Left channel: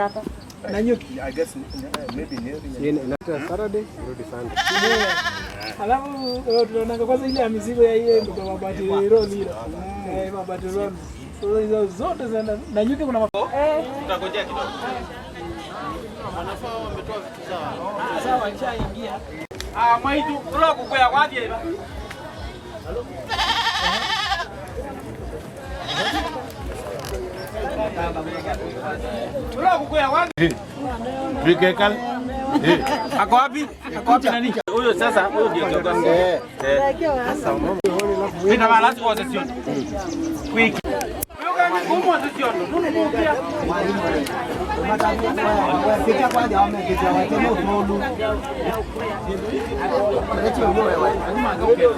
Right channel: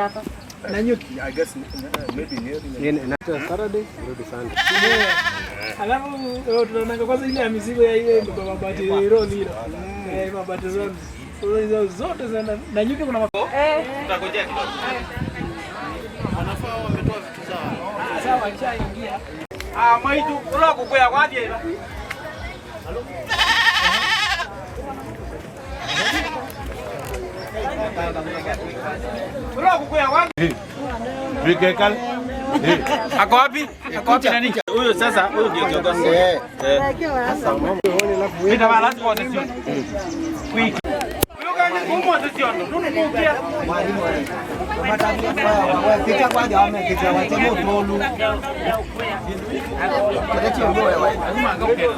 hapa. Nanyuki, I guess maybe near Saturday, Sunday. Alafu tunaona kwanza ile mizigo ya hiyo ndio mabati roli. Mabati roli. Hizo zote zina Nanyuki kuna tutangojea kidogo. Wanafaa wametoa vitu zao. Sawa, achaingia. Maitu kula kukwea kwaje hivi? Halo. Kula kukwea kwaje? Vikekal. Ako wapi? Ako wapi nani? Huyo sasa, huyo ndio kiongozi. Sasa mama Pita bala kwa sisi. Quick. Huyo kama ngumu sisi ndo. Nunu mukia. Kita kwaje wamekitia watemo tolu. Ndio ngoe wewe. Lazima ngauke.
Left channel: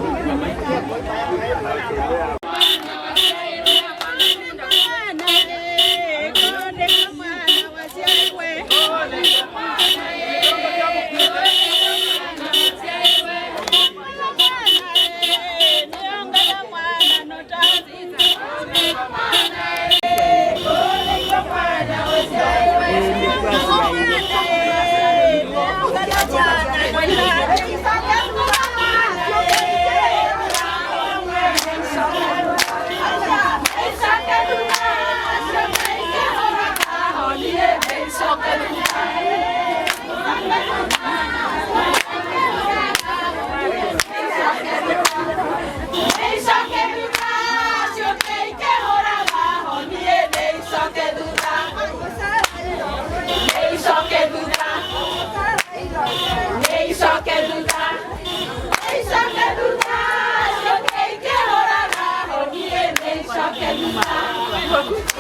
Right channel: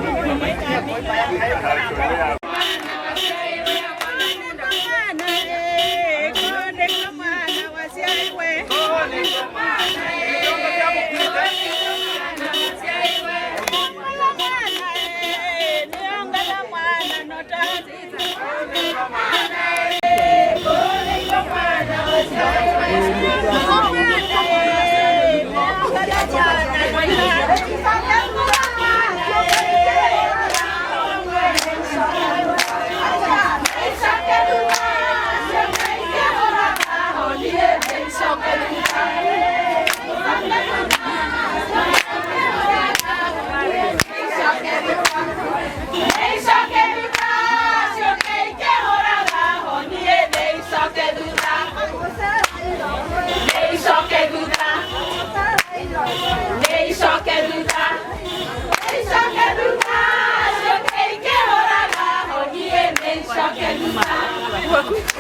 Welcome.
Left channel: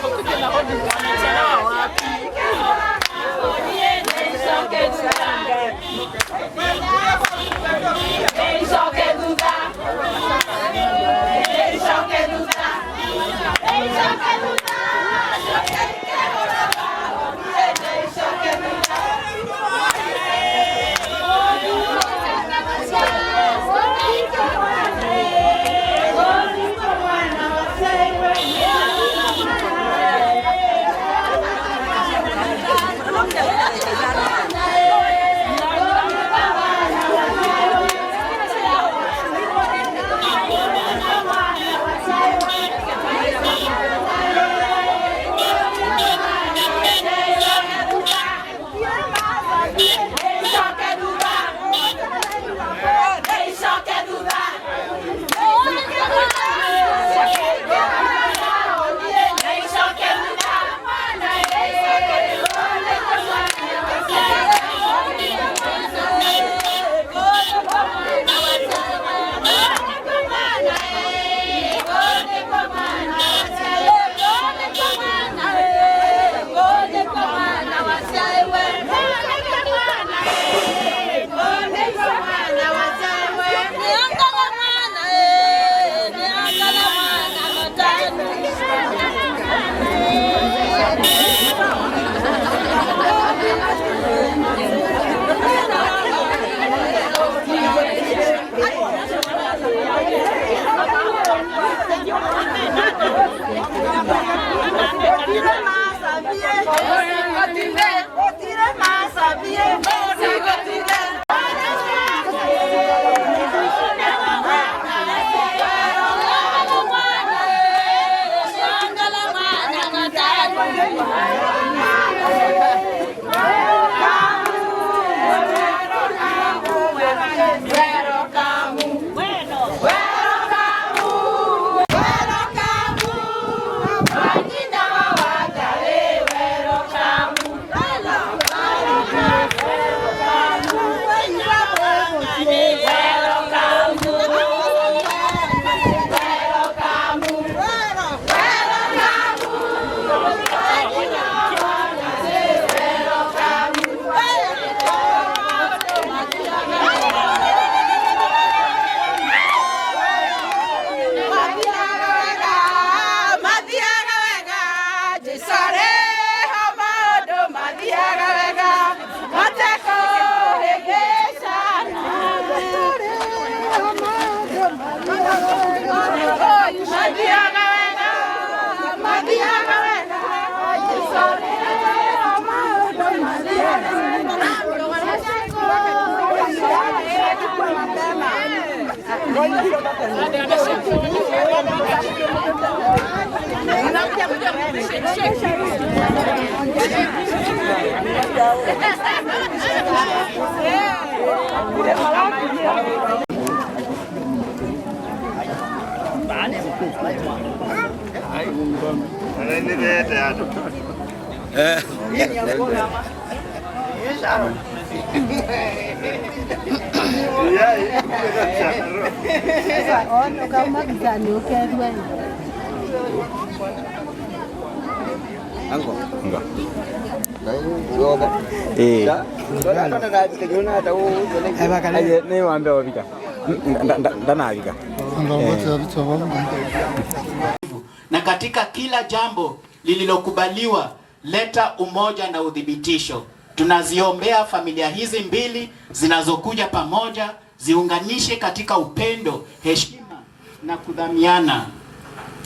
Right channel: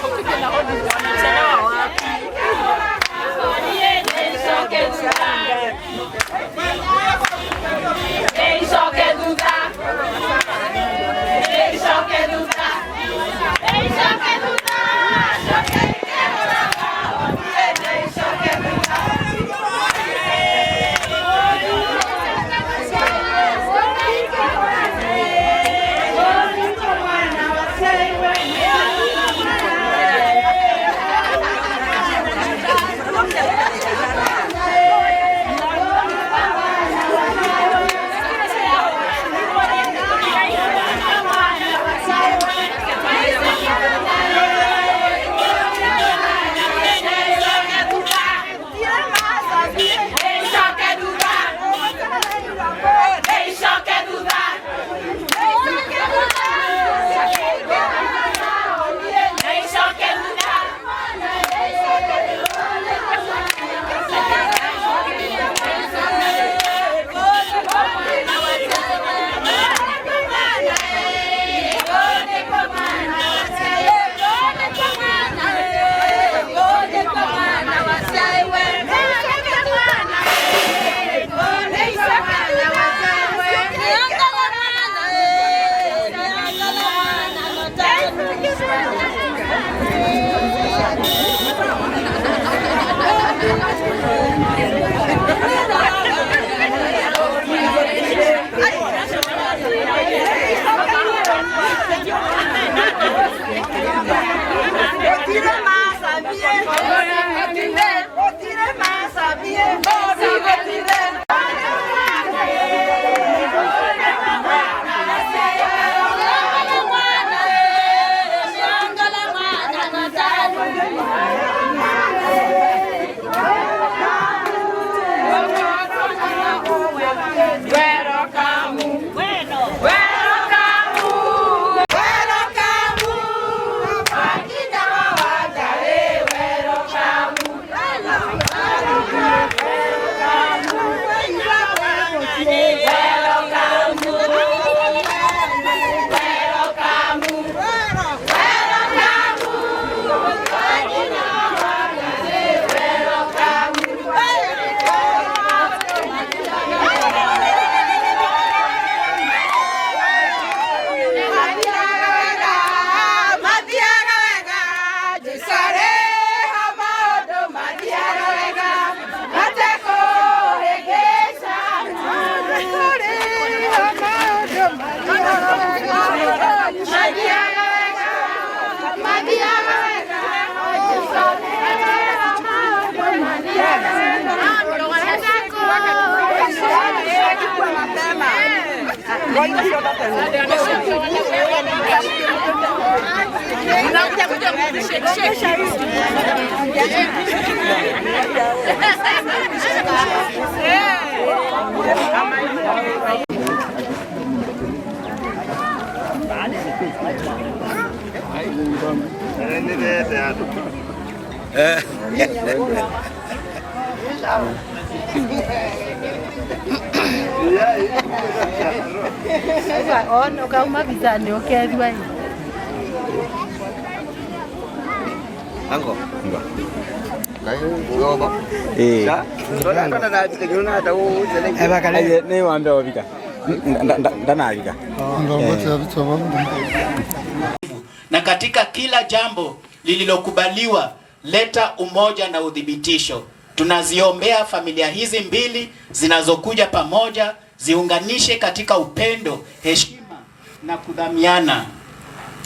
Na katika kila jambo lililokubaliwa leta umoja na udhibitisho. Tunaziombea familia hizi mbili zinazokuja pamoja, ziunganishe katika upendo, heshima na kudhamiana.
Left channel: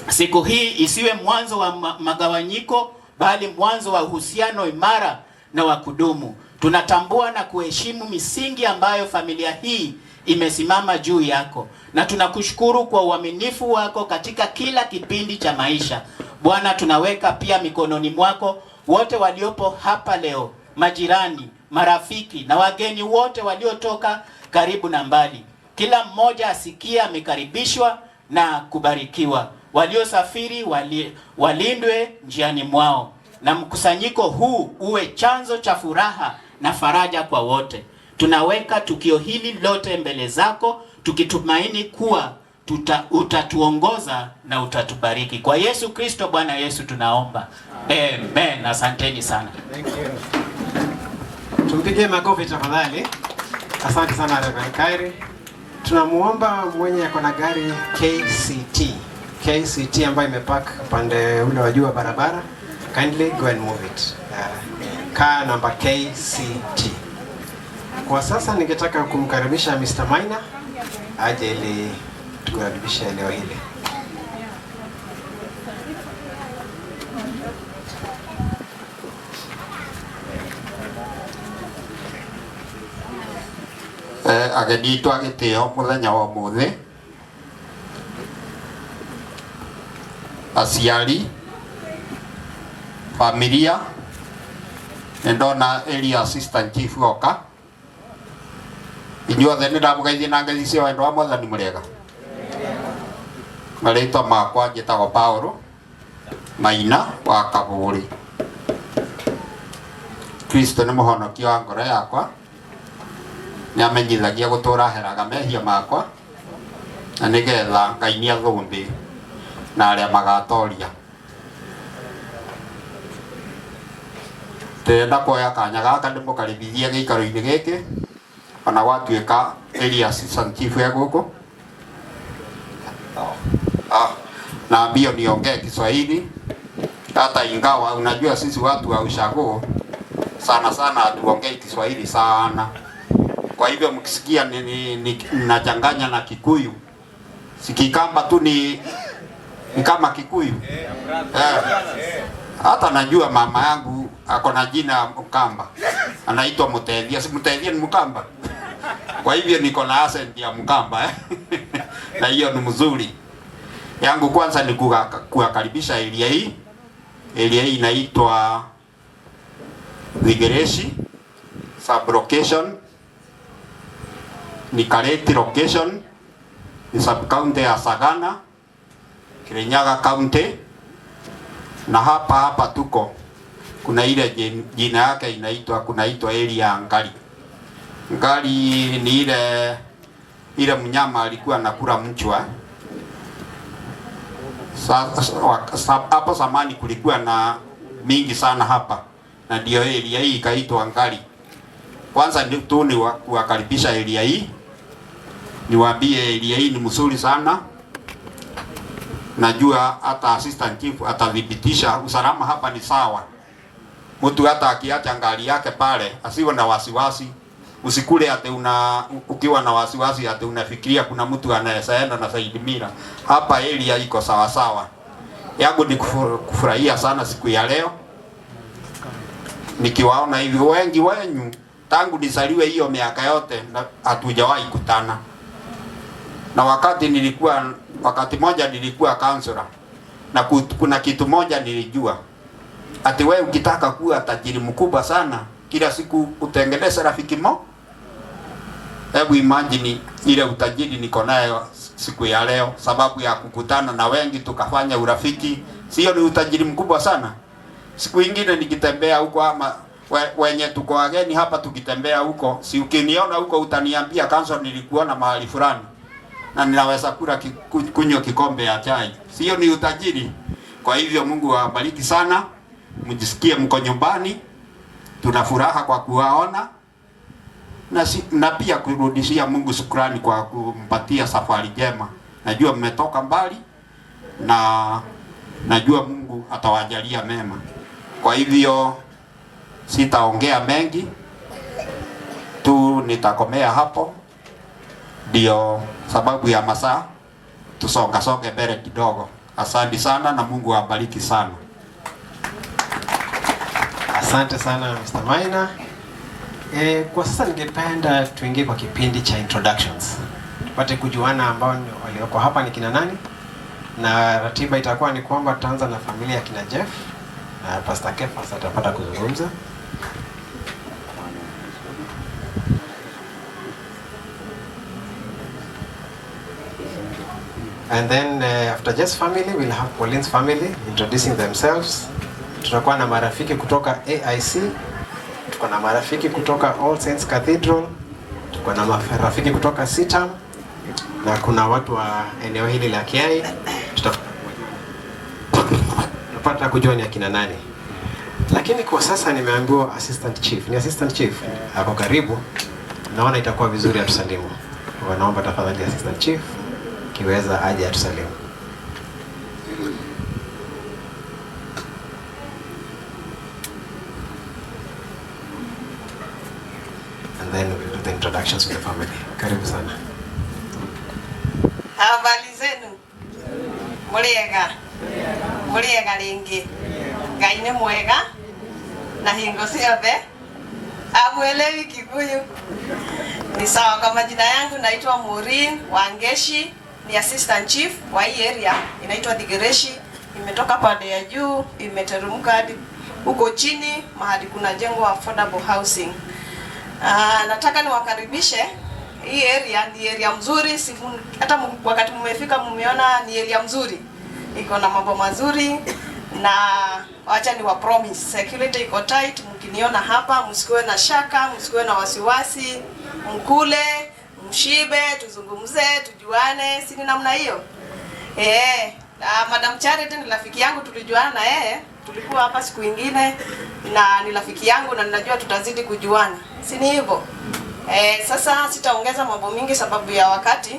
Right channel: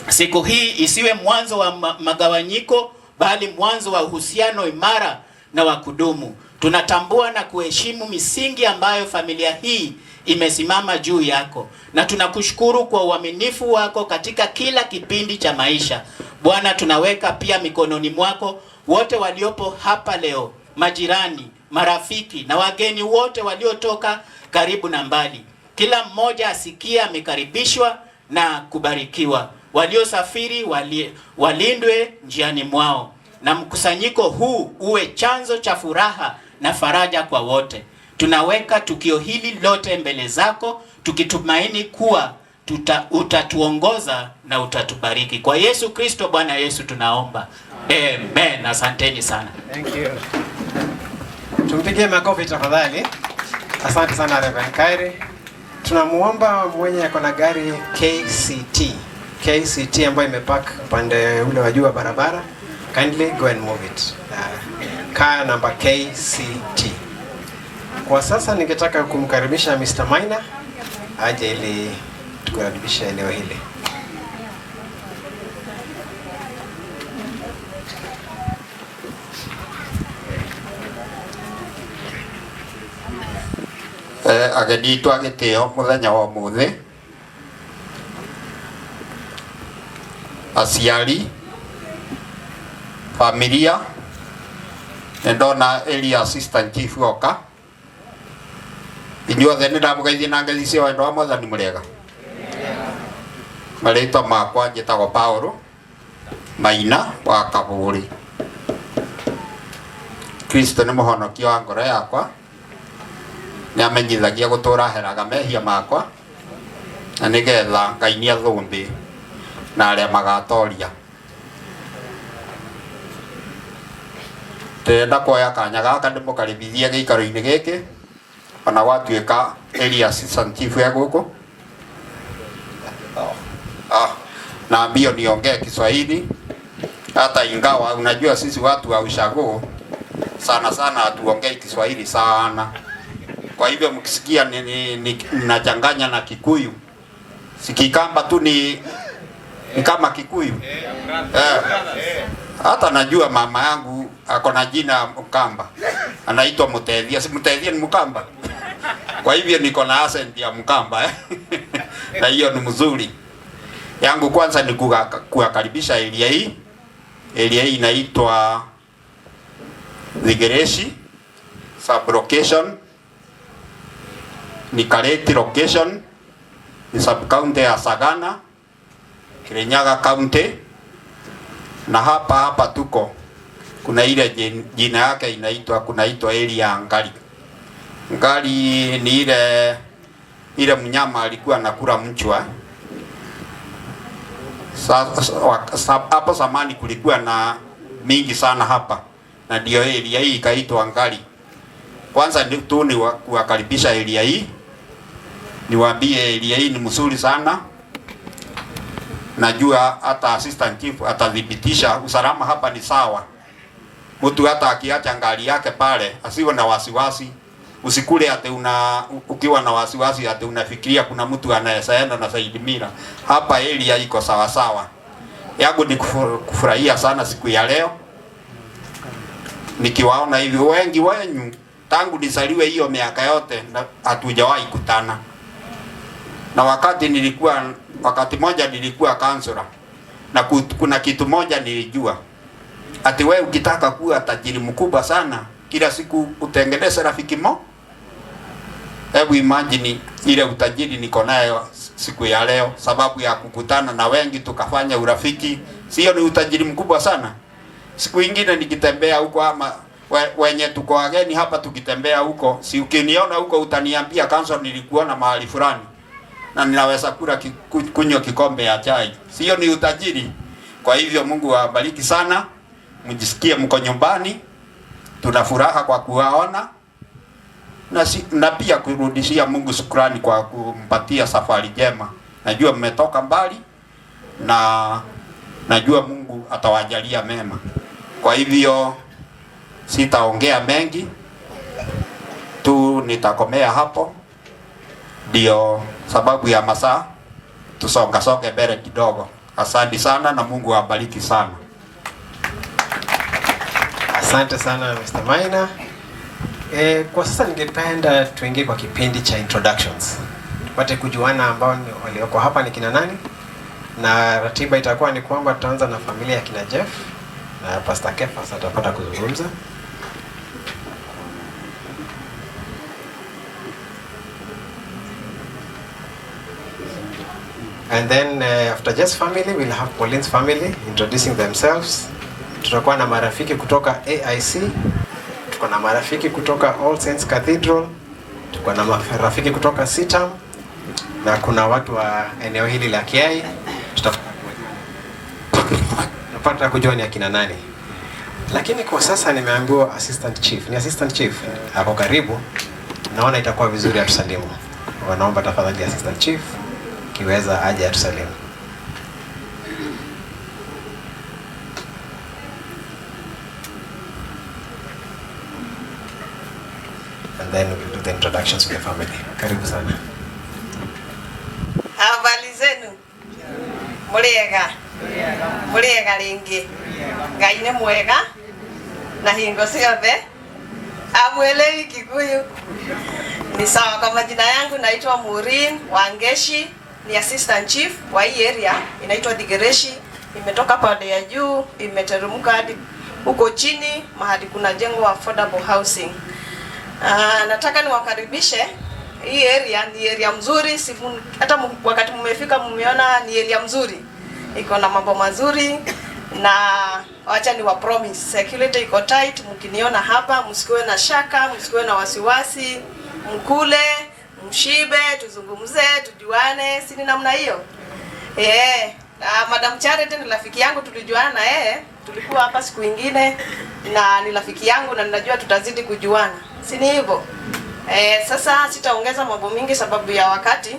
Siku hii isiwe mwanzo wa magawanyiko, bali mwanzo wa uhusiano imara na wa kudumu. Tunatambua na kuheshimu misingi ambayo familia hii imesimama juu yako, na tunakushukuru kwa uaminifu wako katika kila kipindi cha maisha. Bwana, tunaweka pia mikononi mwako wote waliopo hapa leo, majirani, marafiki na wageni wote waliotoka karibu na mbali. Kila mmoja asikia amekaribishwa na kubarikiwa. Waliosafiri walindwe njiani mwao, na mkusanyiko huu uwe chanzo cha furaha na faraja kwa wote. Tunaweka tukio hili lote mbele zako, tukitumaini kuwa utatuongoza na utatubariki. Kwa Yesu Kristo Bwana Yesu tunaomba. Amen. Asanteni sana. Thank you. Tumpigie makofi tafadhali. Asante sana Reverend Kaire. Tunamuomba mwenye ako na gari KCT ambayo imepark upande ule wa juu wa barabara. Kindly go and move it. Car number KCT. Kwa sasa ningetaka kumkaribisha Mr. Maina aje ili tukaribishe eneo hili. Ageni twagitio muthenya wa muthi, aciari, familia, ndona area assistant chief oka inyuothe nĩ ndamũgeithia na ngeithi cia wendo wa Mwathani mũrĩega. Marĩtwa makwa njĩtagwo Paulo Maina wa Kabũri. Kristo nĩ mũhonokia wa ngoro yakwa, nĩ amenyithagia gũtũra heraga mehia makwa, na nĩgetha Ngai nĩ athũmbĩ na arĩa magatoria. Ndĩrenda kuoya kanya gaka ndĩmũkaribithie gĩikaro-inĩ gĩkĩ, ona gwatuĩka area assistant chief ya gũkũ. Na mbio niongee Kiswahili, hata ingawa unajua sisi watu wa ushago sana sana hatuongei Kiswahili sana. Kwa hivyo mkisikia ninachanganya na Kikuyu, sikikamba tu ni kama Kikuyu. Hata najua mama yangu ako na jina Mkamba, anaitwa Mutethia. Si Mutethia ni Mkamba? Kwa hivyo niko na accent ya Mkamba na hiyo ni mzuri. Yangu kwanza ni kuwakaribisha area hii. Area hii inaitwa Thigereshi sub-location, ni Kareti location, ni sub-county ya Sagana, Kirinyaga county. Na hapa tuko kuna ile jina yake kunaitwa area Ngali. Ngali ni ile mnyama alikuwa anakula mchwa. Hapo zamani kulikuwa na mingi sana hapa, na ndio area hii ikaitwa Ngali. Kwanza tu ni kuwakaribisha area hii, niwaambie area hii ni mzuri sana. Najua hata assistant chief atadhibitisha usalama hapa ni sawa. Mtu hata akiacha gari yake pale asiwe na wasiwasi. Usikule ate ukiwa na wasiwasi ate unafikiria kuna mtu anayeenda na Said Mira. Hapa area iko sawa sawa. Yangu ni kufurahia sana siku ya leo, nikiwaona hivi wengi wenyu tangu nisaliwe hiyo miaka yote hatujawahi kutana. Na wakati moja nilikuwa counselor, na kuna kitu moja nilijua, ati wewe ukitaka kuwa tajiri mkubwa sana, kila siku utengeneze rafiki mo. Hebu imagine ile utajiri niko nayo siku ya leo, sababu ya kukutana na wengi tukafanya urafiki. Sio ni utajiri mkubwa sana? Siku ingine nikitembea huko, ama wenye tuko wageni hapa tukitembea huko, si ukiniona huko utaniambia kanso nilikuona mahali fulani, na ninaweza kunywa kikombe ya chai. Sio ni utajiri? Kwa hivyo Mungu awabariki sana, mjisikie mko nyumbani. Tuna furaha kwa kuwaona, na pia kurudishia Mungu shukrani kwa kumpatia safari njema. Najua mmetoka mbali, na najua Mungu atawajalia mema. Kwa hivyo sitaongea mengi tu, nitakomea hapo, ndio sababu ya masaa. Tusonge mbele kidogo. Asante sana na Mungu awabariki sana. Asante sana Mr. Maina. Kwa sasa ningependa tuingie kwa kipindi cha introductions, tupate kujuana ambao walioko hapa ni kina nani, na ratiba itakuwa ni kwamba tutaanza na familia ya kina Jeff na Pastor Kefas atapata kuzungumza. And then after Jeff's family we'll have Pauline's family introducing themselves. Tutakuwa na marafiki kutoka AIC, tuko na marafiki kutoka All Saints Cathedral, tuko na marafiki kutoka Sitam, na kuna watu wa eneo hili la Kiai. Tutapata kujua ni akina nani. Lakini kwa sasa nimeambiwa assistant chief. Ni assistant chief hapo karibu. Naona itakuwa vizuri atusalimu. Wanaomba tafadhali assistant chief kiweza aje atusalimu. And then we'll do the introductions with the family. Karibu sana. Habari zenu? Muriega ringi. Ngai ni mwega na hingo ciothe. Amwelewi Kikuyu. Ni sawa. Kwa majina yangu naitwa Maureen Wangeshi, ni assistant chief wa hii area inaitwa Digereshi. Imetoka pande ya juu, imeteremka hadi huko chini mahali kuna jengo affordable housing. Nataka niwakaribishe. Hii area ni area mzuri, hata wakati mmefika mmeona ni area mzuri. Iko na mambo mazuri, na wacha ni wa promise security iko tight. Mkiniona hapa msikuwe na shaka, msikuwe na wasiwasi, mkule, mshibe, tuzungumze, tujuane, si ni namna hiyo. Madam Charity ni rafiki yangu, tulijuana na yeye, tulikuwa hapa siku nyingine, na ni rafiki yangu na ninajua tutazidi kujuana. Si ni hivyo? Sasa sitaongeza mambo mingi sababu ya wakati.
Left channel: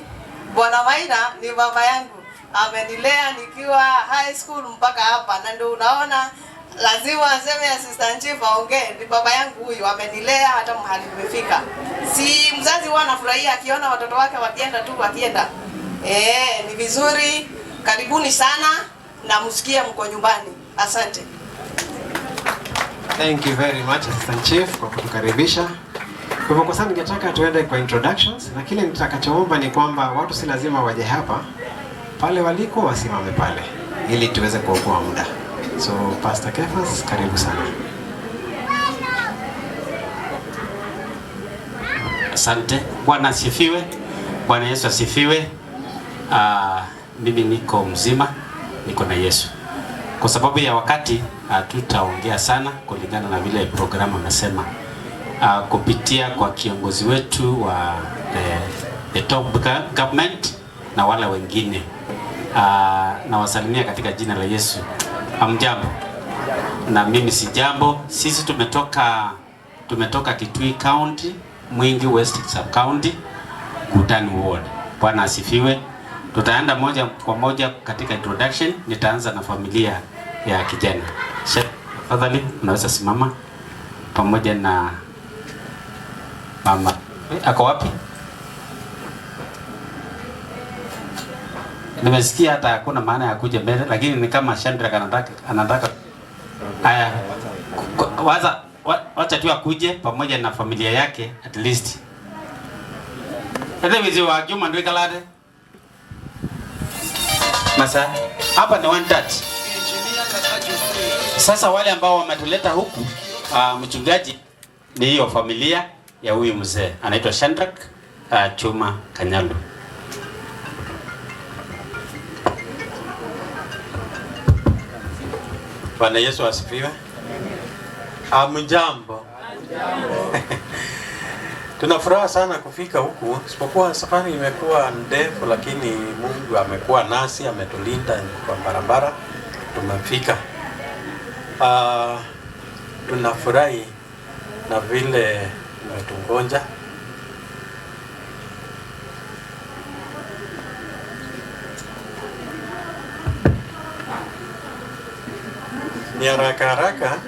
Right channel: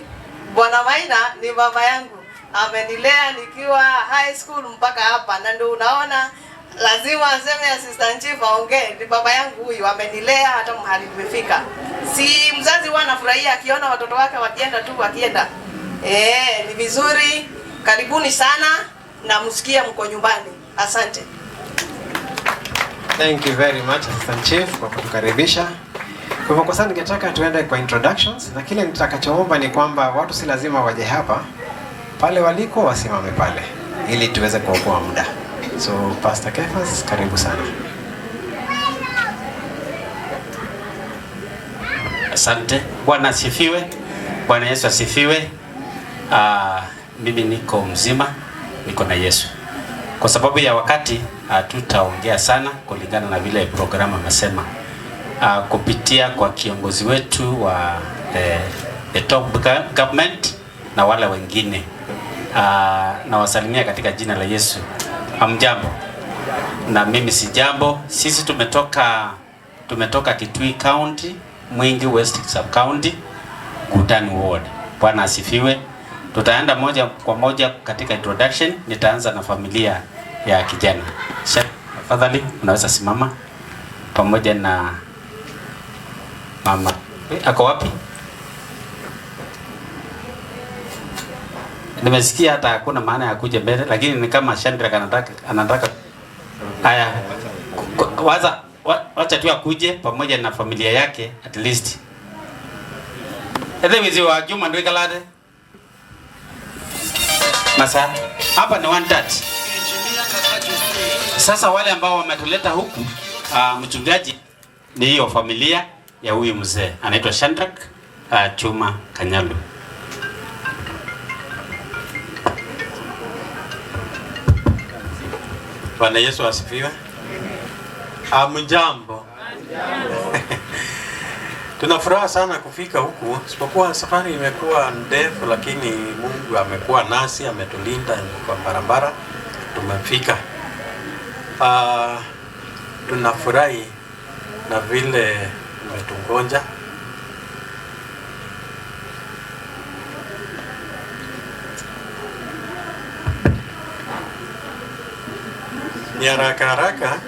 Bwana Maina ni baba yangu. Amenilea nikiwa high school mpaka hapa, na ndio unaona lazima aseme assistant chief aongee. Ni baba yangu huyu, amenilea hata mahali nimefika. Si mzazi huwa anafurahia akiona watoto wake wakienda. Ni vizuri. Karibuni sana na msikie mko nyumbani. Asante. Thank you very much assistant chief kwa kutukaribisha. Kwa sasa ningetaka tuende kwa introductions, na kile nitakachoomba ni kwamba watu si lazima waje hapa, pale waliko wasimame pale ili tuweze kuokoa muda. So Pastor Kefas, karibu sana. Asante. Bwana asifiwe. Bwana Yesu asifiwe. Mimi niko mzima, niko na Yesu. Kwa sababu ya wakati tutaongea sana kulingana na vile programu amesema. Kupitia kwa kiongozi wetu wa the top government na wale wengine. Na wasalimia katika jina la Yesu. Hamjambo? Na mimi si jambo. Sisi tumetoka Kitui County, Mwingi West Sub County, Kutani Ward. Bwana asifiwe. Tutaenda moja kwa moja katika introduction. Nitaanza na familia ya kijana. Tafadhali unaweza simama pamoja na mama. Ako wapi? Nimesikia hata hakuna maana ya kuja mbele, lakini ni kama Chandra anataka. Haya. Wacha tu akuje pamoja na familia yake at least. Ede wizi wa Juma ndio kalade. Masa hapa ni 1/3. Sasa wale ambao wametuleta huku mchungaji ni hiyo familia ya huyu mzee anaitwa Shandrak Chuma Kanyalu. Bwana Yesu asifiwe. Mjambo. Tunafuraha sana kufika huku, isipokuwa safari imekuwa ndefu, lakini Mungu amekuwa nasi, ametulinda kwa barabara, tumefika. Tunafurahi na vile umetungonja. Ni haraka.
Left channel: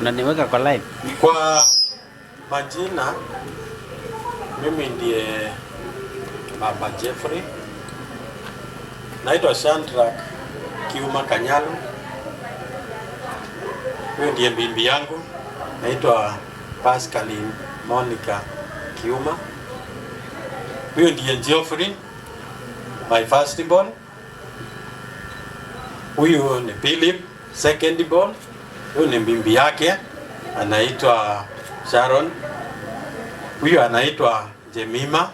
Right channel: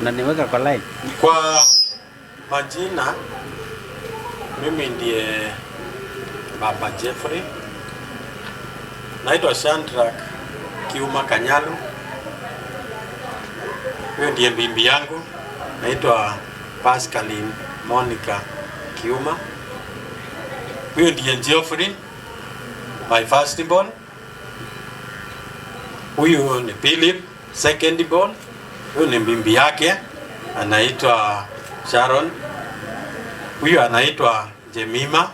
Unaniweka kwa live. Kwa majina, mimi ndiye Baba Jeffrey. Naitwa Shandrak Kiuma Kanyalu. Huyo ndiye bibi yangu. Naitwa Pascaline Monica Kiuma. Huyo ndiye Geoffrey, my first born. Huyu ni Philip, second born. Huyu ni bibi yake, anaitwa Sharon. Huyu anaitwa Jemima,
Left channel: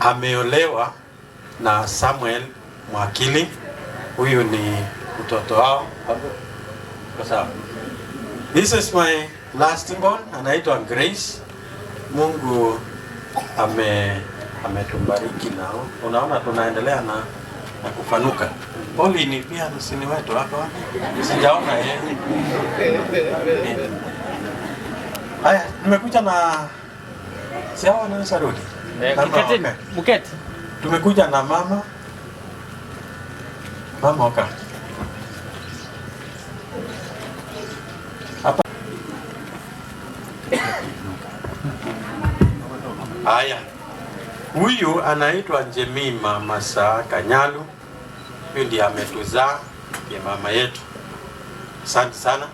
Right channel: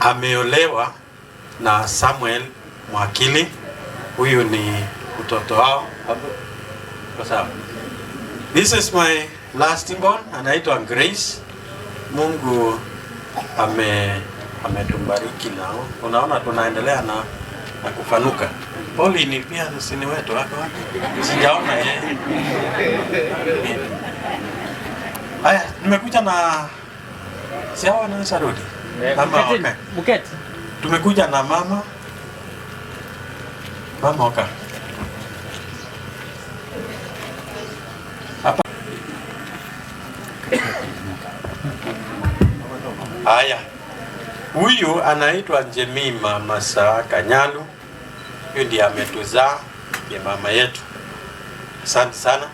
ameolewa na Samuel Mwakili. Huyu ni mtoto wao. Sawa. This is my last born, anaitwa Grace. Mungu ametubariki nao. Unaona tunaendelea na kufanuka. Oli ni pia sini wetu wako wapi? Sijaona yeye. Haya, nimekuja na siawa na sarudi. Buketi. Tumekuja na mama. Mama oka. Hapa. Haya. Huyu anaitwa Jemima Masa Kanyalu. Huyu ndiye ametuzaa, ndiye mama yetu. Asante sana.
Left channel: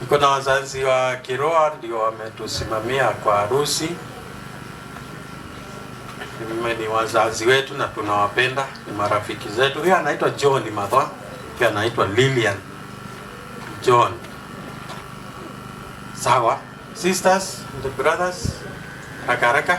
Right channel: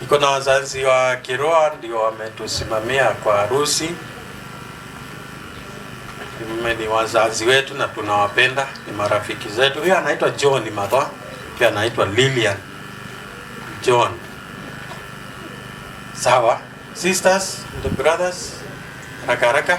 Niko na wazazi wa kiroho ndio wametusimamia kwa harusi. Ni wazazi wetu na tunawapenda, ni marafiki zetu. Huyu anaitwa John Madha, pia anaitwa Lilian John. Sawa. Sisters and brothers, haraka.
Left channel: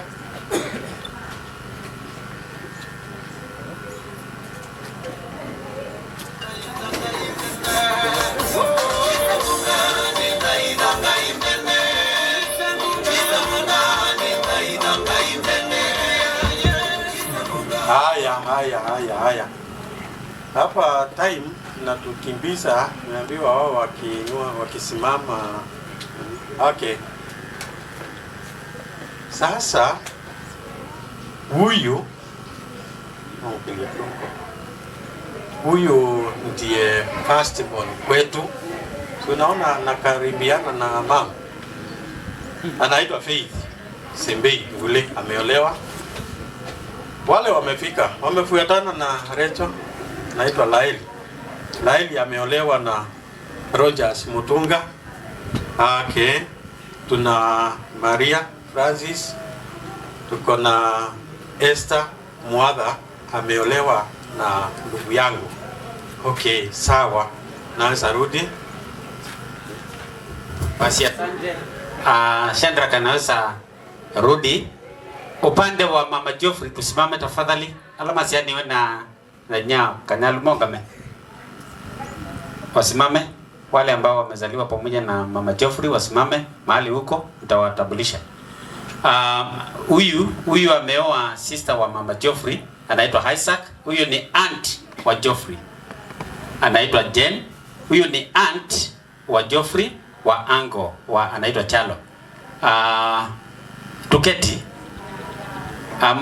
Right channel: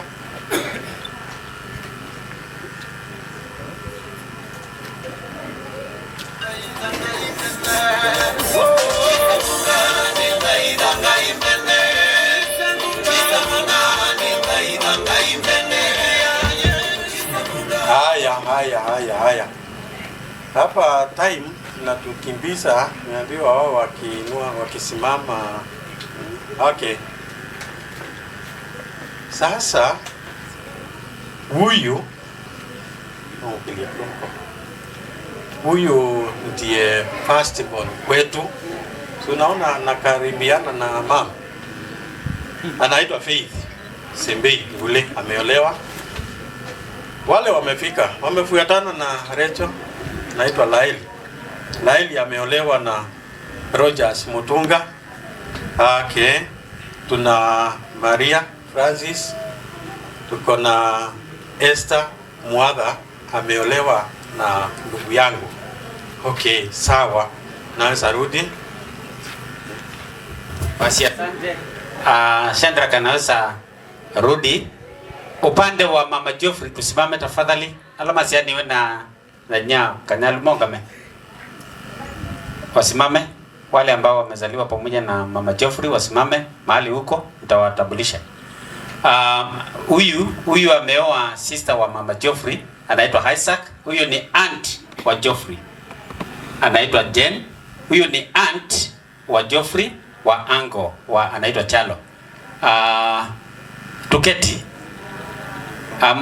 Haya. Hapa time na tukimbiza, niambiwa wao wakisimama. Okay. Sasa huyu ndiye first born kwetu. Tunaona anakaribiana na mama. Anaitwa Faith Simbei, yule ameolewa. Wale wamefika, wamefuatana na Recho, naitwa Laili. Laili ameolewa na Rogers Mutunga. Okay. Tuna Maria Francis. Tuko na Esther Mwadha, ameolewa na ndugu yangu. Okay, sawa. Naweza rudi. Basi asante. Shandrak anaweza rudi. Upande wa Mama Geoffrey tusimame tafadhali. Alama siani we na nya Kanyalu Mongame. Wasimame. Wale ambao wamezaliwa pamoja na Mama Geoffrey wasimame mahali huko, nitawatambulisha. Huyu ameoa sister wa Mama Geoffrey, anaitwa Isaac. Huyu ni aunt wa Geoffrey, anaitwa Jen. Huyu ni aunt wa Geoffrey wa Ango anaitwa Chalo. Tuketi.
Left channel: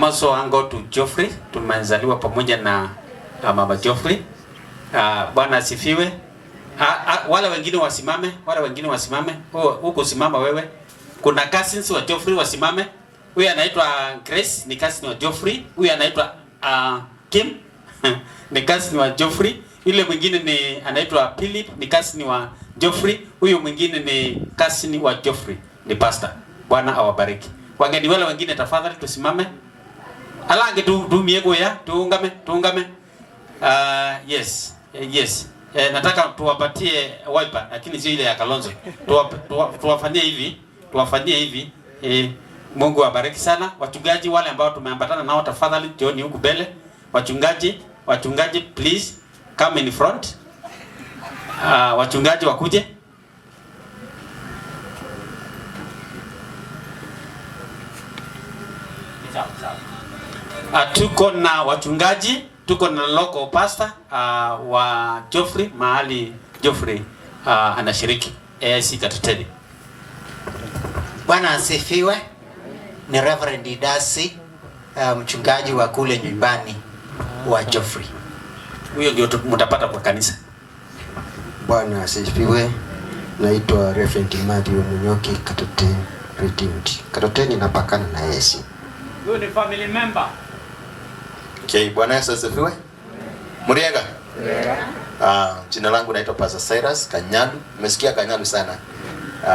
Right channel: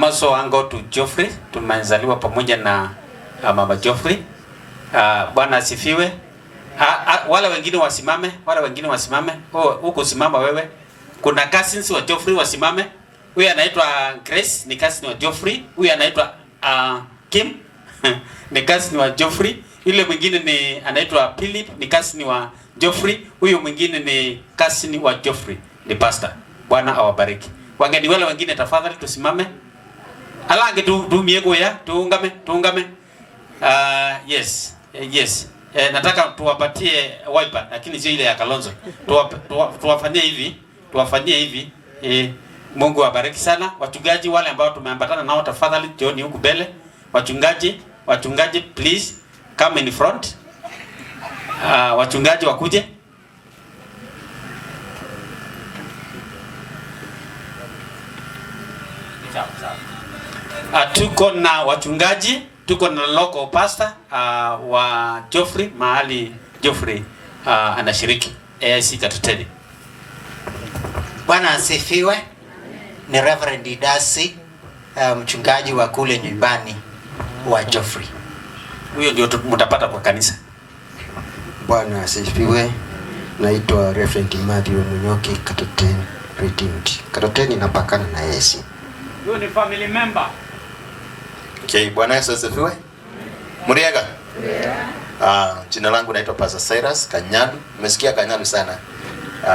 Maso Ango to Geoffrey, tumezaliwa pamoja na Mama Geoffrey. Bwana asifiwe. Wale wengine wasimame. Huko simama wewe. Kuna cousins wa Geoffrey wasimame. Huyu anaitwa Grace, ni cousin wa Geoffrey. Huyu anaitwa Kim, ni cousin wa Geoffrey. Yule mwingine ni anaitwa Philip, ni cousin wa Geoffrey. Huyu mwingine ni cousin wa Geoffrey. ni pastor. Bwana awabariki. Wageni wale wengine tafadhali tusimame. Alange tu miego ya tuungame. Yes. Yes. Nataka tuwapatie wiper lakini sio ile ya Kalonzo. Tuwafanyie hivi. Mungu awabariki sana. Wachungaji wale ambao tumeambatana nao tafadhali jioni huku mbele. Wachungaji please come in front. Wachungaji wakuje. Tuko na wachungaji, tuko na local pastor wa Geoffrey mahali Geoffrey anashiriki AIC Katuteni. Bwana asifiwe. Ni Reverend Idasi, mchungaji wa kule nyumbani wa Geoffrey. Huyo ndio mtapata kwa kanisa. Bwana asifiwe. Naitwa Reverend Matthew Munyoki, Katuteni Redeemed. Katuteni napakana na Yesu. Huyo ni family member. Okay, Bwana Yesu asifiwe. Muriega? Jina langu naitwa Pastor Cyrus Kanyalu. Nimesikia Kanyalu sana.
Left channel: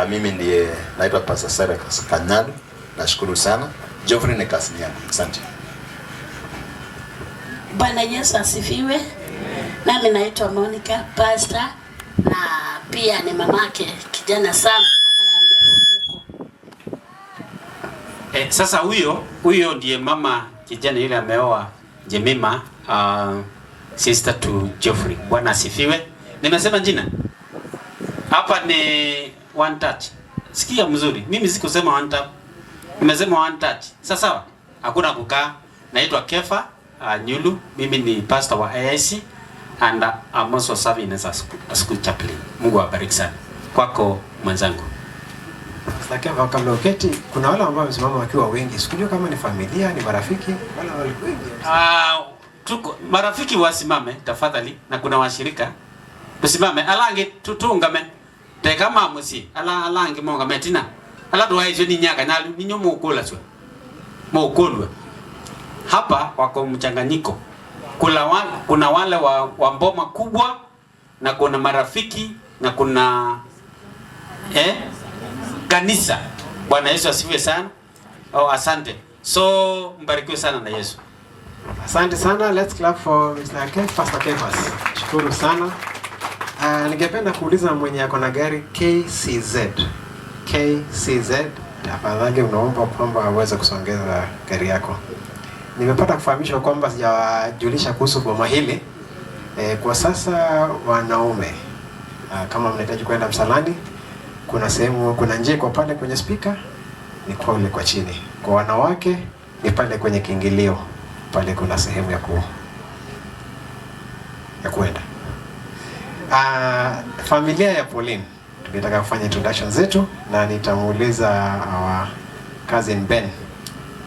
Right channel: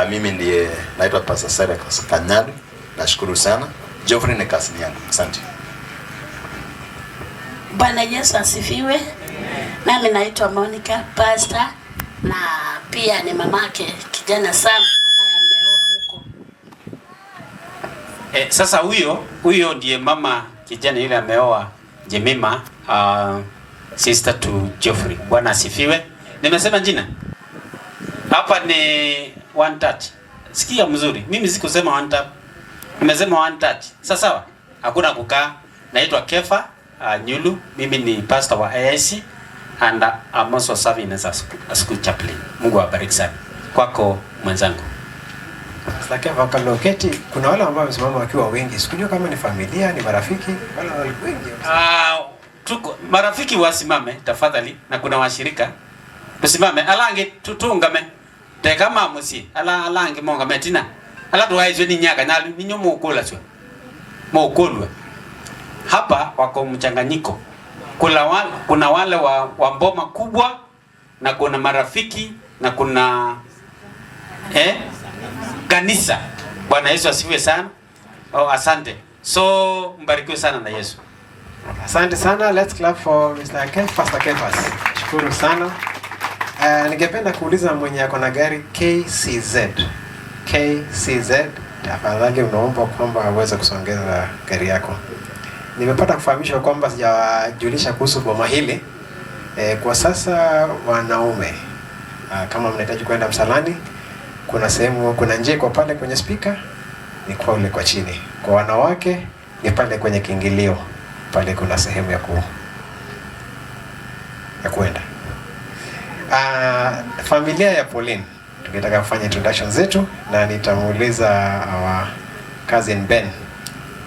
Mimi ndiye naitwa Pastor Cyrus Kanyalu. Nashukuru sana. Geoffrey ni kasini yangu. Asante. Bwana Yesu asifiwe. Nami naitwa Monica, pastor na pia ni mamake kijana Sam ambaye ameoa huko. Sasa huyo ndiye mama kijana yule ameoa Jemima, sister to Geoffrey. Bwana asifiwe. Nimesema jina. Hapa ni 130. Sikia mzuri. Mimi sikusema 130. Nimesema 130. Sasa sawa? Hakuna kukaa. Naitwa Kefa Nyulu. Mimi ni pastor wa AIC and I'm also serving as a school chaplain. Mungu awabariki sana. Kwako mwenzangu. Lakini kabla uketi, kuna wale ambao wamesimama wakiwa wengi. Sikujua kama ni familia, ni marafiki, wala walikuwa wengi. Tuko marafiki wasimame tafadhali na kuna washirika. Tusimame alange tutungame. Tekama musi alange monga metina. Ala tuwaizo ni nyaka na ninyo mukula sio. Mukulwa. Hapa wako mchanganyiko. Kuna wale wa mboma kubwa na kuna marafiki na kuna kanisa. Bwana Yesu asifiwe sana. Asante. So mbarikiwe sana na Yesu. Asante sana. Let's clap for Mr. Kefa, Pastor Kefa. Shukuru sana. Ningependa kuuliza mwenye ako na gari KCZ. Tafadhali unaomba kwamba aweze kusongeza gari yako. Nimepata kufahamishwa kwamba sijajulisha kuhusu boma hili. Kwa sasa wanaume kama mnahitaji kwenda msalani, kuna njia kwa pale kwenye speaker, ni kwa ule kwa chini. Kwa wanawake ni pale kwenye kiingilio, pale kuna sehemu ya kuenda. Familia ya Pauline tungetaka kufanya introduction zetu na nitamuuliza our cousin Ben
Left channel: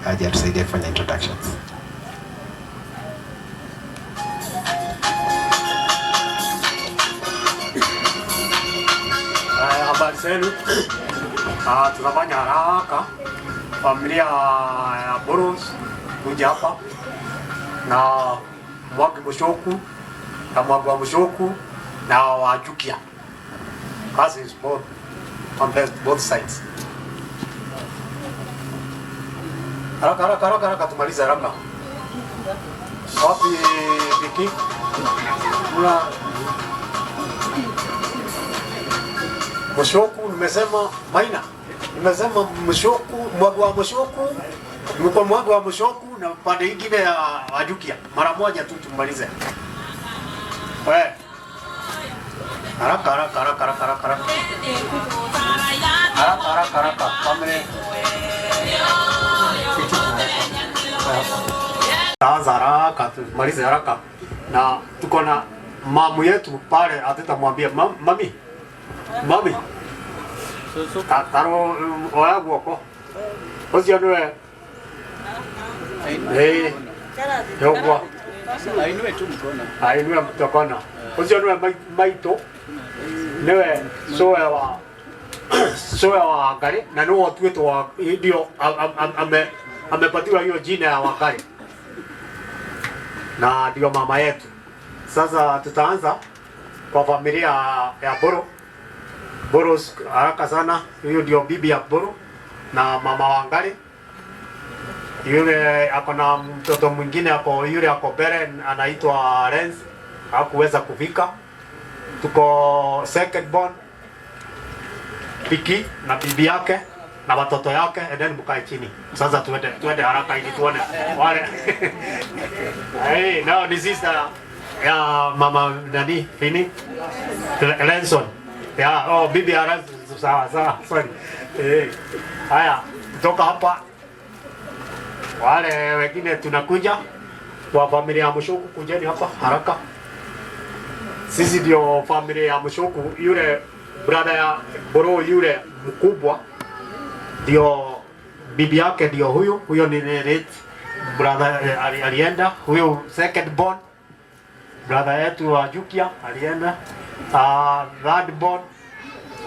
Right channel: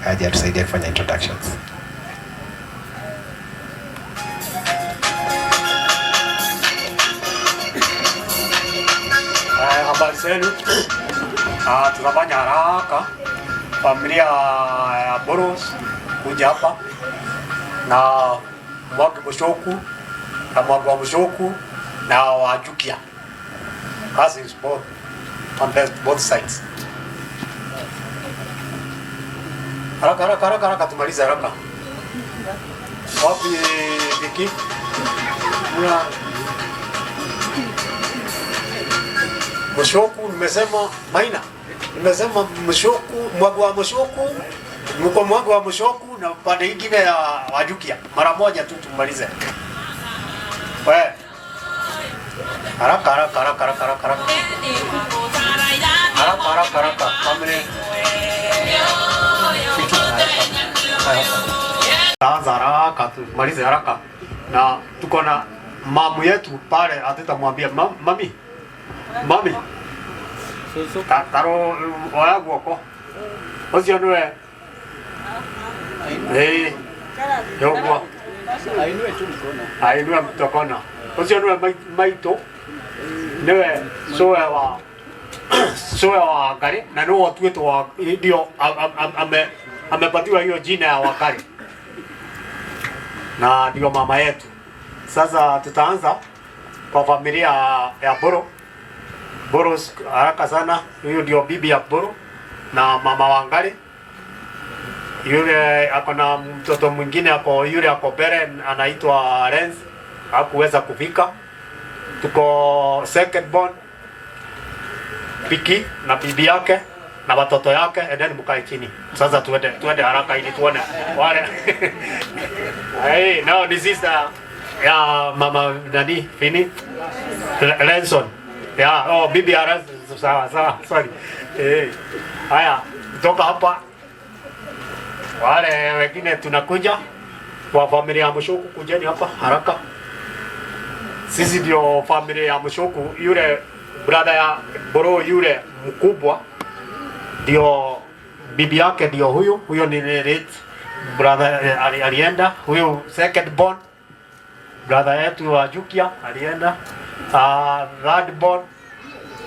aje atusaidie kufanya introductions. Habari zenu. Tunafanya haraka familia ya Boros kuja hapa na Mwagi Mushoku na Mwagi wa Mushoku na Wajukia. Cousins both on both sides. Haraka tumalize haraka. Wapi Viki? Kuna Mushoku nimesema Maina. Nimesema Mushoku, Mwagi wa Mushoku, mko Mwagi wa Mushoku na pande nyingine ya Wajukia. Mara moja tu tumalize. Wewe. Haraka. Kamene. Haraka tumalize haraka. Na tuko na mamu yetu pale atutamwambia mami. Karo oya guoko. Ocio nwe. Yogwa. Ainue tu mkono. Ainue mkono. Ocio nwe maito. Newe soya wa Wakari na no watu wetu wa ndio amepatiwa hiyo jina ya Wakari. Na ndio mama yetu. Sasa tutaanza kwa familia ya Boro. Boro haraka sana. Huyo ndio bibi ya Boro na mama Wangari. Yule ako na mtoto mwingine hapo, yule ako mbele anaitwa Renz, hakuweza kufika. Tuko second born Piki na bibi yake na watoto yake, and then mkae chini. Sasa tuende haraka ili tuone wale. Hey, now this is the ya mama nani Fini Lenson. Ya, oh bibi ara sawa, sorry. Haya, kutoka hapa wale wengine tunakuja kwa familia ya Mushoku, kujeni hapa haraka. Sisi ndio familia ya Mushoku. Yule brother ya Boro yule mkubwa ndio bibi yake, ndio huyo ni late brother alienda. Huyo second born brother yetu wa Jukia alienda. Third born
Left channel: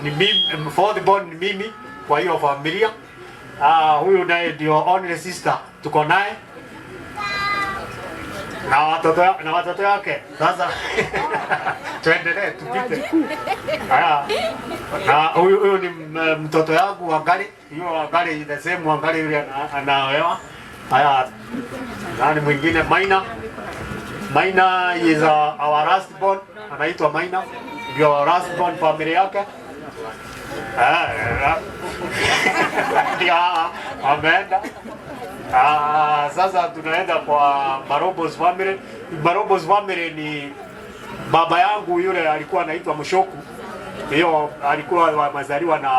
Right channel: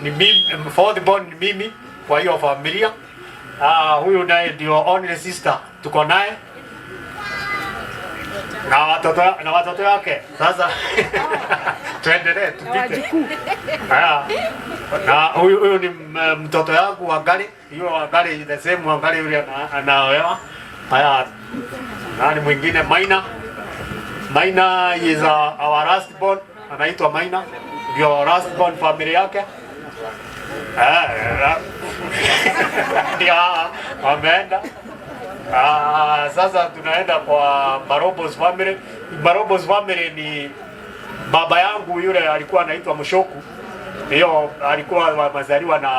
ni mimi, fourth born ni mimi kwa hiyo familia. Huyu naye ndio only sister tuko naye na watoto wake. Sasa tuendelee tupite. Na huyu ni mtoto yangu Wangari. Hiyo Wangari the same Wangari yule anaolewa. Nani mwingine? Maina is our last born, anaitwa Maina. Ndio last born family yake. Ameenda. Sasa tunaenda kwa Barobos family. Barobos family ni baba yangu yule alikuwa anaitwa Mushoku. Hiyo alikuwa wamezaliwa na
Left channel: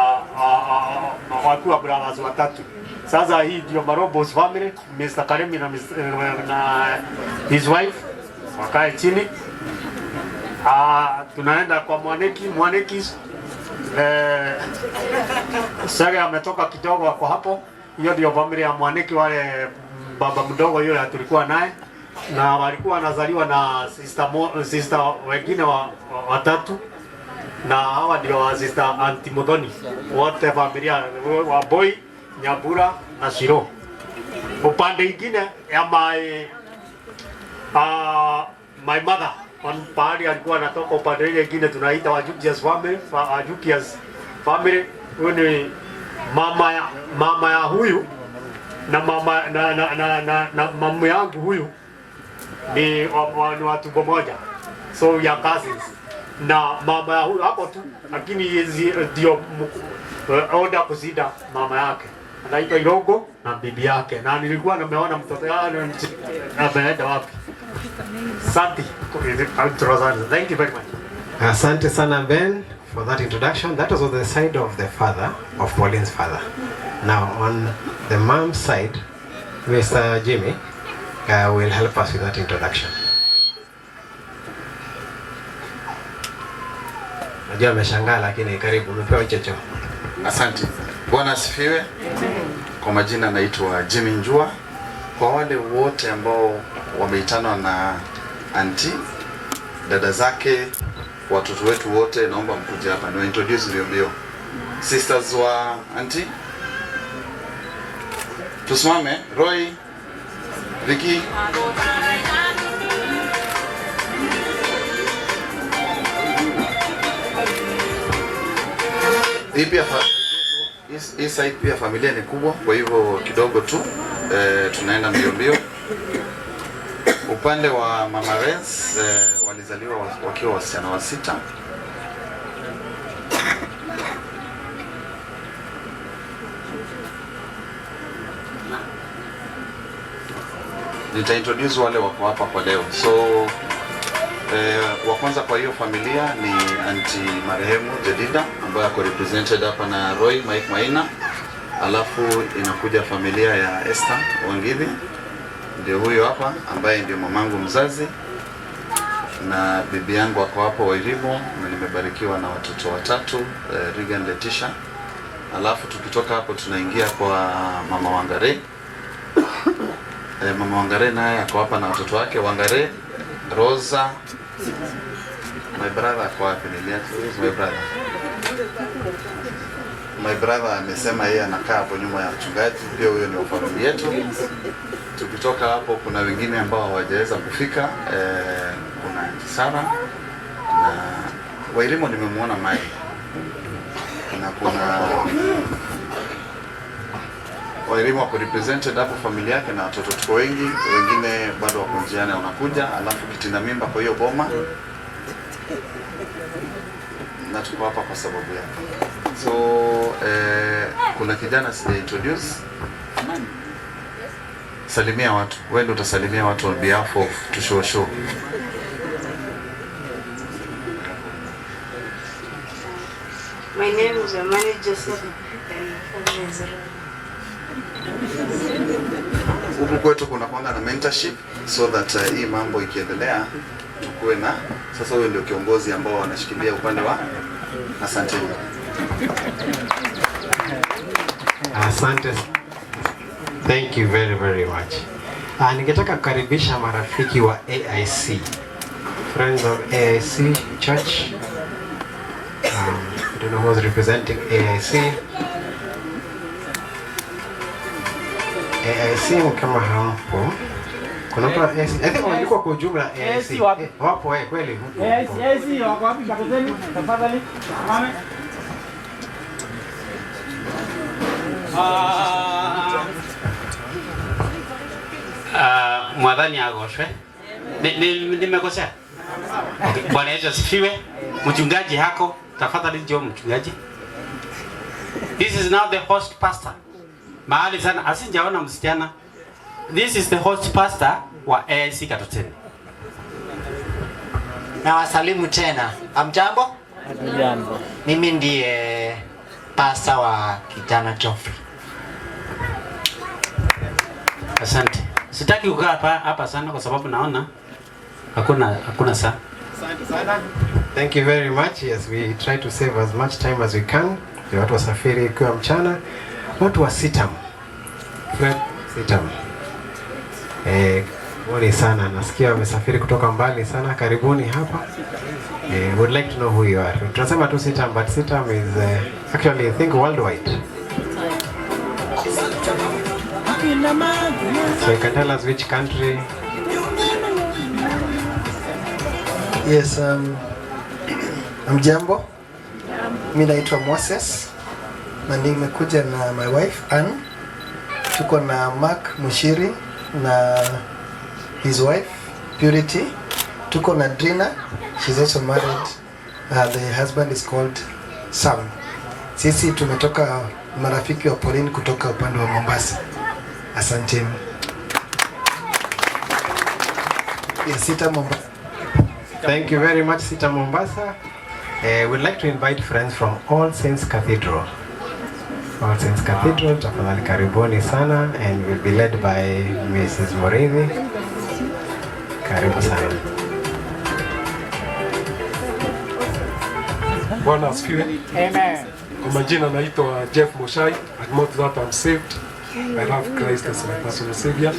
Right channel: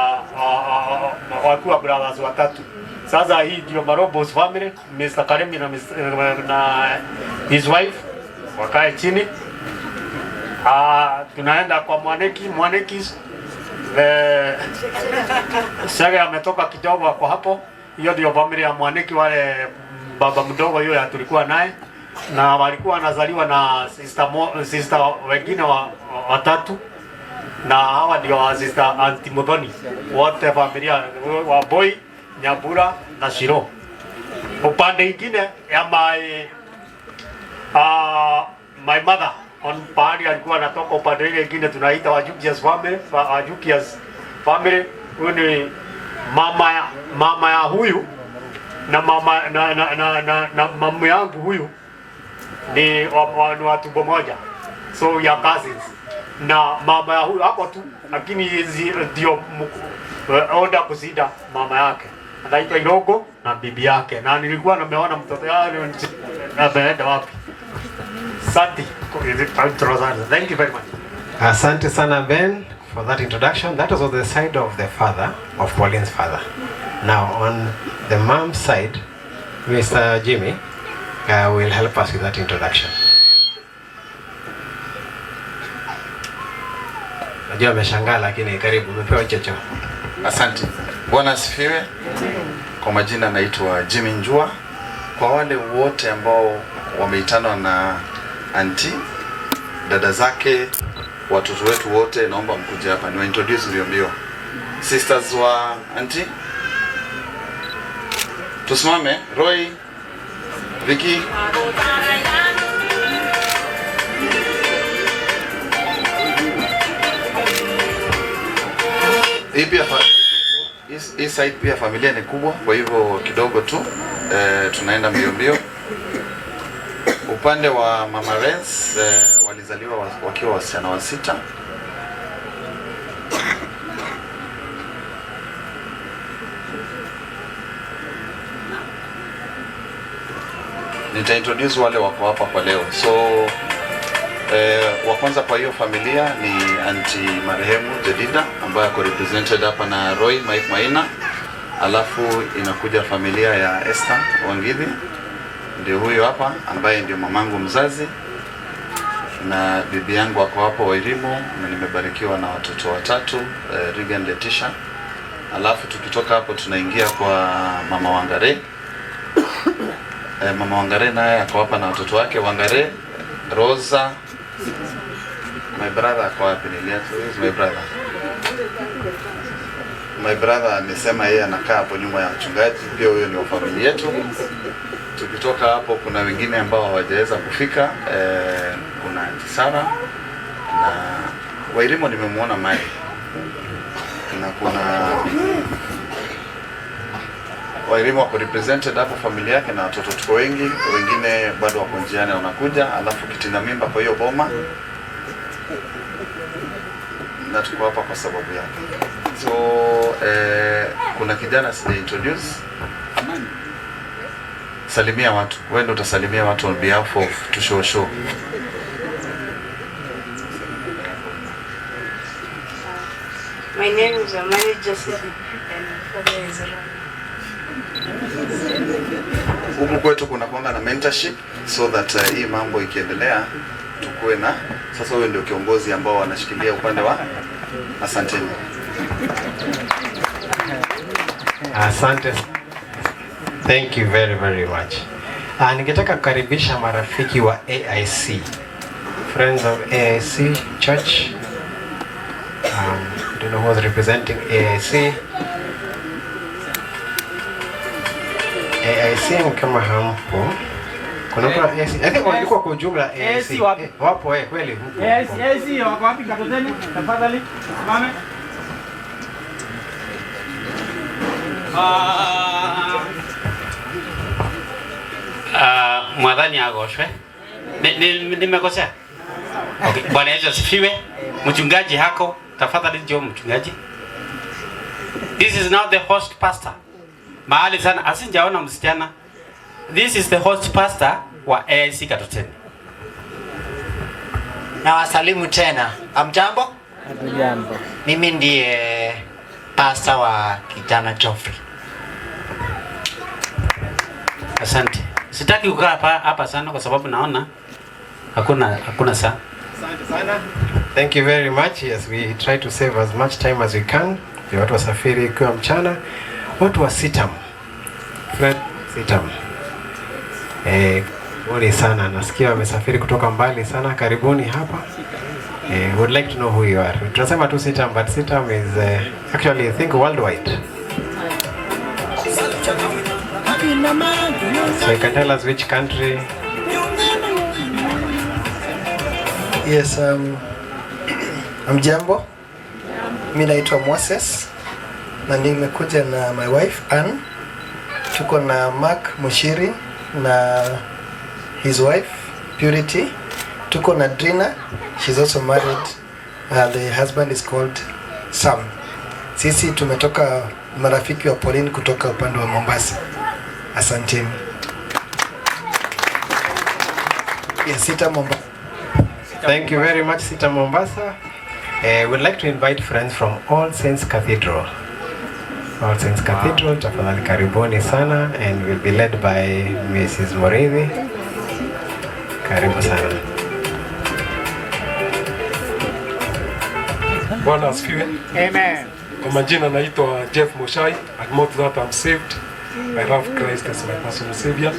wakiwa brothers watatu. Sasa hii ndio Barobos family, Mr. Karemi na his wife wakae chini. Tunaenda kwa Mwaneki. Sasa ametoka kidogo kwa hapo. Hiyo ndio familia ya Mwaneki, wale baba mdogo yule tulikuwa naye, na walikuwa wanazaliwa na sister wengine watatu, na hawa ndio sister Antimodoni, wote familia wa Boy, Nyabura na Shiro. Upande mwingine ya my mother on pahali alikuwa anatoka, upande mwingine tunaita Wajukias family. Huyu ni mama ya huyu na mama na mama yangu huyu ni watu moja, so ya cousins. Na mama ya huyu hapo tu, lakini ndio oda kuzida mama yake anaitwa Irogo na bibi yake, na nilikuwa nimeona mtoto yake ameenda wapi. Thank you very much. Asante sana Ben for that introduction. That was on the side of the father, of Pauline's father. Now on the mom's side, Mr. Jimmy will help us with that introduction. Najua ameshangaa, lakini karibu, umepewa chocho. Asante. Bwana asifiwe. Kwa majina naitwa Jimmy Njua. Kwa wale wote ambao wameitanwa na auntie, dada zake, watoto wetu wote, naomba mkuje hapa ni introduce mbio. Sisters wa auntie, tusimame. Roy, Vicky, hii side pia familia ni kubwa, kwa hivyo kidogo tu tunaenda mbio. Upande wa Mama Renz walizaliwa wakiwa wasichana wa 6. Nitaintroduce wale wako hapa kwa leo. So wa kwanza kwa hiyo familia ni auntie marehemu Jedida ambaye ako represented hapa na Roy Mike Maina. Alafu inakuja familia ya Esther Wangidi, ndio huyo hapa ambaye ndio mamangu mzazi, na bibi yangu wako hapo Wairimu, na nimebarikiwa na watoto watatu, Regan, Letitia. Alafu tukitoka hapo tunaingia kwa Mama Wangare. Mama Wangare naye ako hapa na watoto wake, Wangare, Rosa. My brother ako wapi? My brother. My brother amesema yeye anakaa hapo nyuma ya mchungaji, pia huyo ni wa familia yetu. Tukitoka hapo kuna wengine ambao hawajaweza kufika, kuna Sara na Wairimo nimemuona Mai. na kuna walimu wako represented hapo, familia yake na watoto tuko wengi, wengine bado wako njiani wanakuja, alafu kitinda mimba kwa hiyo boma, na tuko hapa kwa sababu yake. So kuna kijana sija introduce, salimia watu, wewe ndio utasalimia watu on behalf of Tushosho. My name is Amani Joseph. Huku kwetu kuna kwanga na mentorship so that hii mambo ikiendelea tukue na sasa, wewe ndio kiongozi ambao wanashikilia upande wa. Asanteni. Asante. Thank you very very much. Ningetaka kukaribisha marafiki wa AIC, Friends of AIC Church. I don't know who's representing AIC. AIC kama hampo. Kuna mtu wa AIC. I think walikuwa kwa jumla AIC. Wapo kweli huko. AIC wako wapi Kakoteni? Tafadhali. Mame. Mwadhani agoshwe. Nimekosea? Okay. Bwana Yesu asifiwe. Mchungaji hako, tafadhali njoo mchungaji. This is now the host pastor. Mahali sana asinjaona msichana. This is the host pastor wa AIC Katoteni. Na wasalimu tena. Amjambo? Jambo. Mimi ndiye pastor wa kijana Geoffrey. Asante. Sitaki kukaa hapa sana kwa sababu naona hakuna saa. Asante sana. Thank you very much. Yes, we try to save as much time as we can. Watu wasafiri kwa mchana. Watu wa Sitam. Fred Sitam. Wale sana nasikia wamesafiri kutoka mbali sana. Karibuni hapa. Would like to know who you are. Tunasema tu Sitam, but Sitam is actually I think worldwide. So you can tell us which country. Yes, Mjambo. Mimi naitwa Moses na nimekuja na my wife Ann. Tuko na Mark Mushiri na his wife Purity. Tuko na Drina, she's also married. The husband is called Sam. Sisi tumetoka marafiki wa Pauline kutoka upande wa Mombasa. Asanteni. Yes, Sita Mombasa. Thank you very much, Sita Mombasa. We'd like to invite friends from All Saints Cathedral. All Saints Cathedral, tafadhali karibuni sana, and will be led by Mrs. Morithi. Karibu sana. Bwana asifiwe. Amen. Kwa majina naitwa Jeff Moshai. I know that I'm saved. I love Christ as my personal savior,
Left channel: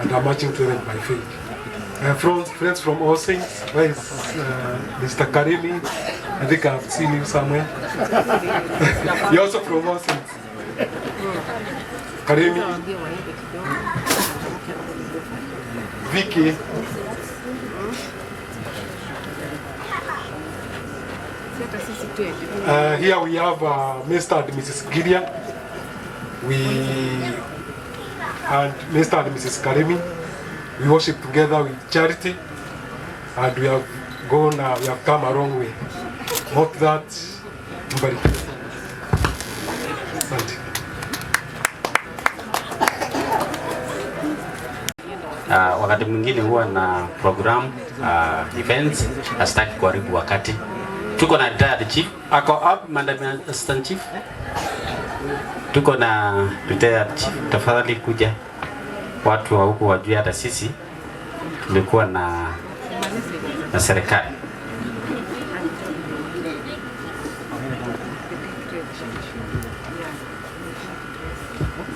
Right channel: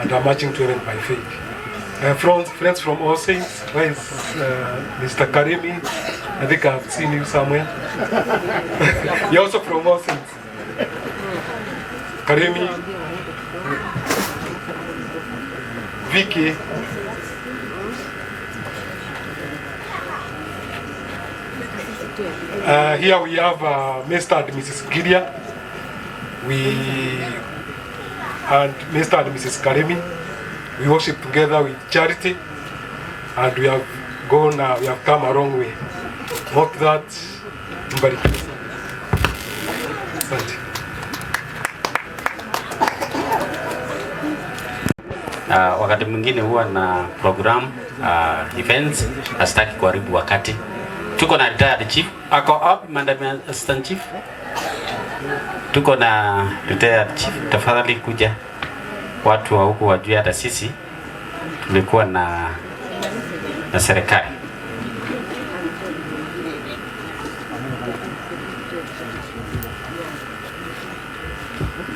and I'm marching to heaven by faith. Friends from All Saints, where is Mr. Karimi? I think I've seen you somewhere. You're also from All Saints. Karimi, Vicky, here we have Mr. and Mrs. Gideon. And Mr. and Mrs. Karimi. We worship together with Charity, and we have come a long way. Hope that mbarikiwe. Asante. Wakati mwingine huwa na program events, asitaki kuharibu wakati. Tuko na retired chief, ako up madam assistant chief. Tuko na retired chief, tafadhali kuja. Watu wa huku wajue hata sisi tulikuwa na serikali.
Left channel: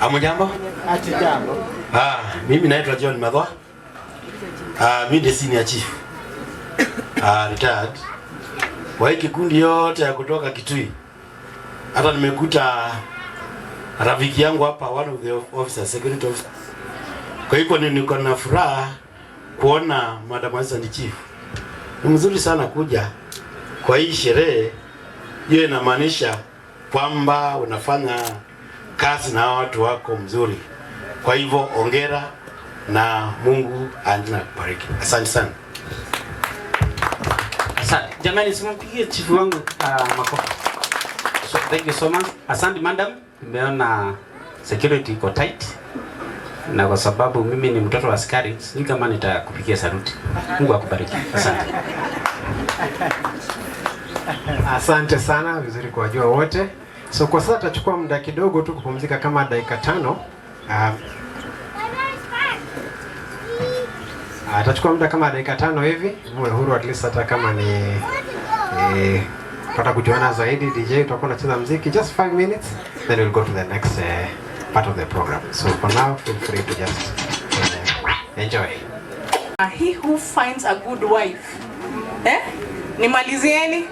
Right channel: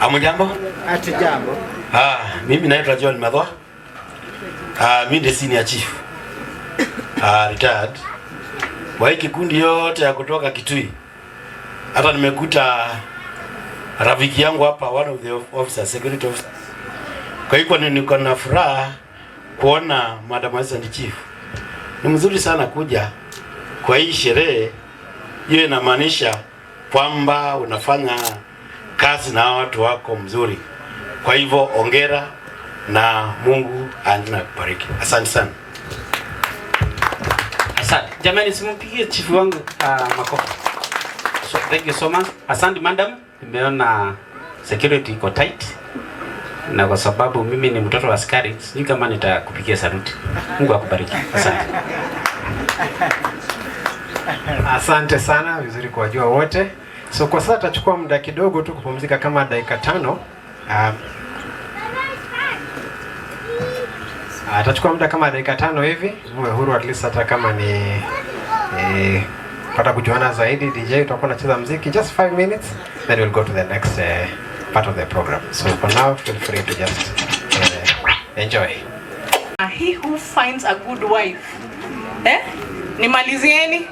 Amujambo? Hatujambo. Mimi naitwa John Madhwa. Mimi ndiye senior chief. Retired. Wa hii kikundi yote ya kutoka Kitui. Hata nimekuta rafiki yangu hapa, one of the officers, security officers. Kwa hiyo niko na furaha kuona Madam Assistant Chief. Ni mzuri sana kuja kwa hii sherehe. Hiyo inamaanisha kwamba unafanya kazi na watu wako mzuri. Kwa hivyo ongera na Mungu aendelee kubariki. Asante sana. Asante. Jamani, simpigie chifu wangu makofi. So, thank you so much. Asante madam. Nimeona security iko tight. Na kwa sababu mimi ni mtoto wa askari, sijui kama nitakupigia saluti. Mungu akubariki. Asante. Asante sana, vizuri kuwajua wote. So kwa sasa tutachukua muda kidogo tu kupumzika kama dakika 5. Atachukua muda kama dakika 5 hivi, muwe huru at least hata kama ni pata kujuana zaidi. DJ utakuwa unacheza muziki just 5 minutes, then we'll go to the next part of the program. So for now, feel free to just enjoy. He who finds a good wife, nimalizieni,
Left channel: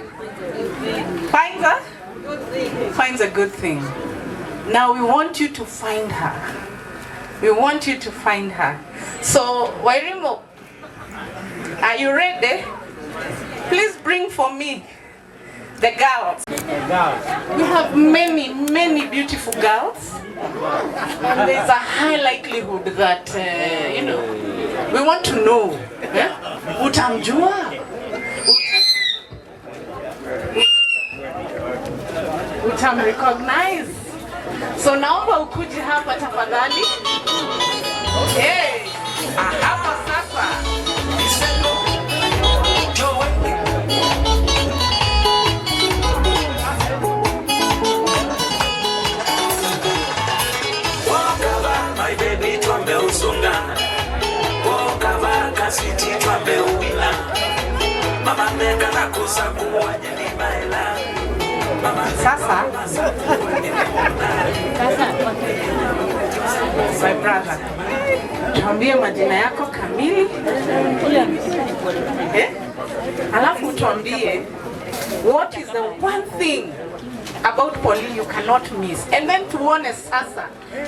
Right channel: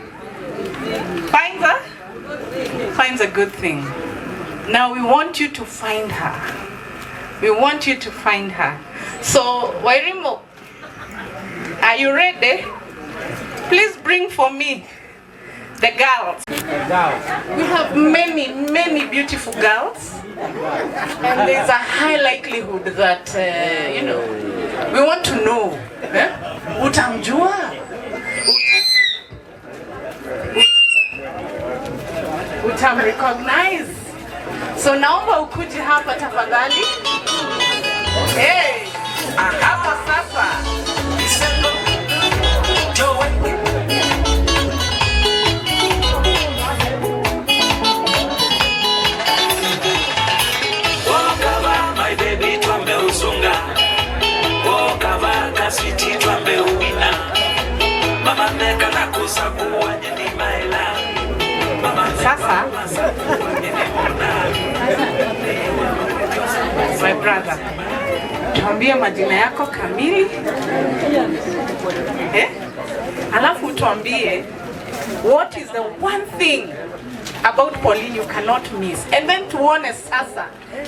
finds a good thing. Now we want you to find her. We want you to find her. So, Wairimo, are you ready? Please bring for me the girls. We have many beautiful girls, and there's a high likelihood that we want to know. Utamjua? Utamrecognize? So naomba ukuje hapa tafadhali. Hapa sasa. My baby twambe usungana. Wakava kasiti twambe uwina. Mama neka na kusakuwa nyeni maela. Sasa. My brother, tuambie majina yako kamili. Alafu tuambie what is the one thing about Pauline you cannot miss. And then tuone sasa,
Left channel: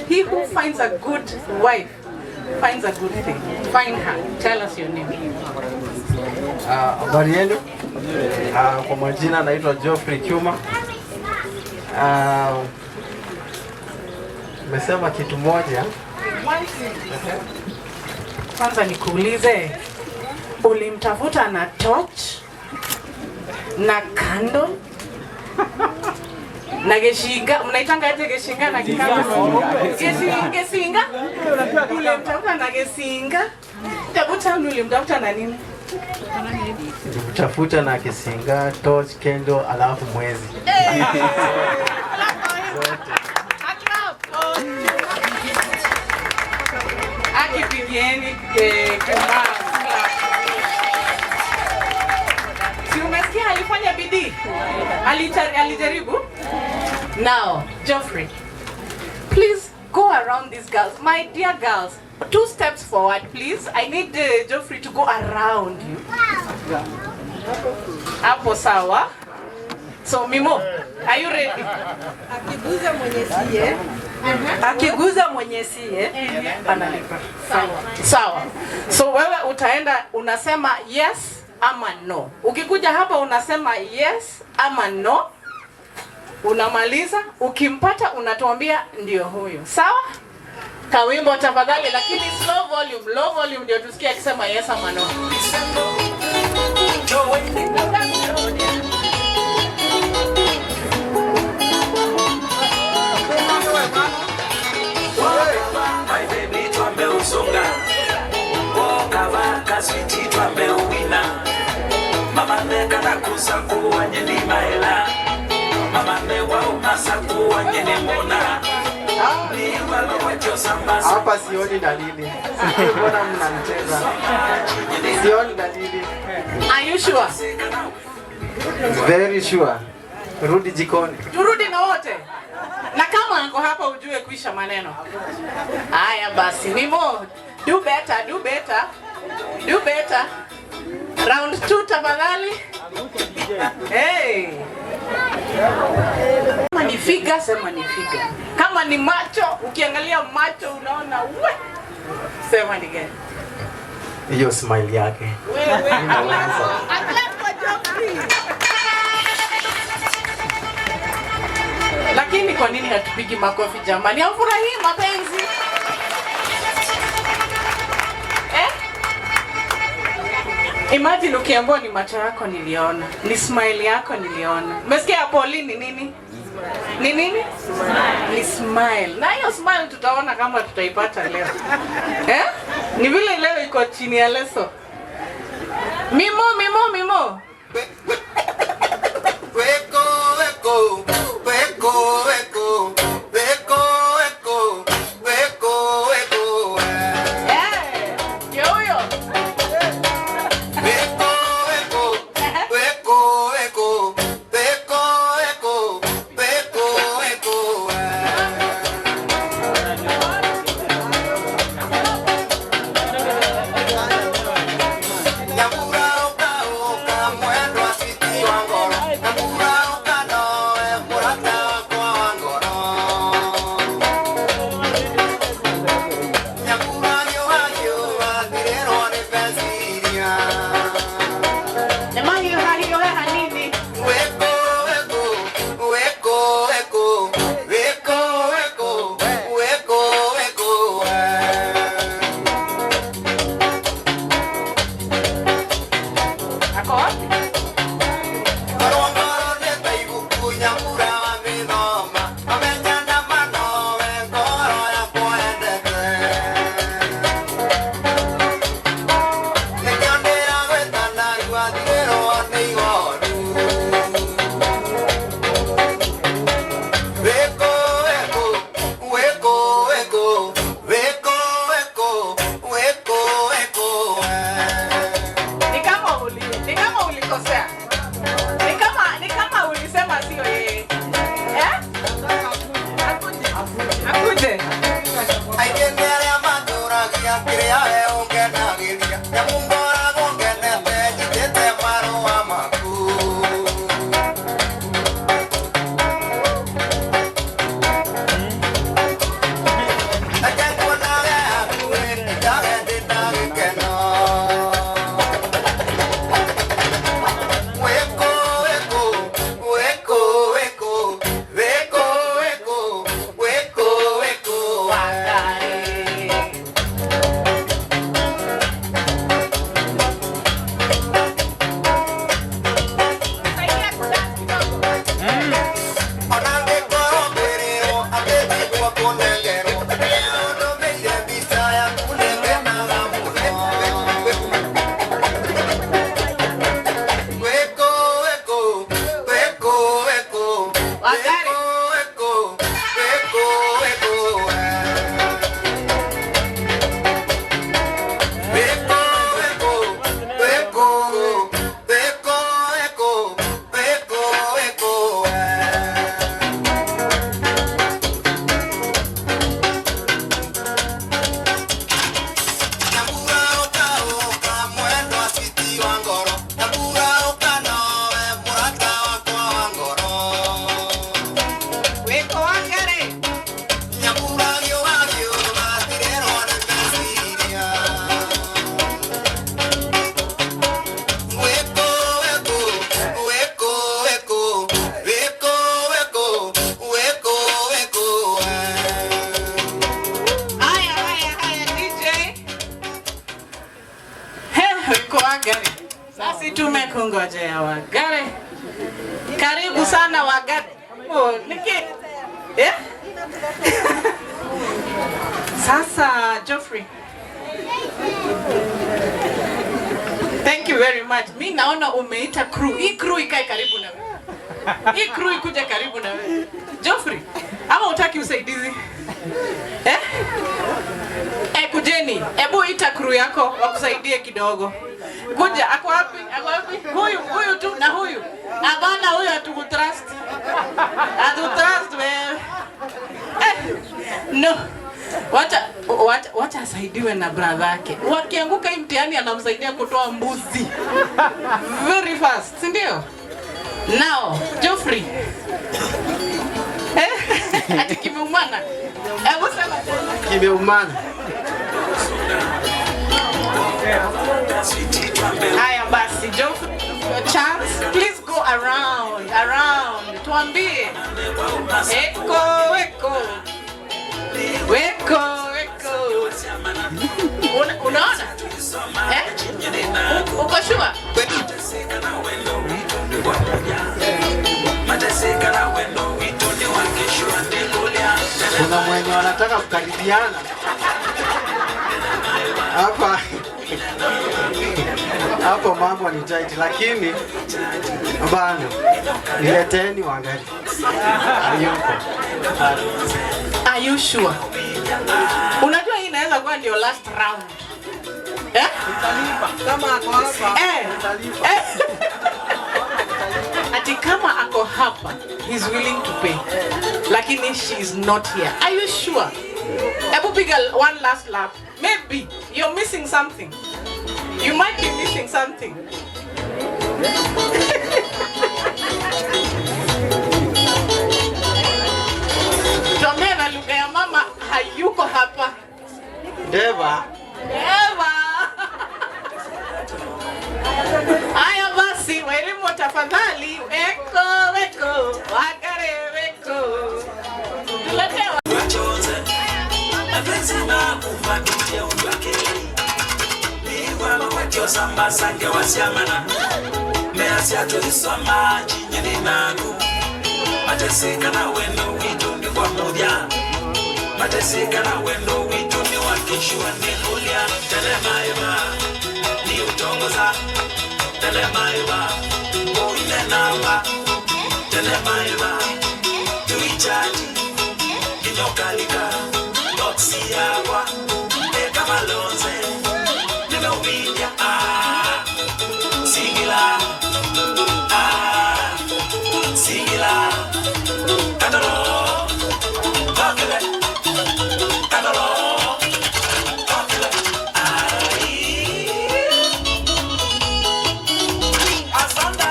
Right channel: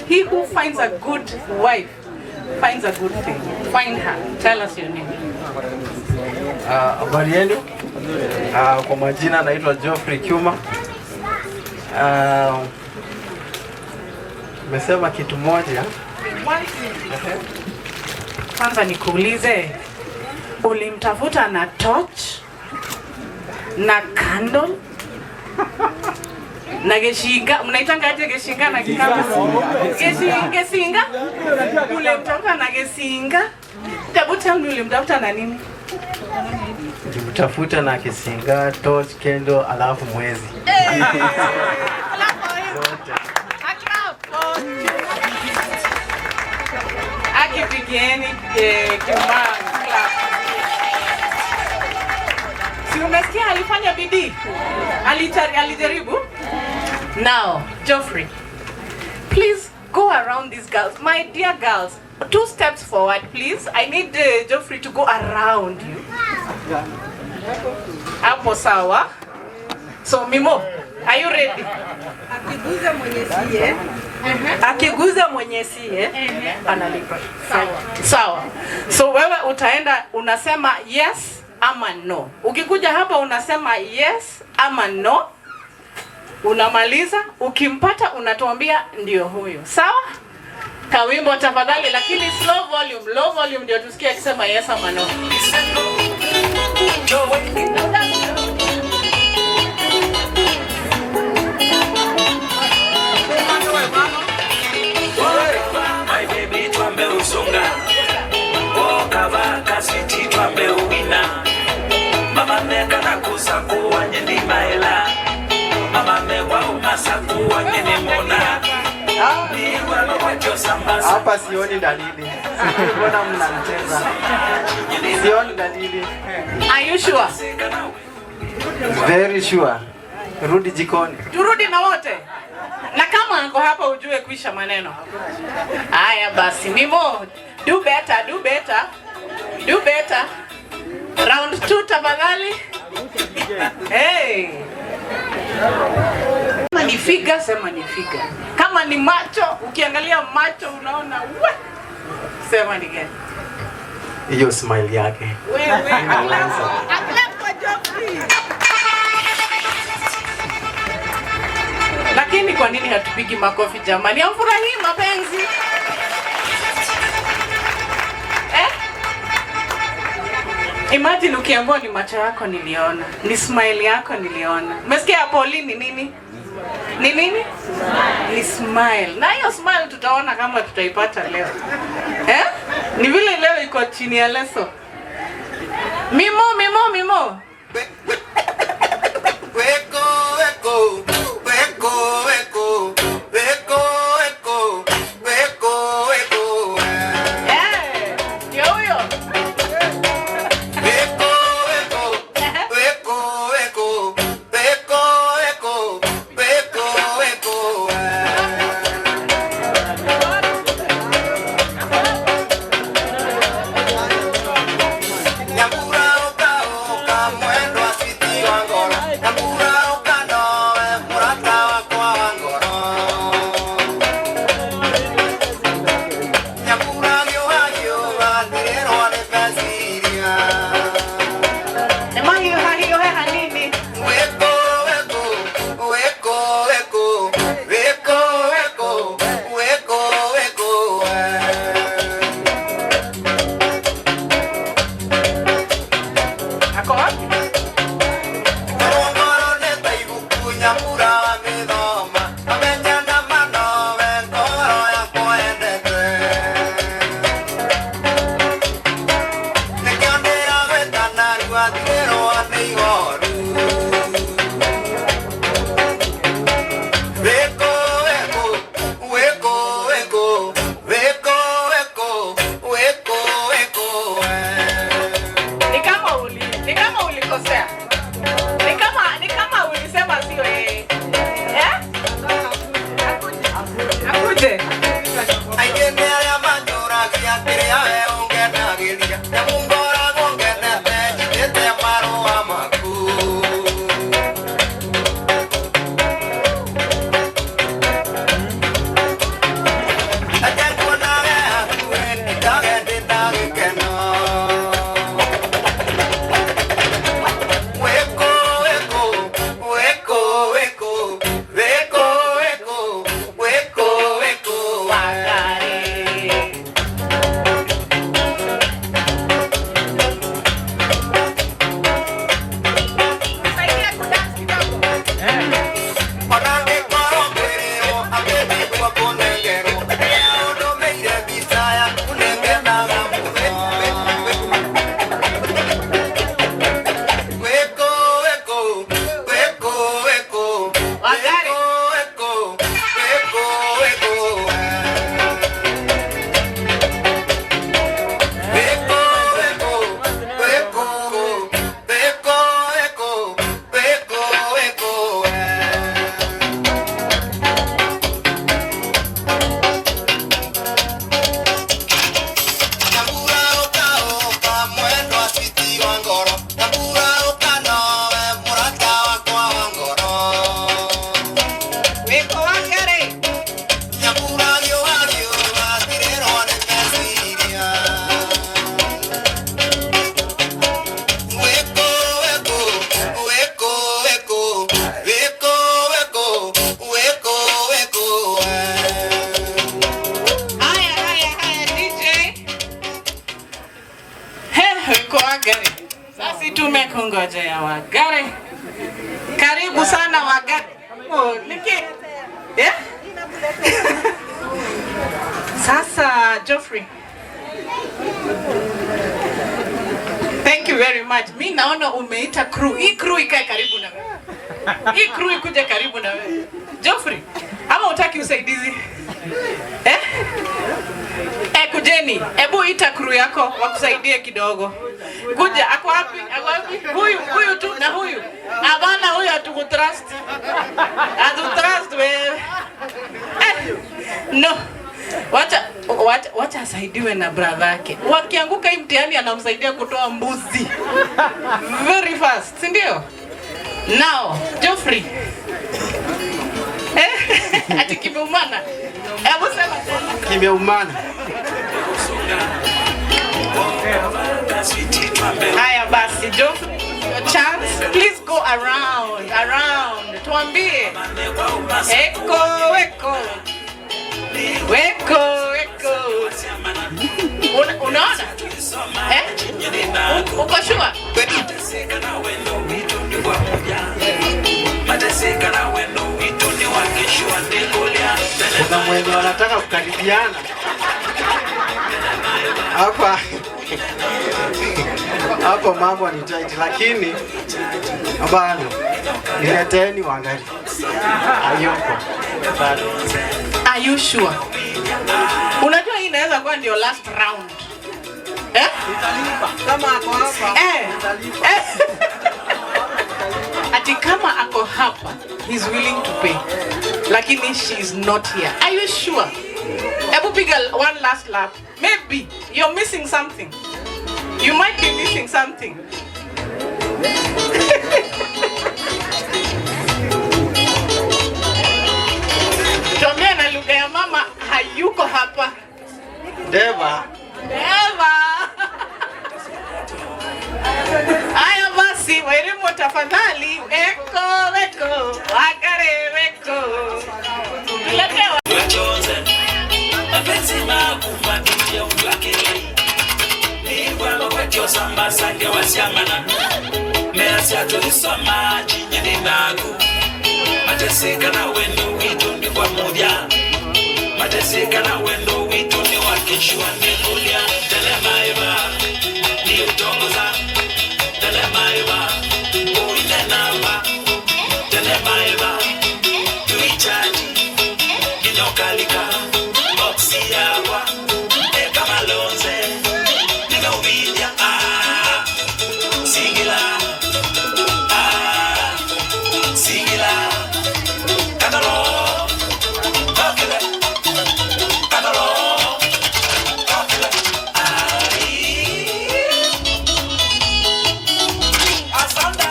he who finds a good wife finds a good thing. Find her. Tell us your name. Habari yenu? Kwa majina naitwa Geoffrey Kiuma. Nimesema kitu moja. Kwanza nikuulize, ulimtafuta na torch na candle na geshinga? Mnaitanga aje geshinga na kitabu? Gesinga? Ulimtafuta na gesinga? Hebu tell me, ulimtafuta na nini? Nilimtafuta na kisinga, torch, candle, alafu mwezi. Akipigieni si unasikia alifanya bidii? Alijaribu? Now, Geoffrey, please go around these girls. My dear girls, 2 steps forward, please. I need Geoffrey to go around you. Hapo sawa. So, Mimo, are you ready? Akiguza mwenye siye. Akiguza mwenye siye. Sawa. Sawa. So wewe utaenda unasema yes ama no. Ukikuja hapa unasema yes ama no. Unamaliza, ukimpata unatuambia ndio huyo. Sawa? Kawimbo tafadhali, lakini slow volume. Low volume ndio tusikie akisema yes ama no. My baby twambe usonga. Wakava kasiti twambe uwina. Mama neka na kusakuwa nyeni maela. Mama mewa umasakuwa nyeni mona. Hapa sioni dalili. Mbona mnamcheza? Sioni dalili. Are you sure? Very sure. Rudi jikoni. Turudi na wote. Na kama anko hapa ujue kuisha maneno. Haya basi, Mimo, do better, do better. Do better. Round 2 tafadhali. Hey. Kama ni figa, sema ni figa. Kama ni macho, ukiangalia macho unaona sema ni gani? Hiyo smile yake. Wewe, clap for Geoffrey. Lakini kwa nini hatupigi makofi jamani? Amfurahie mapenzi. Imagine ukiambiwa ni macho yako niliona, ni smile yako niliona. Umesikia hapo ni nini? Ni nini? Ni smile. Na hiyo smile tutaona kama tutaipata leo. Ni vile leo iko chini ya leso. Mimo. Sasa tumekungojea Wagare. Karibu sana Wagare. Sasa Geoffrey. Thank you very much. Mimi naona umeita crew. Hii crew ikae karibu na wewe. Hii crew ikuje karibu na wewe. Geoffrey, ama utaki usaidizi? Kujeni, hebu ita crew yako wakusaidie kidogo. Kuja, ako wapi? Ako wapi? Huyu tu na huyu. Abana huyu atukutrust. Atutrust wewe. No. Wacha asaidiwe na brother yake. Wakianguka hii mtihani anamsaidia kutoa mbuzi. Very fast, si ndio? Now, Geoffrey. Ati kimeumana. Hebu sema tena. Kimeumana. Haya basi, Geoffrey, your chance. Please go around. tuambie. Eko, weko. Weko, weko. Unaona? Uko sure? Kuna mwenye anataka kukaribiana hapa. Hapo mambo ni tight, lakini bado nileteni wangali. Are you sure? Unajua hii inaweza kuwa ndio last round. Nitalipa kama ako hapa. Nitalipa. Ati kama ako hapa, he's willing to pay. Lakini she is not here. Are you sure? Ebu piga one last lap. Maybe you're missing something. You might be missing something. Tuongea na lugha ya mama, hayuko hapa. Deva. Aya basi, Wairimu tafadhali. Eko, weko, wakare, weko. Tuletewa. Mateseka na wendo wito ni pamoja. Mateseka na wendo wito ni wakishwa mehulia. Telemaiba ni utongoza. Telemaiba uinanawa. Telemaiba tuichaji inokalika boksi yawa eka malonze nino widia singila singila kadaro kakele kadaro kakele asanda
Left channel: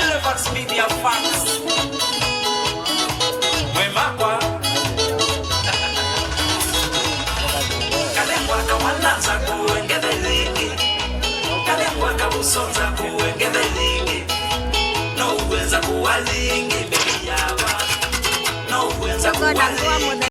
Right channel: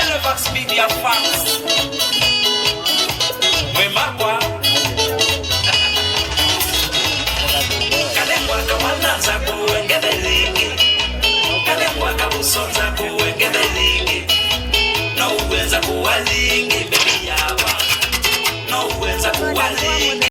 elephants media fans mwemapwa kalembwaka mwananza kuwengele lingi kalembwaka busonza kuwengele lingi no uweza kuwa lingi bebi yaba no uweza kuwa lingi.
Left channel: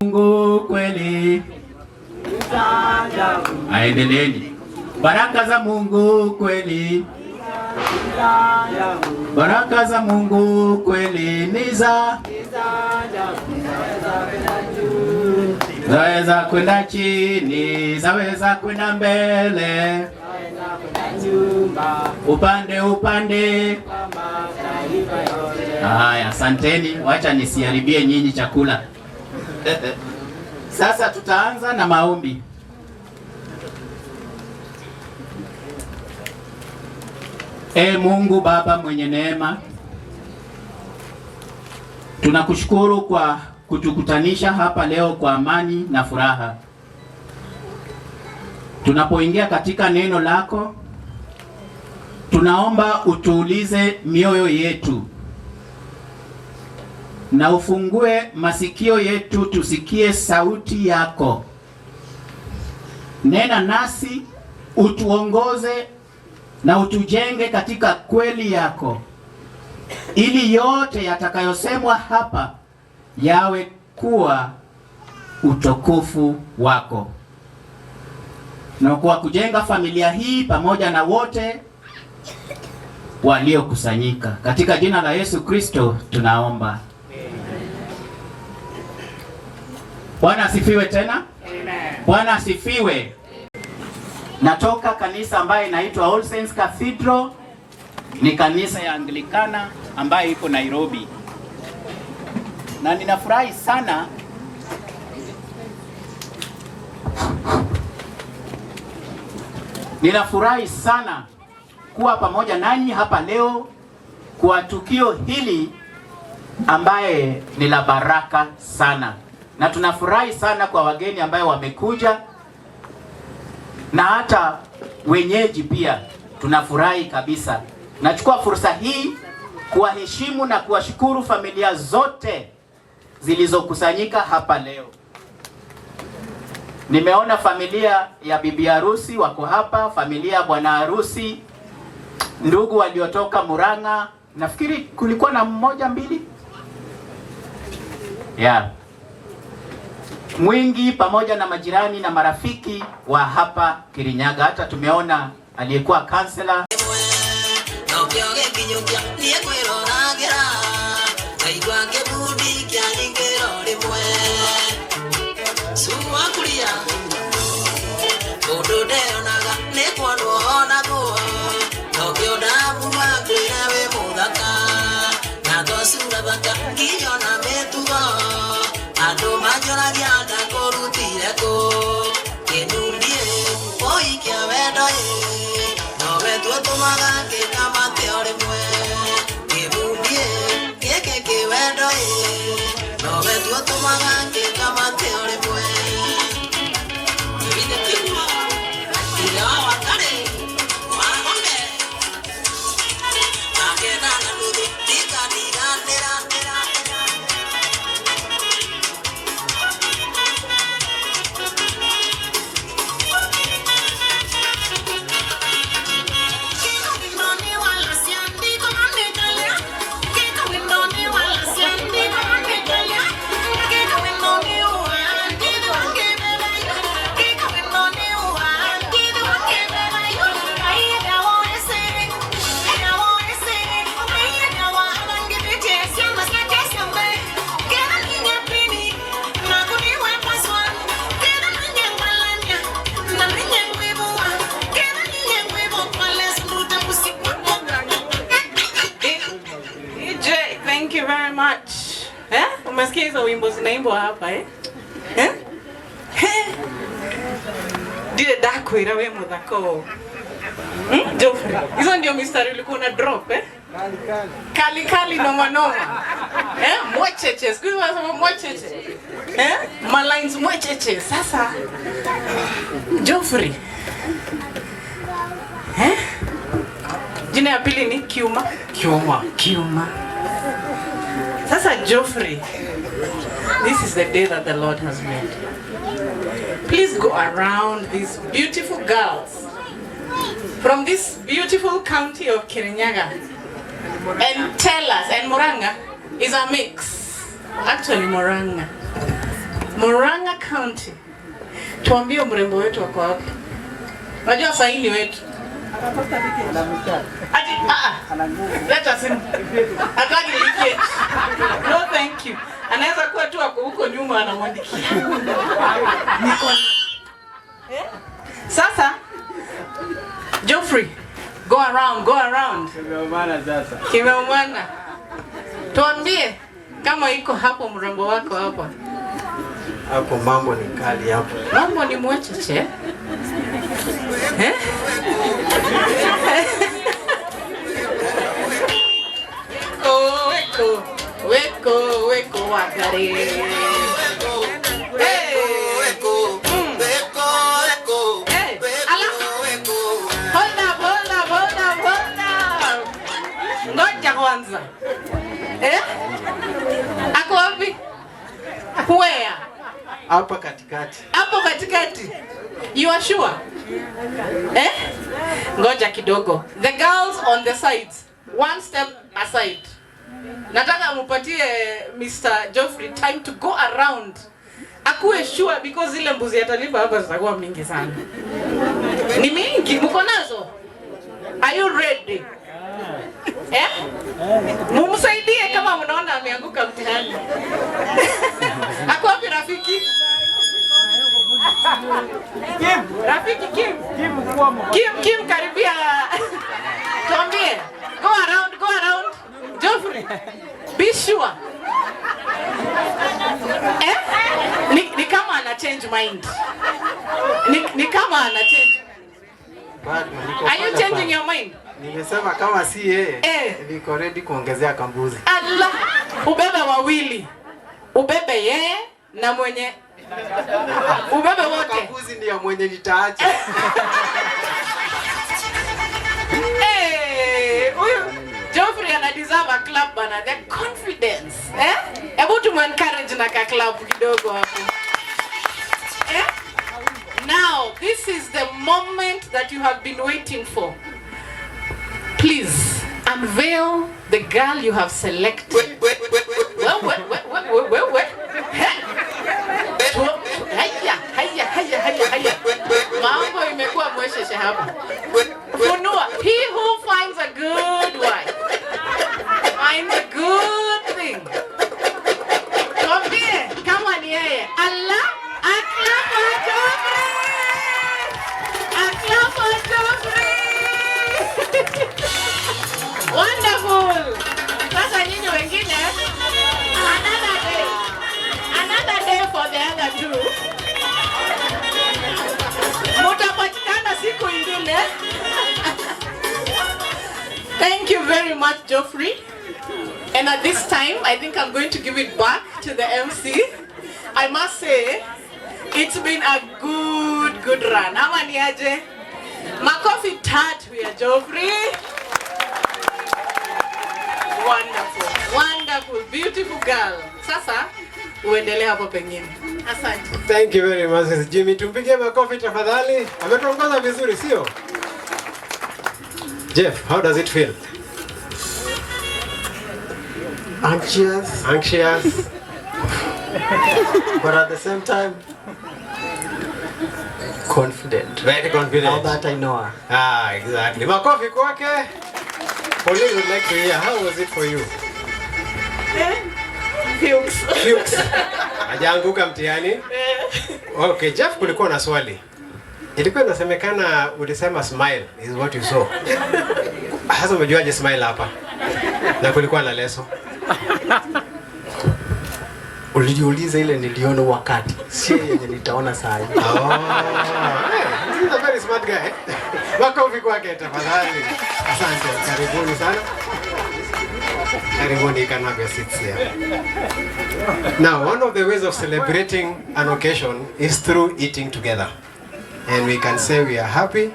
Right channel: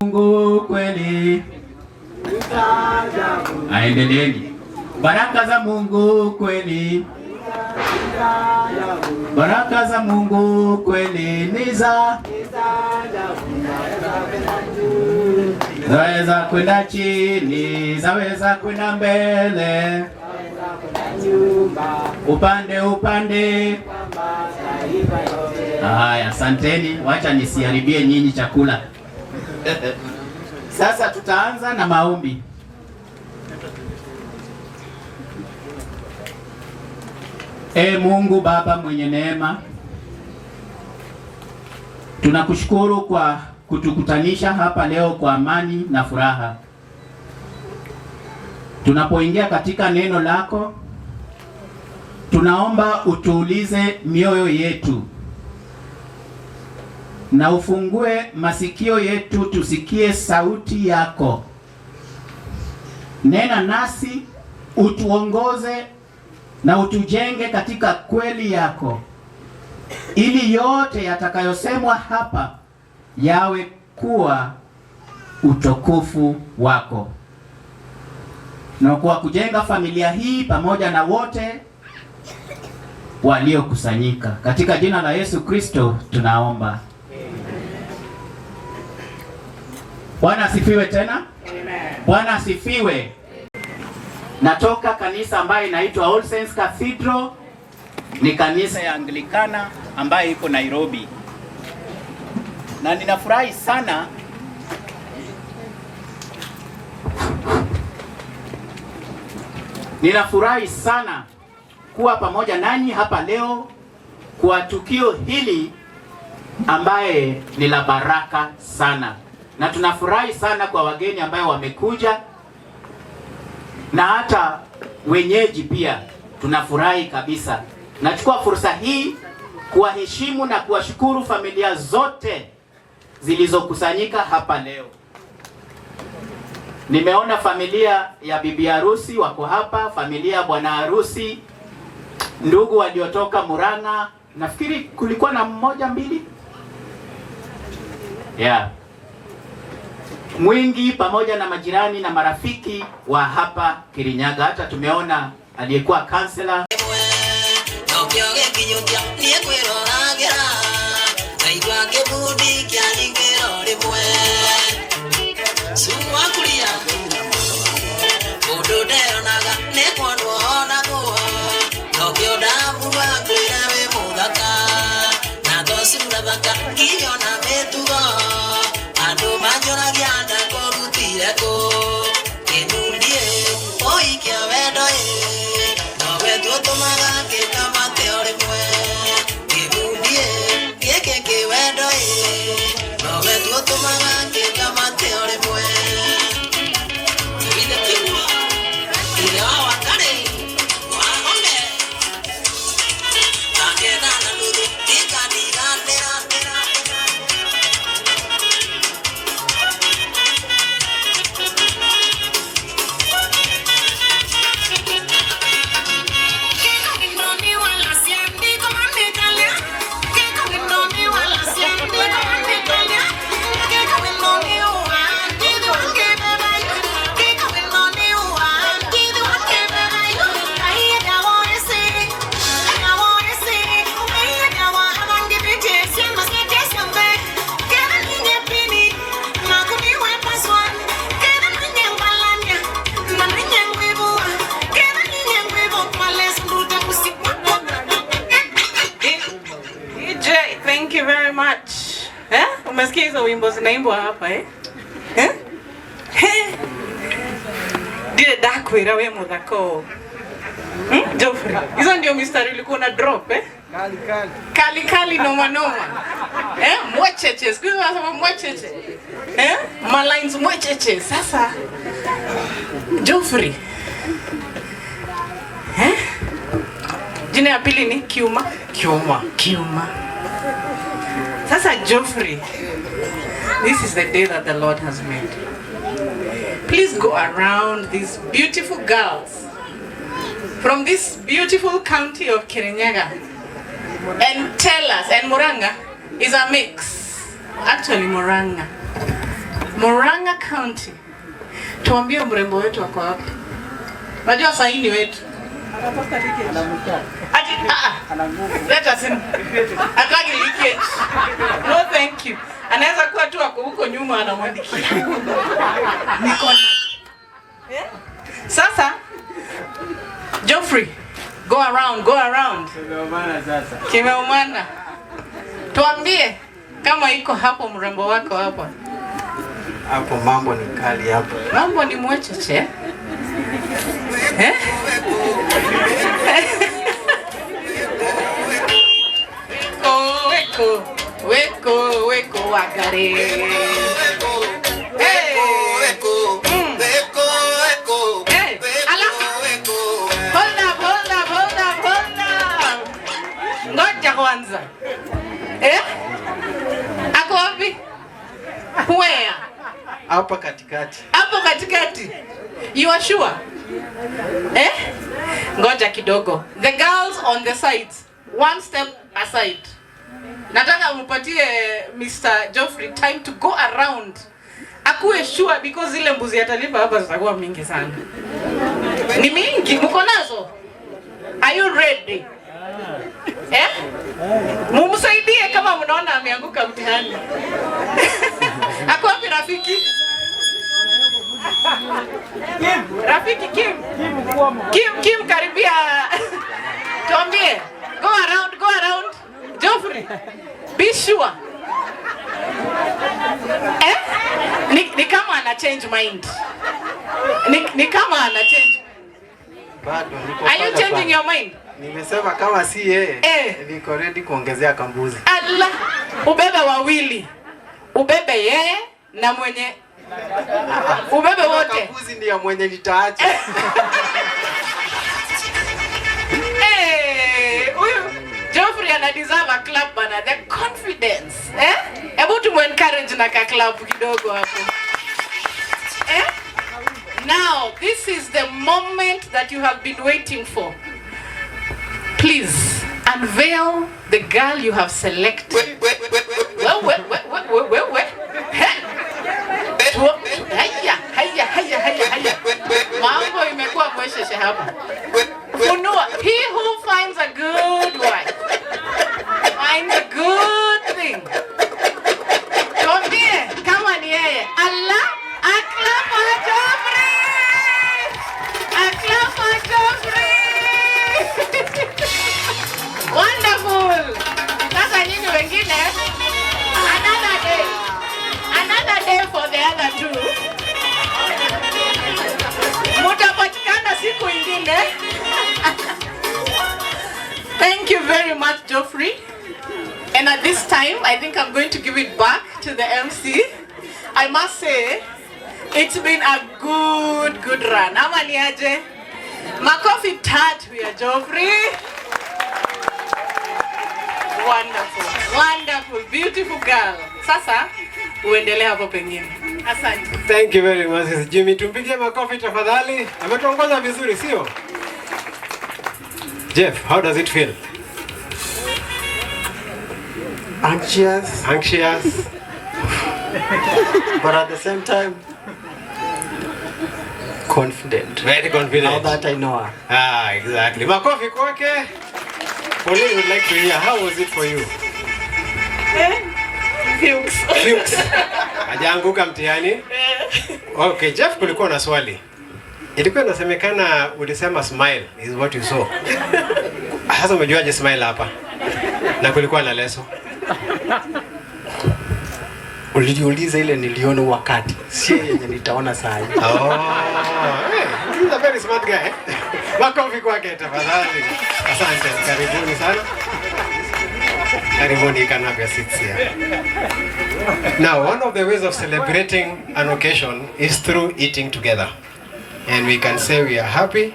Mungu kweli. Aendeleeni. Baraka za Mungu kweli. Baraka za Mungu kweli ni zaweza kwenda chini, zaweza kwenda mbele, upande. Haya, asanteni, wacha nisiharibie nyinyi chakula. Sasa tutaanza na maombi. Mungu Baba mwenye neema, tunakushukuru kwa kutukutanisha hapa leo kwa amani na furaha. Tunapoingia katika neno lako, tunaomba utuulize mioyo yetu na ufungue masikio yetu tusikie sauti yako. Nena nasi, utuongoze na utujenge katika kweli yako, ili yote yatakayosemwa hapa yawe kuwa utukufu wako, na kwa kujenga familia hii pamoja na wote waliokusanyika. Katika jina la Yesu Kristo tunaomba. Bwana asifiwe tena. Amen. Bwana asifiwe. Natoka kanisa ambayo inaitwa All Saints Cathedral. Ni kanisa ya Anglikana ambayo iko Nairobi. Na ninafurahi sana kuwa pamoja nanyi hapa leo kwa tukio hili ambaye ni la baraka sana. Na tunafurahi sana kwa wageni ambayo wamekuja, na hata wenyeji pia tunafurahi kabisa. Nachukua fursa hii kuwaheshimu na kuwashukuru familia zote zilizokusanyika hapa leo. Nimeona familia ya bibi harusi wako hapa, familia ya bwana harusi, ndugu waliotoka Murang'a, nafikiri kulikuwa na mmoja mbili. Mwingi, pamoja na majirani na marafiki wa hapa Kirinyaga. Hata tumeona aliyekuwa kansela. Thank you very much. Umesikia hizo wimbo zinaimbwa hapa Dile dakwira we muthako. Joffrey. Hizo ndio mistari ulikuwa na drop Kali noma noma. Mwecheche, siku hizi wanasema mwecheche. Malines mwecheche. Sasa Geoffrey. Jina ya pili ni Kiuma. Sasa Geoffrey, this is the day that the Lord has made. Please go around these beautiful girls from this beautiful county of Kirinyaga and tell us, and Muranga is a mix. Actually Muranga County. Tuambie mrembo wetu wako wapi? Unajua saini wetu. Let us in. Ataki leakage. No thank you. Anaweza kuwa tu ako huko nyuma anamwandikia. Sasa Geoffrey, go around. Kimeumana. Tuambie kama iko hapo mrembo wako hapo. Hapo mambo ni kali hapo. Mambo ni mwecheche. Weko wakare. Hold up. Ngoja kwanza. Ako wapi? Where? Hapa katikati. Hapo katikati. You are sure? Ngoja kidogo. The girls on the sides. One step aside. Nataka mupatie Mr. Geoffrey time to go around. Akuwe sure because zile mbuzi atalipa hapa zitakuwa mingi sana. Ni mingi, mko nazo? Are you ready? Mumsaidie kama mnaona ameanguka mtihani. Ako wapi rafiki? Kim karibia. Tuambie. Go around. Geoffrey, be sure. Ni kama ana change mind. Ni kama ana change. Are you changing your mind? Nimesema kama si yeye, niko ready kuongezea kambuzi. Allah, ubebe wawili. Ubebe yeye na mwenye ubebe wote. Kambuzi ndio mwenye nitaacha. Huyu Geoffrey ana deserve a clap bana, the confidence. Hebu tu encourage na ka clap kidogo hapo. Now, this is the moment that you have been waiting for. Please unveil the girl you have selected. Wait. Haya. Mambo imekuwa mwesheshe hapa. Funua. He who finds a good wife finds a good thing. Tuambie kama ni yeye. Allah, aklapo Geoffrey. Wonderful. Sasa nyinyi wengine, another day for the other two. Mutapatikana siku ingine. Thank you very much, Geoffrey. And at this time, I think I'm going to give it back to the MC. I must say, it's been a good run. Ama ni aje? Makofi tatu ya Geoffrey. Wonderful, beautiful girl. Sasa uendelee hapo pengine. Asante. Thank you very much, Jimmy. Tumpigie makofi tafadhali. Ametuongoza vizuri, sio? Jeff, how does it feel? Anxious. But at the same time, confident. Very confident. Now that I know her. Exactly. Makofi kwake. Pauline would like to hear, how was it for you? Fuchs. Hajaanguka mtihani? Okay, Jeff, kulikuwa na swali. Ilikuwa inasemekana ulisema smile is what you saw. Sasa umejuaje smile hapa? Na kulikuwa na leso. Ulijiuliza ile niliona wakati, sio yenye nitaona saa hii. He's a very smart guy. Makofi kwake tafadhali. Asante, karibuni sana. Karibuni, can have your seats here. Now, one of the ways of celebrating an occasion is through eating together. And we can say we are happy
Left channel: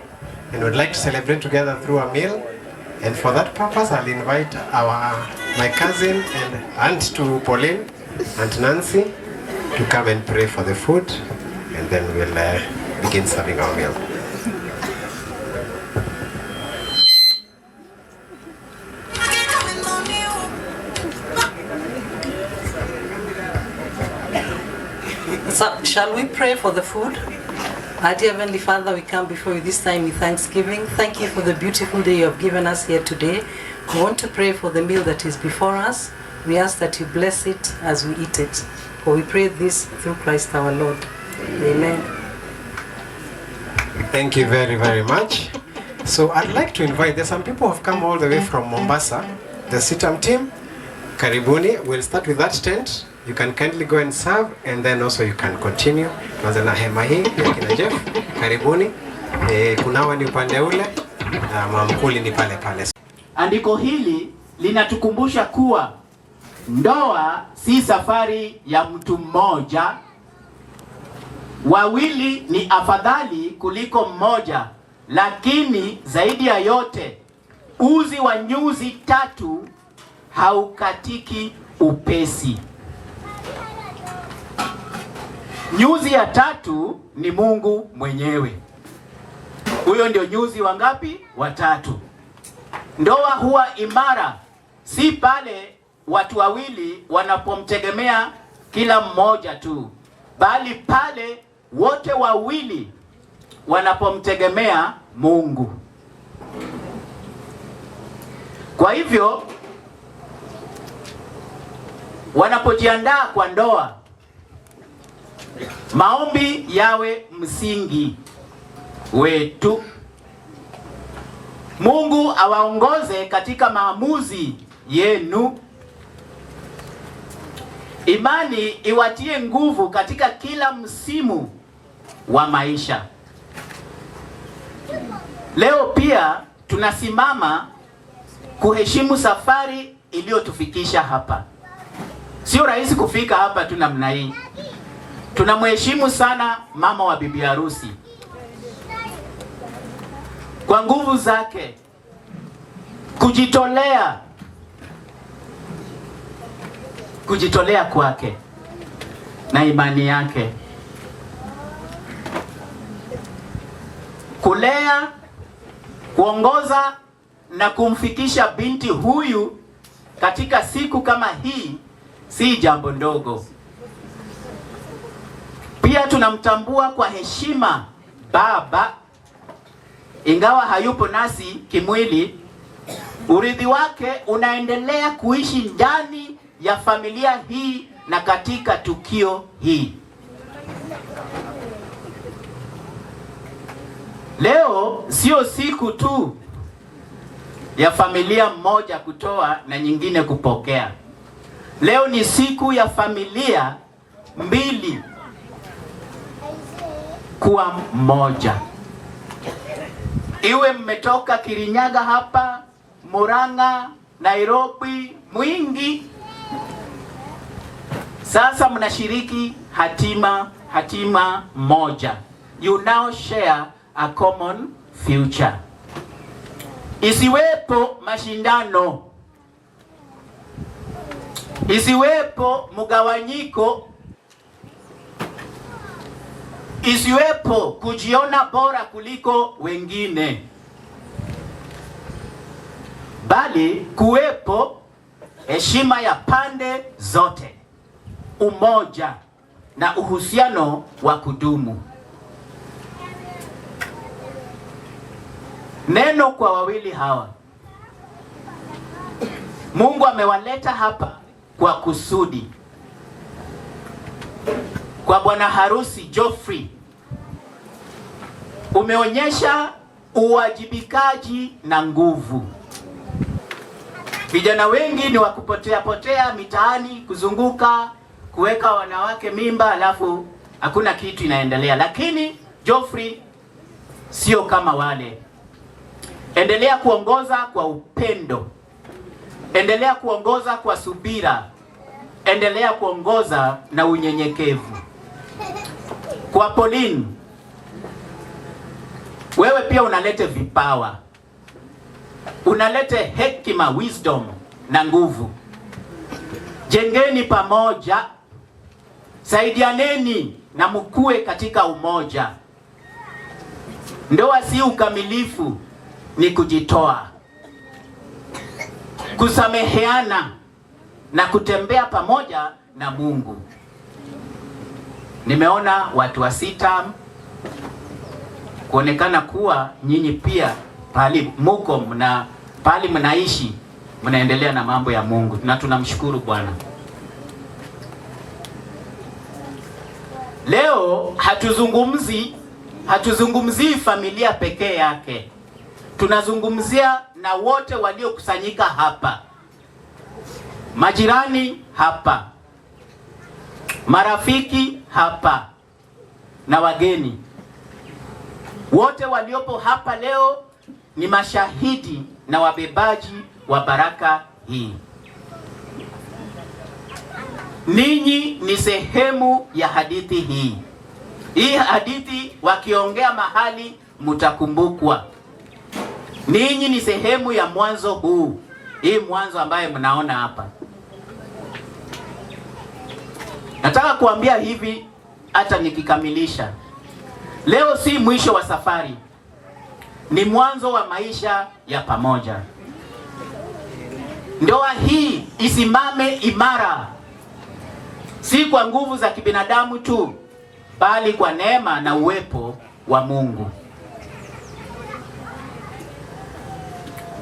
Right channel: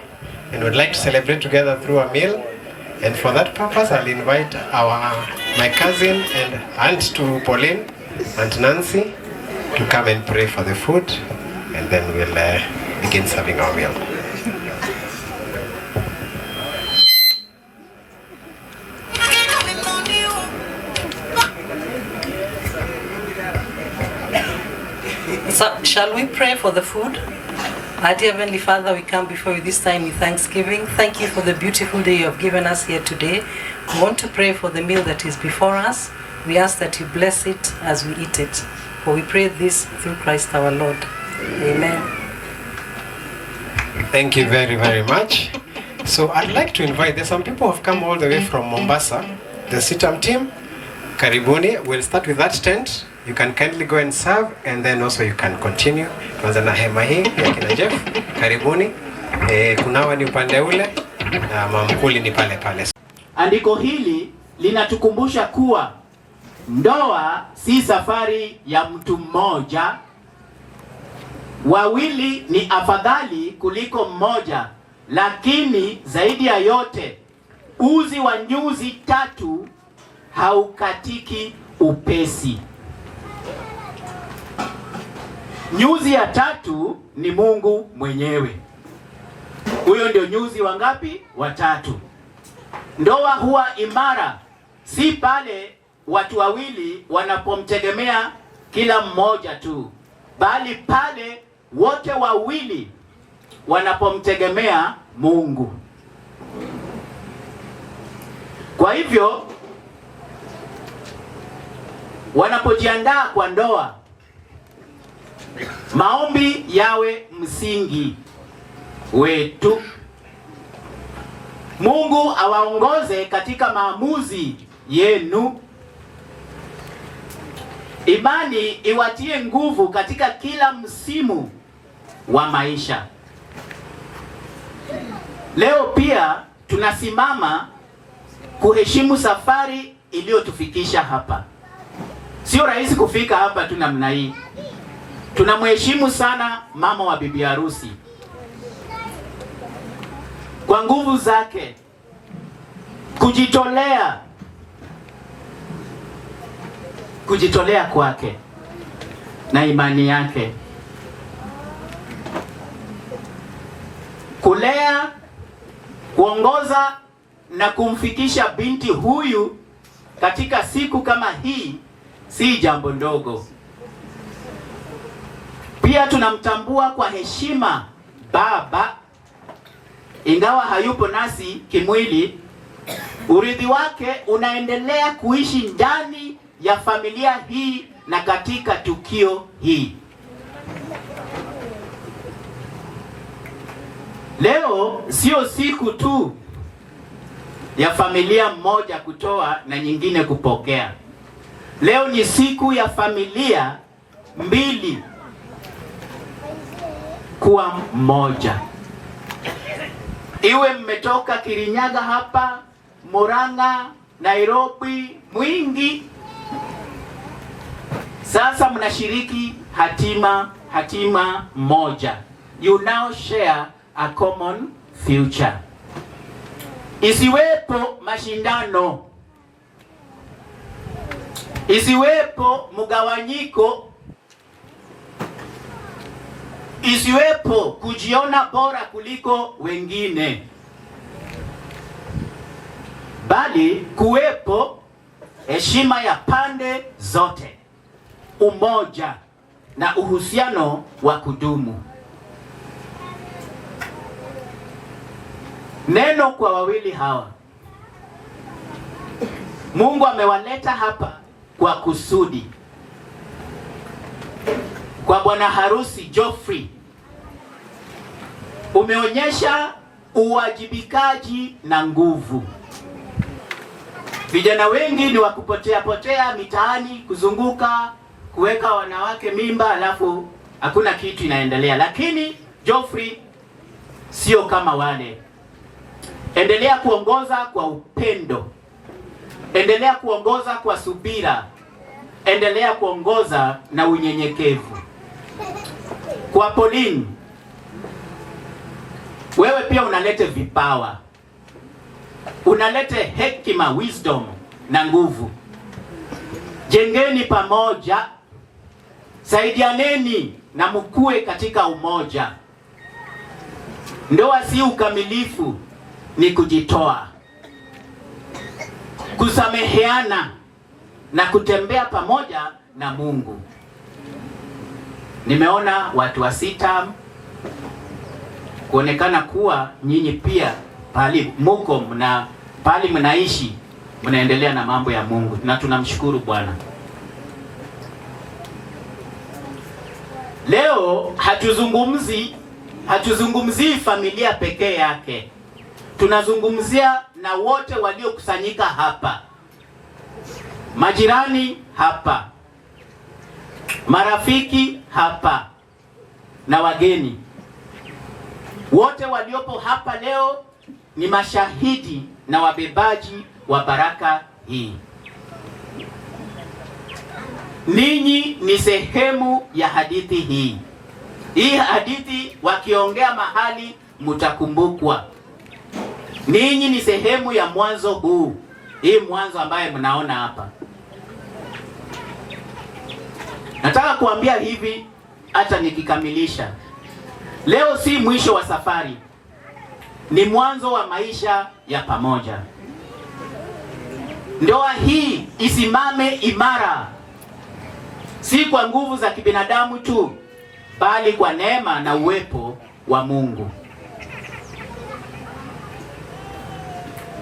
and would like to celebrate together through a meal. And for that purpose, I'll invite my cousin and aunt to Pauline, Aunt Nancy, to come and pray for the food, and then we'll begin serving our meal. So, shall we pray for the food? Our dear Heavenly Father, we come before you this time with thanksgiving. Thank you for the beautiful day you have given us here today. We want to pray for the meal that is before us. We ask that you bless it as we eat it. For we pray this through Christ our Lord. Amen. Thank you very, very much. So I'd like to invite, there's some people who have come all the way from Mombasa. The Sitam team, karibuni. We'll start with that tent. You can kindly go and serve, and then also you can continue. Kwanza na hema hii ya kina Jeff, karibuni. Kunawa ni upande ule, na mamkuli ni pale pale. Andiko hili linatukumbusha kuwa ndoa si safari ya mtu mmoja. Wawili ni afadhali kuliko mmoja, lakini zaidi ya yote, uzi wa nyuzi tatu haukatiki upesi. Nyuzi ya tatu ni Mungu mwenyewe. Huyo ndio nyuzi wangapi? Watatu. Ndoa huwa imara si pale watu wawili wanapomtegemea kila mmoja tu, bali pale wote wawili wanapomtegemea Mungu. Kwa hivyo wanapojiandaa kwa ndoa, maombi yawe msingi wetu. Mungu awaongoze katika maamuzi yenu. Imani iwatie nguvu katika kila msimu wa maisha. Leo pia tunasimama kuheshimu safari iliyotufikisha hapa. Sio rahisi kufika hapa tu namna hii. Tunamheshimu sana mama wa bibi harusi. Kwa nguvu zake, kujitolea kwake na imani yake, kulea, kuongoza na kumfikisha binti huyu katika siku kama hii si jambo ndogo. Pia tunamtambua kwa heshima baba, ingawa hayupo nasi kimwili. Urithi wake unaendelea kuishi ndani ya familia hii na katika tukio hii. Leo sio siku tu ya familia mmoja kutoa na nyingine kupokea. Leo ni siku ya familia mbili kuwa mmoja. Iwe mmetoka Kirinyaga hapa, Murang'a, Nairobi, Mwingi, sasa mnashiriki hatima moja. You now share a common future. Isiwepo mashindano, isiwepo mgawanyiko, isiwepo kujiona bora kuliko wengine, bali kuwepo heshima ya pande zote, umoja na uhusiano wa kudumu. Neno kwa wawili hawa. Mungu amewaleta hapa kwa kusudi. Kwa bwana harusi Geoffrey, umeonyesha uwajibikaji na nguvu. Vijana wengi ni wakupotea mitaani, kuzunguka, kuweka wanawake mimba, alafu hakuna kitu inaendelea. Lakini Geoffrey sio kama wale. Endelea kuongoza kwa upendo, endelea kuongoza kwa subira, endelea kuongoza na unyenyekevu. Kwa Pauline, wewe pia unalete vipawa, unalete hekima, wisdom na nguvu. Jengeni pamoja, saidianeni na mkue katika umoja. Ndoa si ukamilifu, ni kujitoa, kusameheana na kutembea pamoja na Mungu. Nimeona watu wa sita kuonekana kuwa nyinyi pia pali muko na pali mnaishi mnaendelea na mambo ya Mungu, na tunamshukuru Bwana. Leo hatuzungumzii familia pekee yake. Tunazungumzia na wote waliokusanyika hapa. Majirani hapa, marafiki hapa na wageni. Wote waliopo hapa leo ni mashahidi na wabebaji wa baraka hii. Ninyi ni sehemu ya hadithi hii. Hii hadithi wakiongea mahali mtakumbukwa. Ninyi ni sehemu ya mwanzo huu. Hii mwanzo ambaye mnaona hapa. Nataka kuambia hivi hata nikikamilisha. Leo si mwisho wa safari. Ni mwanzo wa maisha ya pamoja. Ndoa hii isimame imara. Si kwa nguvu za kibinadamu tu, bali kwa neema na uwepo wa Mungu.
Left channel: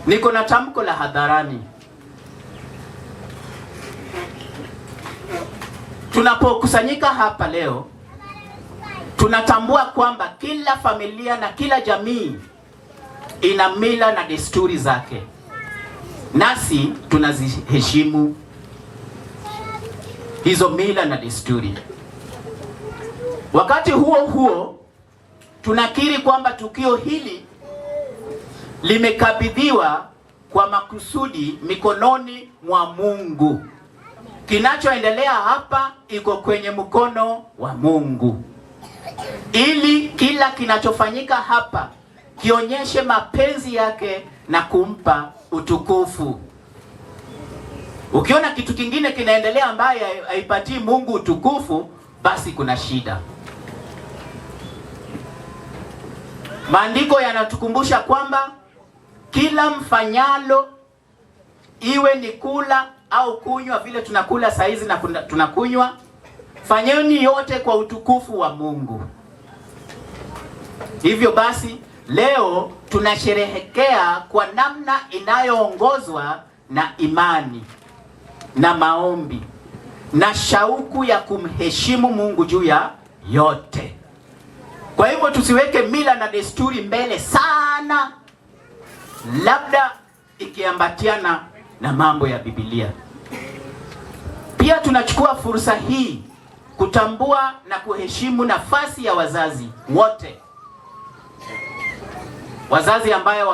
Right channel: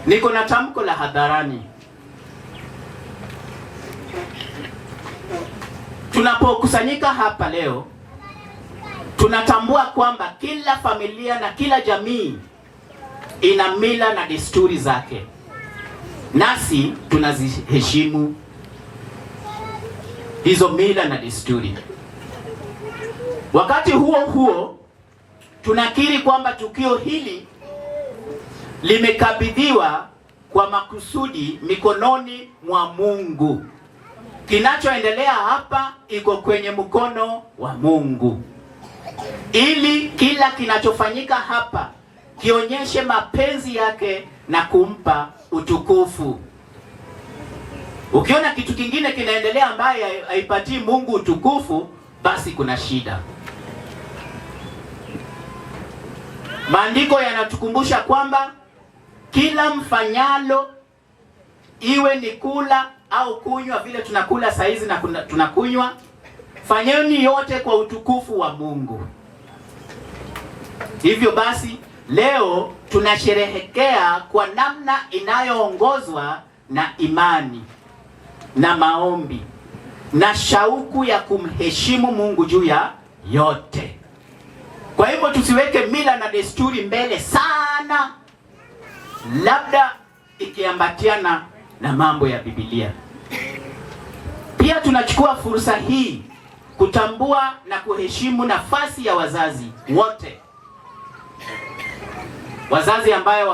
Niko na tamko la hadharani. Tunapokusanyika hapa leo, tunatambua kwamba kila familia na kila jamii ina mila na desturi zake. Nasi tunaziheshimu hizo mila na desturi. Wakati huo huo, tunakiri kwamba tukio hili limekabidhiwa kwa makusudi mikononi mwa Mungu. Kinachoendelea hapa iko kwenye mkono wa Mungu, ili kila kinachofanyika hapa kionyeshe mapenzi yake na kumpa utukufu. Ukiona kitu kingine kinaendelea ambaye haipatii Mungu utukufu, basi kuna shida. Maandiko yanatukumbusha kwamba kila mfanyalo, iwe ni kula au kunywa, vile tunakula saizi na tunakunywa, fanyeni yote kwa utukufu wa Mungu. Hivyo basi leo tunasherehekea kwa namna inayoongozwa na imani na maombi na shauku ya kumheshimu Mungu juu ya yote. Kwa hivyo tusiweke mila na desturi mbele sana, labda ikiambatiana na mambo ya Biblia. Pia tunachukua fursa hii kutambua na kuheshimu nafasi ya wazazi wote. Wazazi ambayo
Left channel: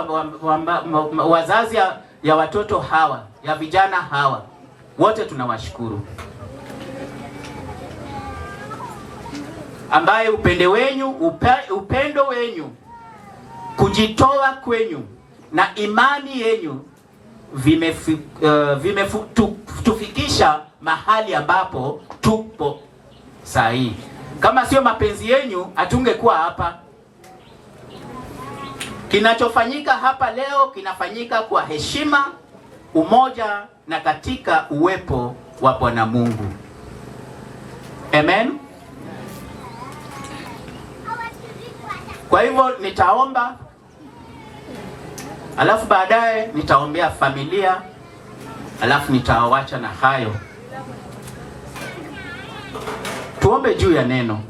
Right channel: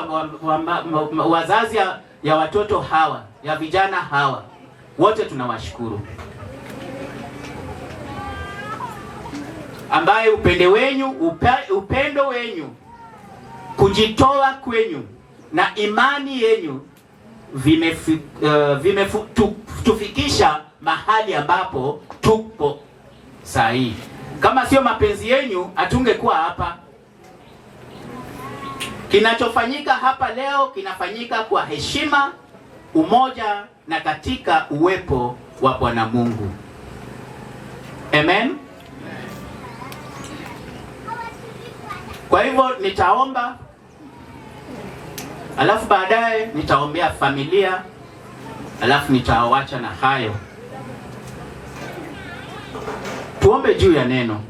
wazazi ya watoto hawa, ya vijana hawa, wote tunawashukuru. Ambaye upendo wenyu, kujitoa kwenyu na imani yenyu vimetufikisha mahali ambapo tupo sahihi. Kama sio mapenzi yenyu, hatungekuwa hapa. Kinachofanyika hapa leo kinafanyika kwa heshima, umoja na katika uwepo wa Bwana Mungu. Amen. Kwa hivyo nitaomba, alafu baadaye nitaombea familia, alafu nitaawacha na hayo. Tuombe juu ya neno.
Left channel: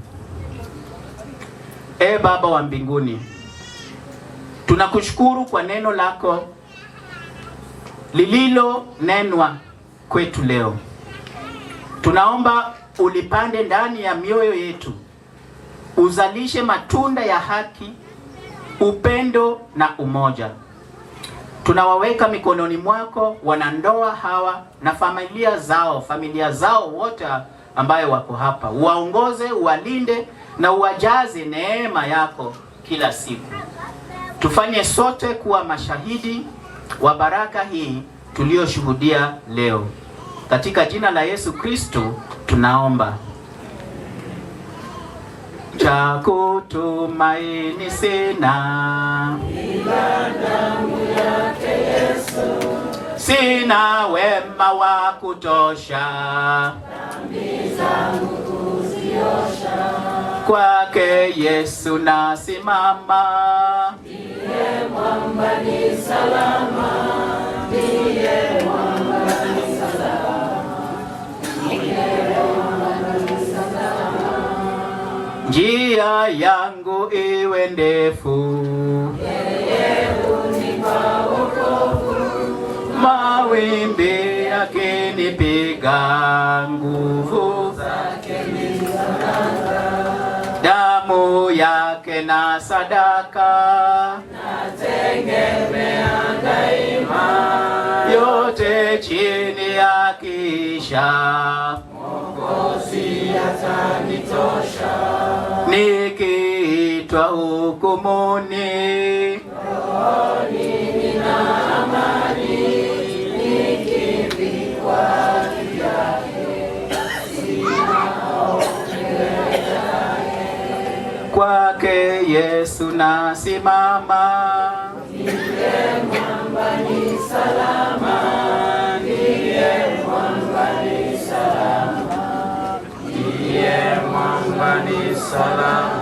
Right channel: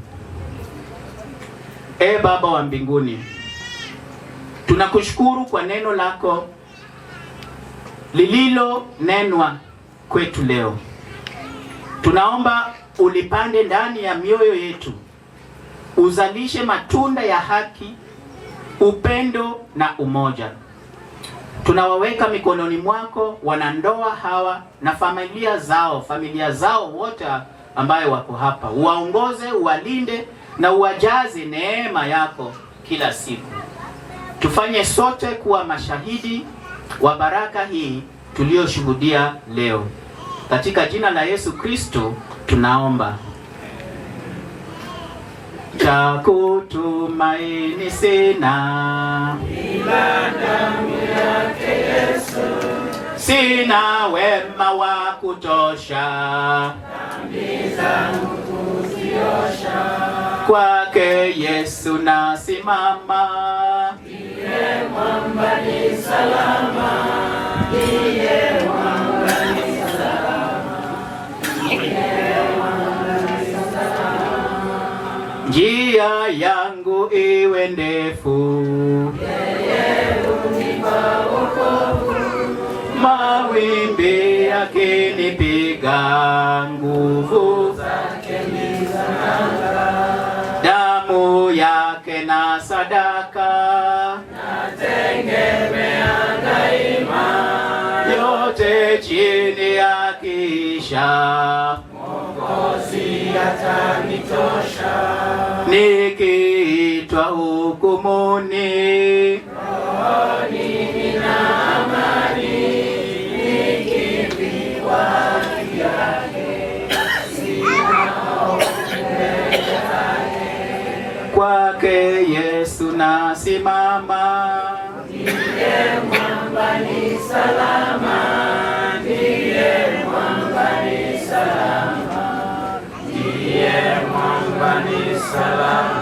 Baba wa mbinguni, tunakushukuru kwa neno lako lililo nenwa kwetu leo. Tunaomba ulipande ndani ya mioyo yetu, uzalishe matunda ya haki, upendo na umoja. tunawaweka mikononi mwako wanandoa hawa na familia zao wote ambayo wako hapa. Uwaongoze, uwalinde na uwajaze neema yako kila siku. Tufanye sote kuwa mashahidi wa baraka hii tuliyoshuhudia leo. Katika jina la Yesu Kristo tunaomba. Cha kutumaini sina ila damu yake Yesu, sina wema wa kutosha dhambi zangu kuziosha. Kwake Yesu nasimama, ndiye mwamba ni salama, ndiye mwamba ni salama, ndiye mwamba ni salama. Njia yangu iwe ndefu, yeye hunipa wokovu. Mawimbi yakinipiga, nguvu zake ni zananga. Damu yake na sadaka nategemea daima, yote chini ya kisha Mwokozi atanitosha. Nikiitwa hukumuni, rohoni nina amani, nikipigwa haki yake, sina hofu mbele yake. Kwake Yesu nasimama, ndiye mwamba ni salama, ndiye mwamba ni salama, ndiye mwamba ni salama.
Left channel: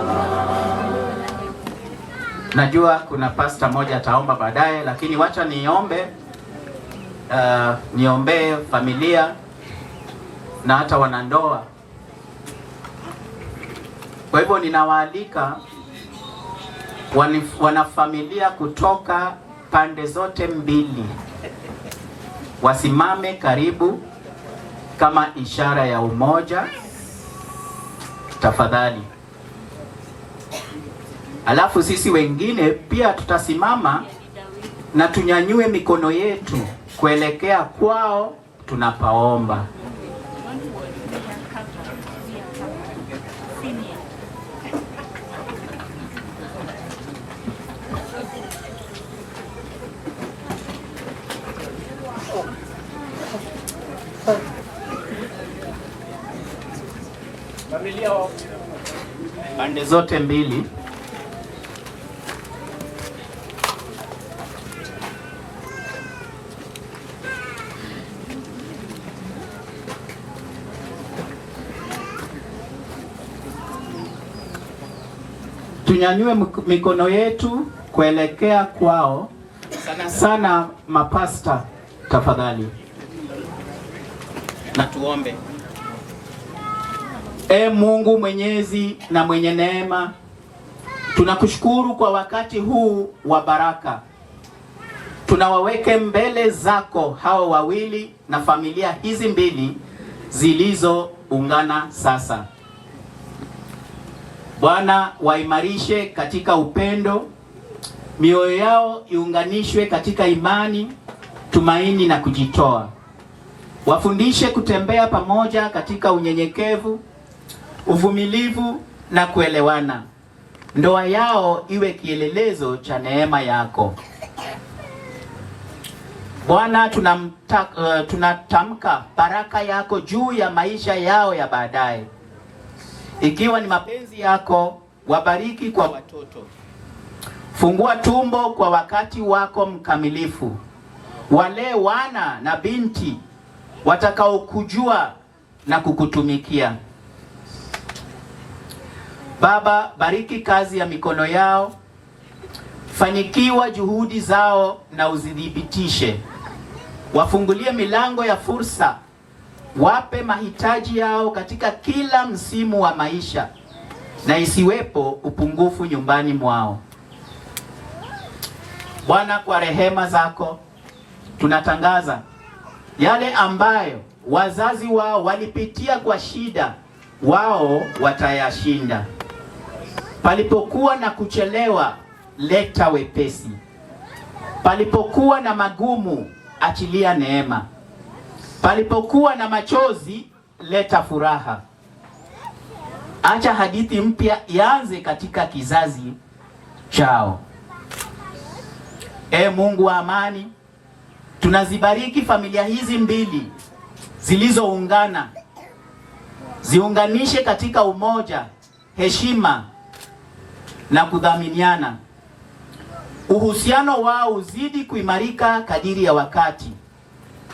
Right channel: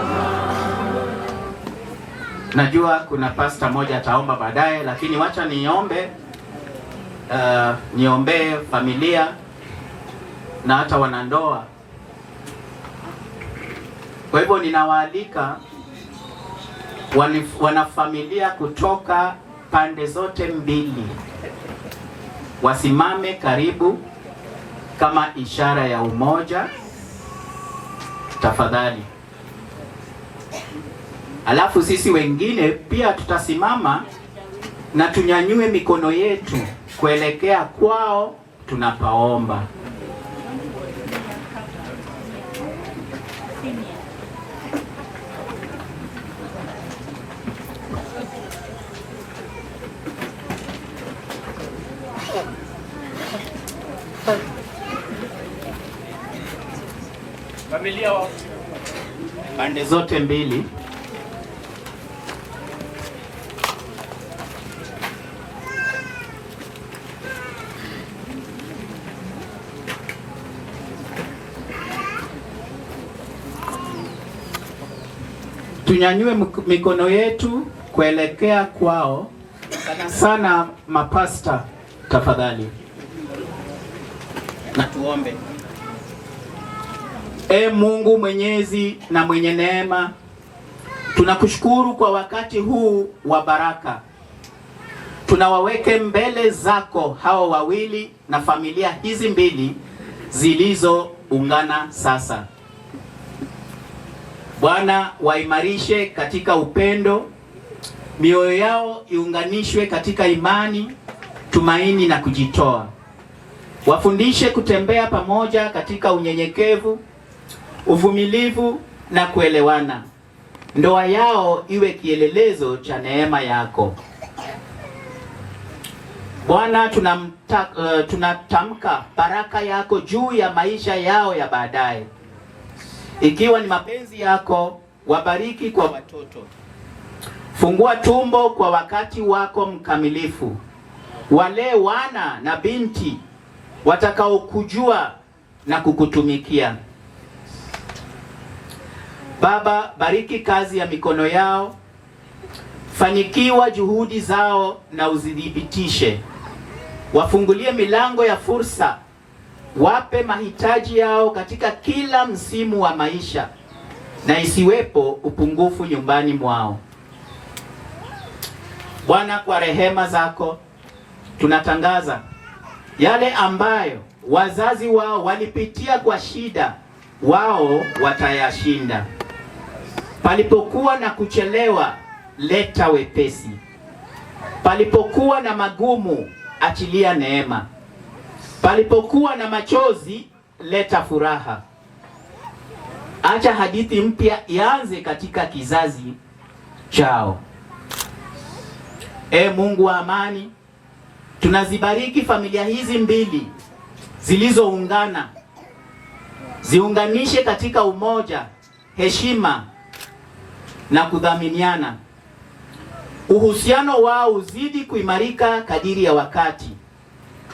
Najua kuna pasta moja ataomba baadaye, lakini wacha niombe, niombee familia na hata wanandoa. Kwa hivyo ninawaalika wanafamilia kutoka pande zote mbili wasimame karibu kama ishara ya umoja, tafadhali. Alafu sisi wengine pia tutasimama na tunyanyue mikono yetu kuelekea kwao tunapaomba. Familia pande zote mbili. Tunyanyue mikono yetu kuelekea kwao, sana sana mapasta tafadhali. Na tuombe. Mungu mwenyezi na mwenye neema, tunakushukuru kwa wakati huu wa baraka. Tunawaweke mbele zako hao wawili na familia hizi mbili zilizoungana sasa. Bwana, waimarishe katika upendo, mioyo yao iunganishwe katika imani, tumaini na kujitoa. Wafundishe kutembea pamoja katika unyenyekevu, uvumilivu na kuelewana. Ndoa yao iwe kielelezo cha neema yako. Bwana, tunatamka baraka yako juu ya maisha yao ya baadaye. Ikiwa ni mapenzi yako, wabariki kwa watoto. Fungua tumbo kwa wakati wako mkamilifu. Walee wana na binti watakaokujua na kukutumikia. Baba, bariki kazi ya mikono yao. Fanikiwa juhudi zao na uzidhibitishe. Wafungulie milango ya fursa. Wape mahitaji yao katika kila msimu wa maisha, na isiwepo upungufu nyumbani mwao. Bwana, kwa rehema zako tunatangaza yale ambayo wazazi wao walipitia kwa shida, wao watayashinda. Palipokuwa na kuchelewa, leta wepesi. Palipokuwa na magumu, achilia neema. Palipokuwa na machozi, leta furaha. Acha hadithi mpya ianze katika kizazi chao. Mungu wa amani, tunazibariki familia hizi mbili zilizoungana. Ziunganishe katika umoja, heshima na kudhaminiana. Uhusiano wao uzidi kuimarika kadiri ya wakati.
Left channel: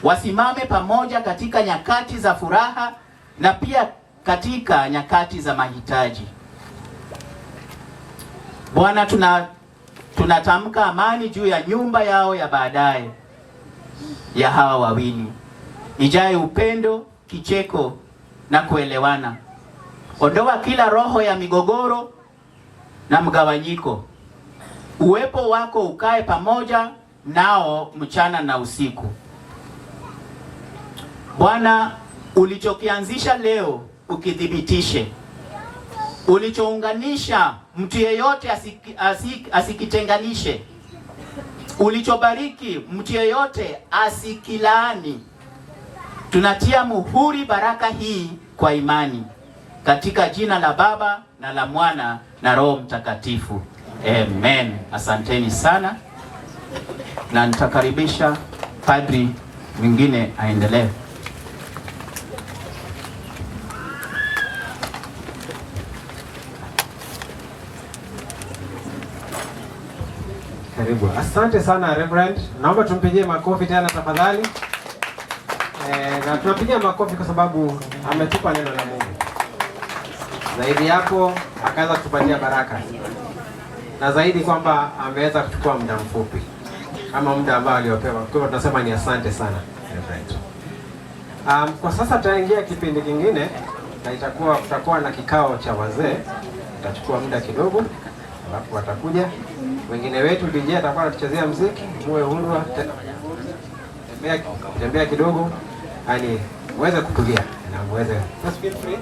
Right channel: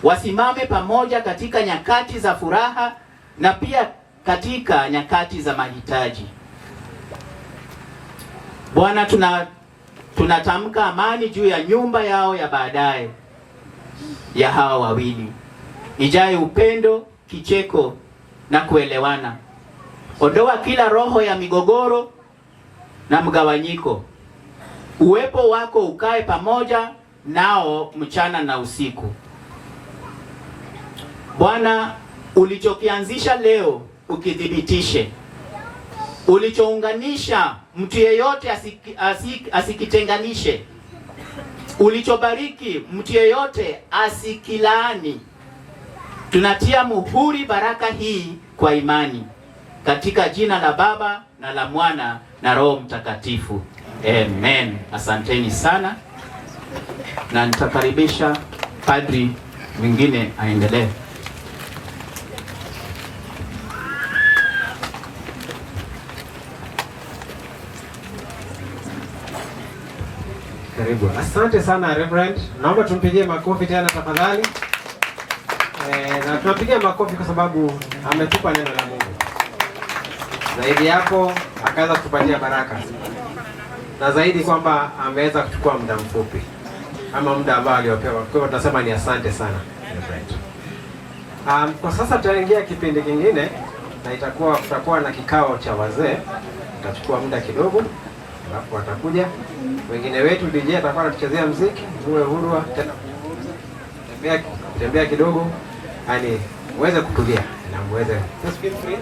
Wasimame pamoja katika nyakati za furaha na pia katika nyakati za mahitaji. Bwana, tunatamka amani juu ya nyumba yao ya baadaye ya hawa wawili. Ijae upendo, kicheko na kuelewana. Ondoa kila roho ya migogoro na mgawanyiko. Uwepo wako ukae pamoja nao mchana na usiku. Bwana, ulichokianzisha leo ukithibitishe. Ulichounganisha mtu yeyote asikitenganishe. Ulichobariki mtu yeyote asikilaani. Tunatia muhuri baraka hii kwa imani katika jina la Baba na la Mwana na Roho Mtakatifu. Amen. Asanteni sana, na nitakaribisha padri mwingine aendelee. Karibu. Asante sana Reverend. Naomba tumpigie makofi tena tafadhali. Na tunapigia makofi kwa sababu ametupa neno la Mungu. Zaidi hapo akaanza kutupatia baraka. Na zaidi kwamba ameweza kuchukua muda mfupi kama muda ambao aliopewa. Kwa hivyo tunasema ni asante sana Reverend. Kwa sasa tutaingia kipindi kingine na tutakuwa na kikao cha wazee. Tutachukua muda kidogo alafu watakuja wengine wetu. DJ atakuwa anatuchezea muziki, muwe huru tena tembea kidogo, yani muweze kutulia na muweze just feel free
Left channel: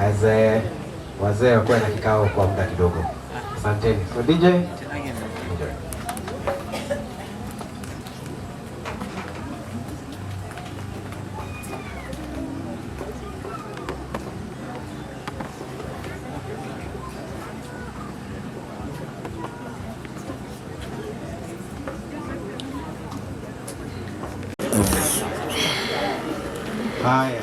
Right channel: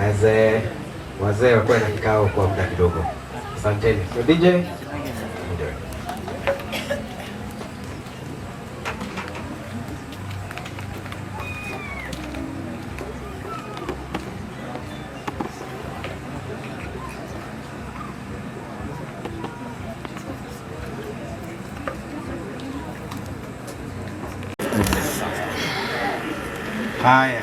as wazee wako na kikao kwa muda kidogo. Asanteni. So DJ haya.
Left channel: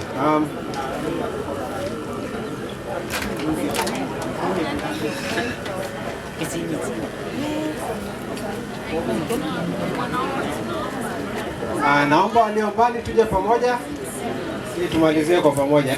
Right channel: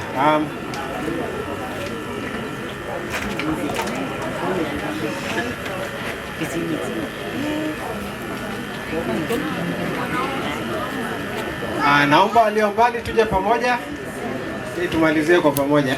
Naomba walio mbali tuje pamoja ili tumalizie kwa pamoja.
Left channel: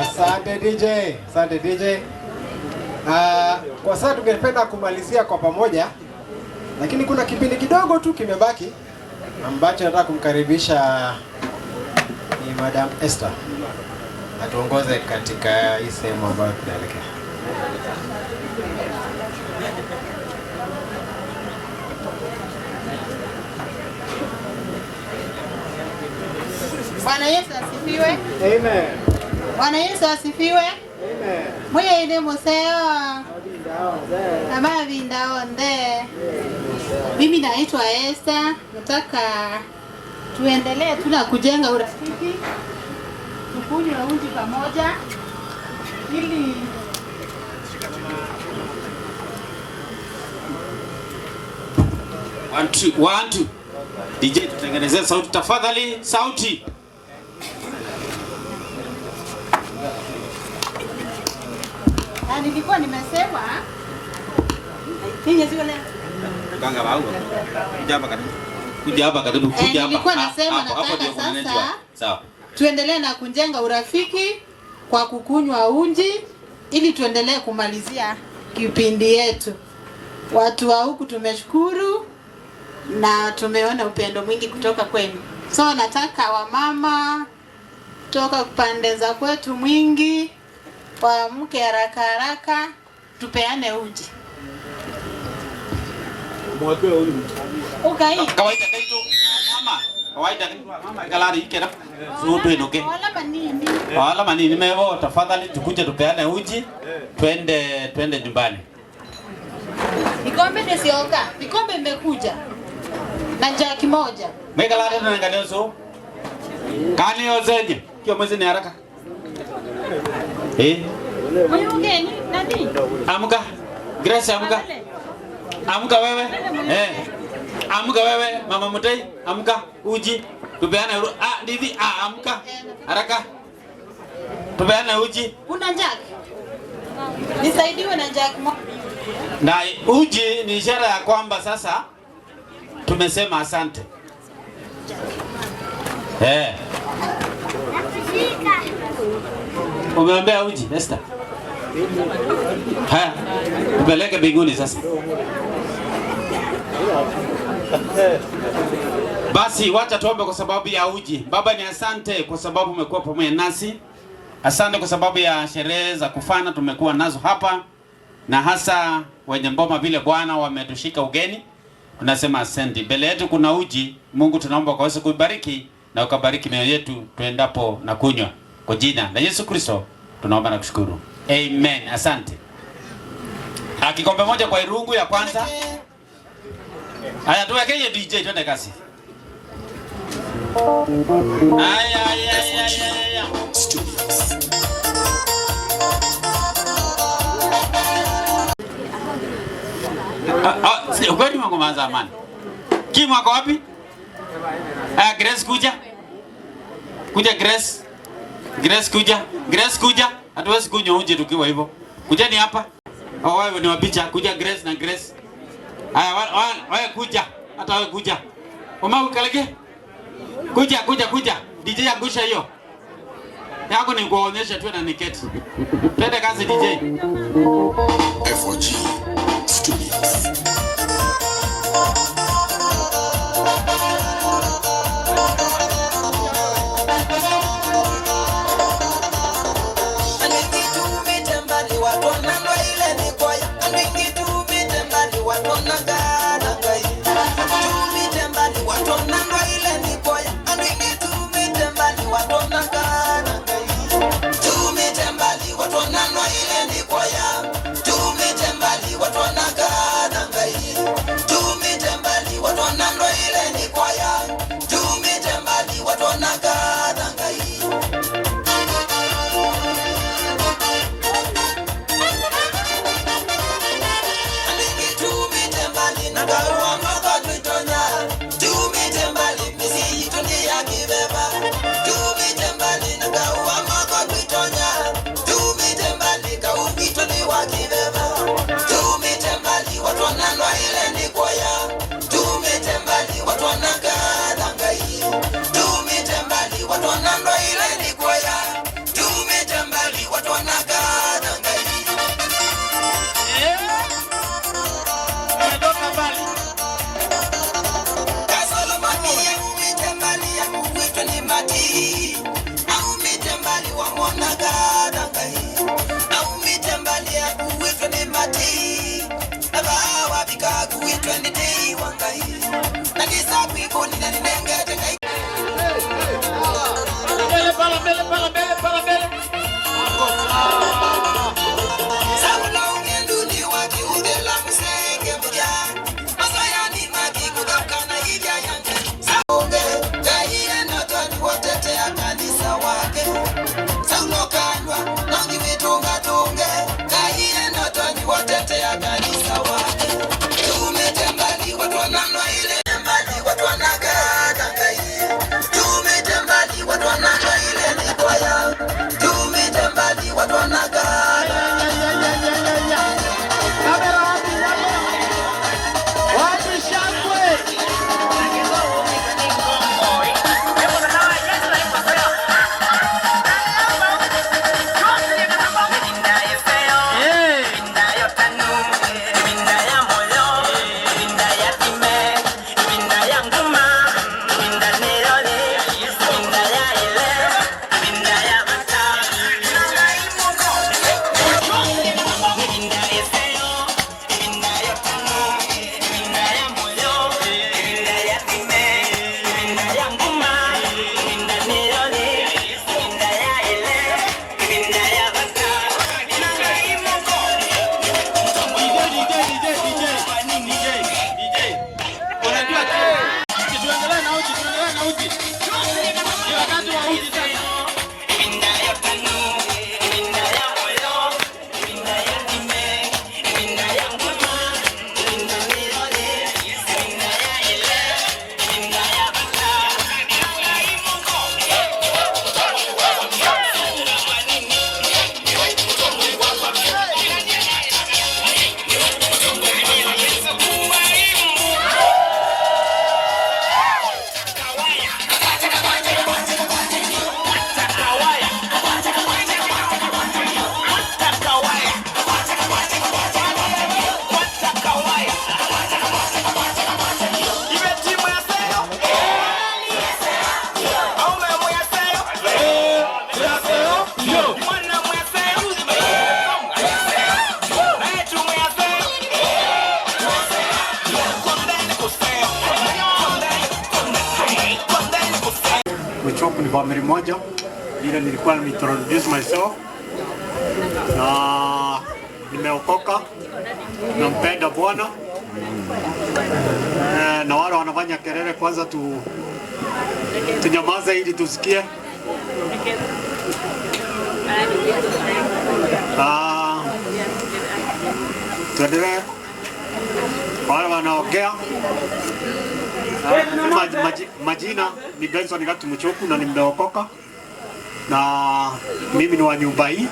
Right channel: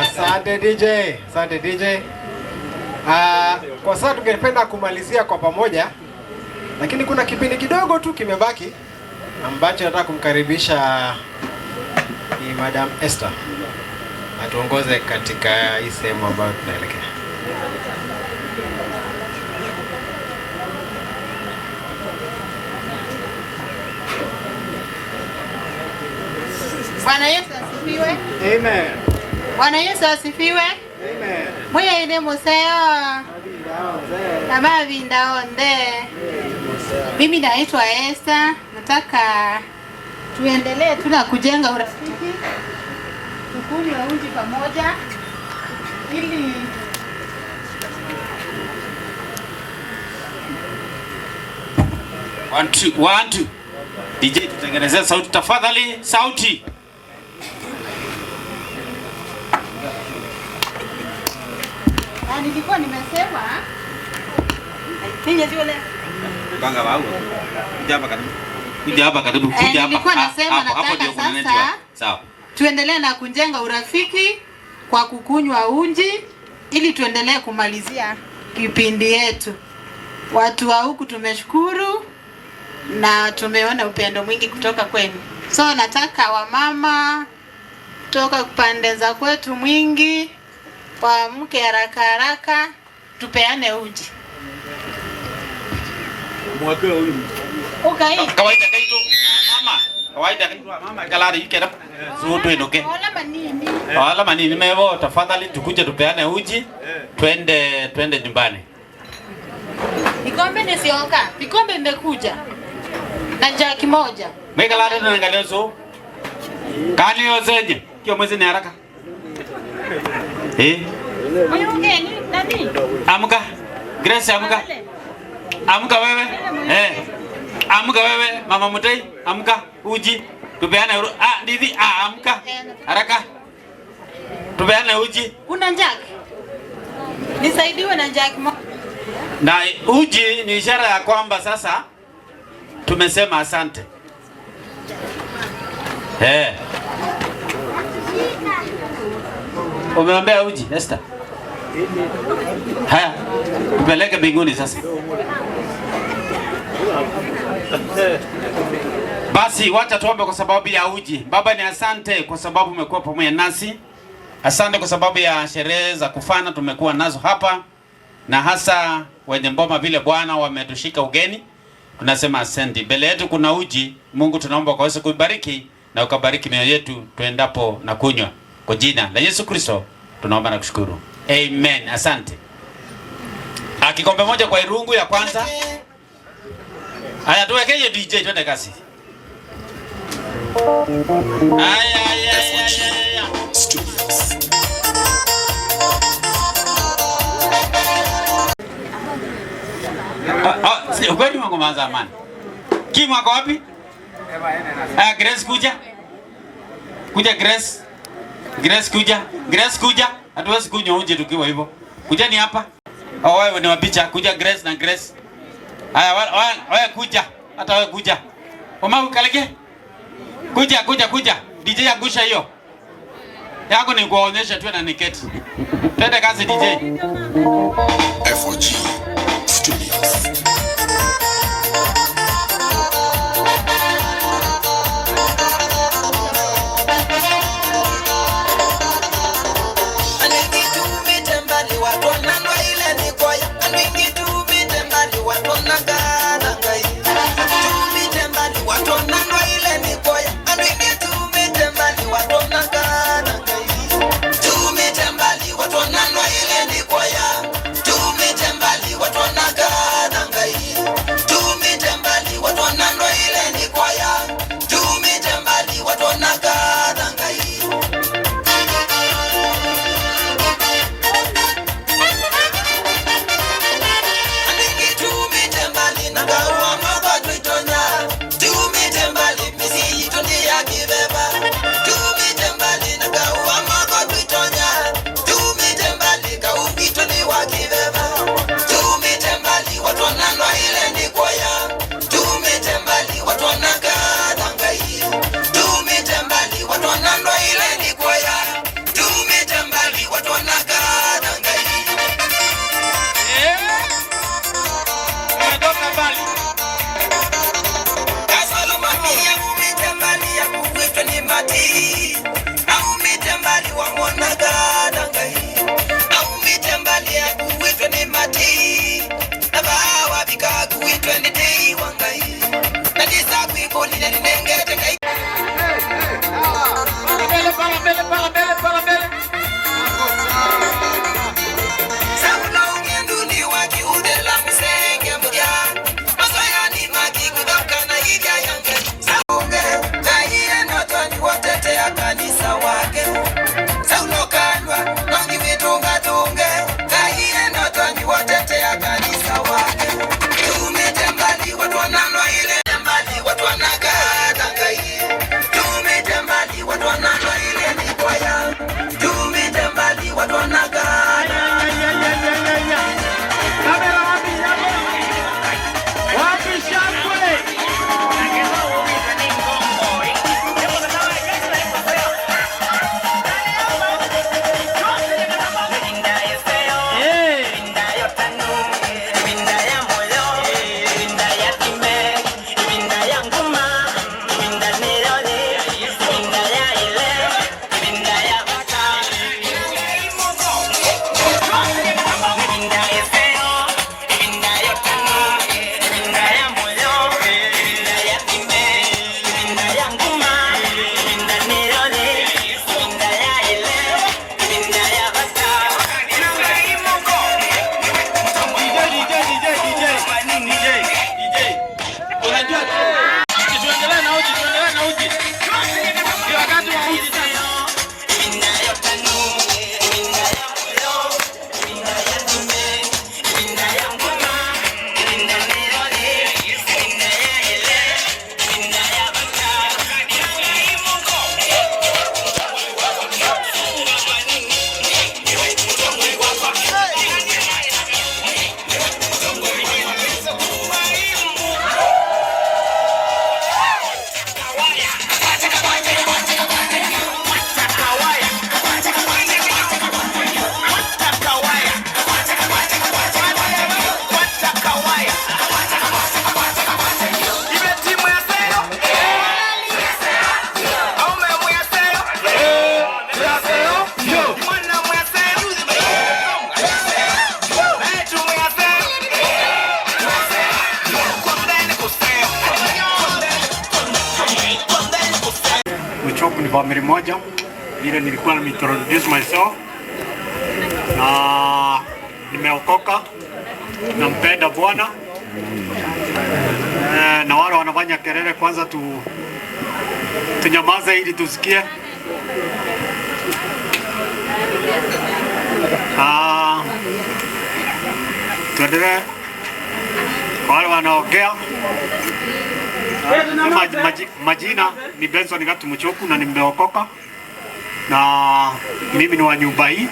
Asante DJ. Kwa sasa tungependa kumalizia kwa pamoja, lakini kuna kipindi kidogo tu kimebaki ambacho nataka kumkaribisha ni Madam Esther atuongoze katika hii sehemu ambayo tunaelekea. Bwana Yesu asifiwe. Amen. Bwana Yesu asifiwe. Amen. Mwe ine museo. Kama vindaonde. Mimi naitwa Esther. Nataka tuendelee tuna kujenga urafiki. Tukunywe uji pamoja ili One, two. DJ tutengenezea sauti tafadhali, sauti. Nilikuwa nimesema Ganga wao. Kuja hapa karibu. Kuja hapa karibu. Kuja hapa. Nilikuwa nasema Hapo ndio nataka kuna sasa sawa. tuendelee na kujenga urafiki kwa kukunywa uji ili tuendelee kumalizia kipindi yetu. Watu wa huku tumeshukuru na tumeona upendo mwingi kutoka kwenu. So nataka wamama kutoka pande za kwetu mwingi waamke haraka haraka tupeane uji. Mwapea ule. Okay. Kawaida kaito mama. Kawaida kaito mama kalari ikera. Ruto inoke. Wala manini mevo tafadhali tukuje tupeane uji. Twende nyumbani. Vikombe nisioka. Vikombe imekuja. Na jaki moja. Mekalari na ngalezo. Kani yozeje? Kio mwezi ni haraka. Moyo mgeni nani? Amka. Grace amka. Amka wewe. Amka wewe mama Mutai, amka uji. Tupeane ndivi amka. Haraka. Tupeane uji. Una jaki? Nisaidiwe na jaki moja. Na uji ni ishara ya kwamba sasa tumesema asante. Umeombea uji, Esther? Haya, upeleke mbinguni sasa. Basi wacha tuombe kwa sababu ya uji. Baba, ni asante kwa sababu umekuwa pamoja nasi. Asante kwa sababu ya sherehe za kufana tumekuwa nazo hapa, na hasa wenye mboma vile Bwana wametushika ugeni. Tunasema asante. Mbele yetu kuna uji. Mungu tunaomba ukaweze kuibariki na ukabariki mioyo yetu tuendapo na kunywa. Kwa jina la Yesu Kristo tunaomba na kushukuru. Amen. Asante. Kikombe moja kwa irungu ya kwanza. Haya tuweke hiyo DJ twende kasi. Ukweli mwangu manza amani. Kimu wako wapi? Grace kuja. Kuja Grace. Grace kuja. Grace kuja. Hatuwezi kunywa uji tukiwa hivyo. Kuja ni hapa. Wewe ni wapicha. Kuja Grace na Grace. Haya wewe kuja. Hata wewe kuja. Mama ukalege. Kuja. DJ angusha hiyo. Yangu ni kuonyesha tu na niketi. Twende kazi DJ. F4G Studios. unajua tuendelee na uji, tuendelee na uji. Ni wakati wa uji sasa. Mchoku ni family moja, vile nilikuwa nimeintroduce myself na nimeokoka, nampenda Bwana. Na wale wanafanya kelele kwanza tunyamaze ili tusikie. Tuendelee. Wale wanaongea majina ni Benson Gatu Mchoku na nimeokoka, na mimi ni wa nyumba hii.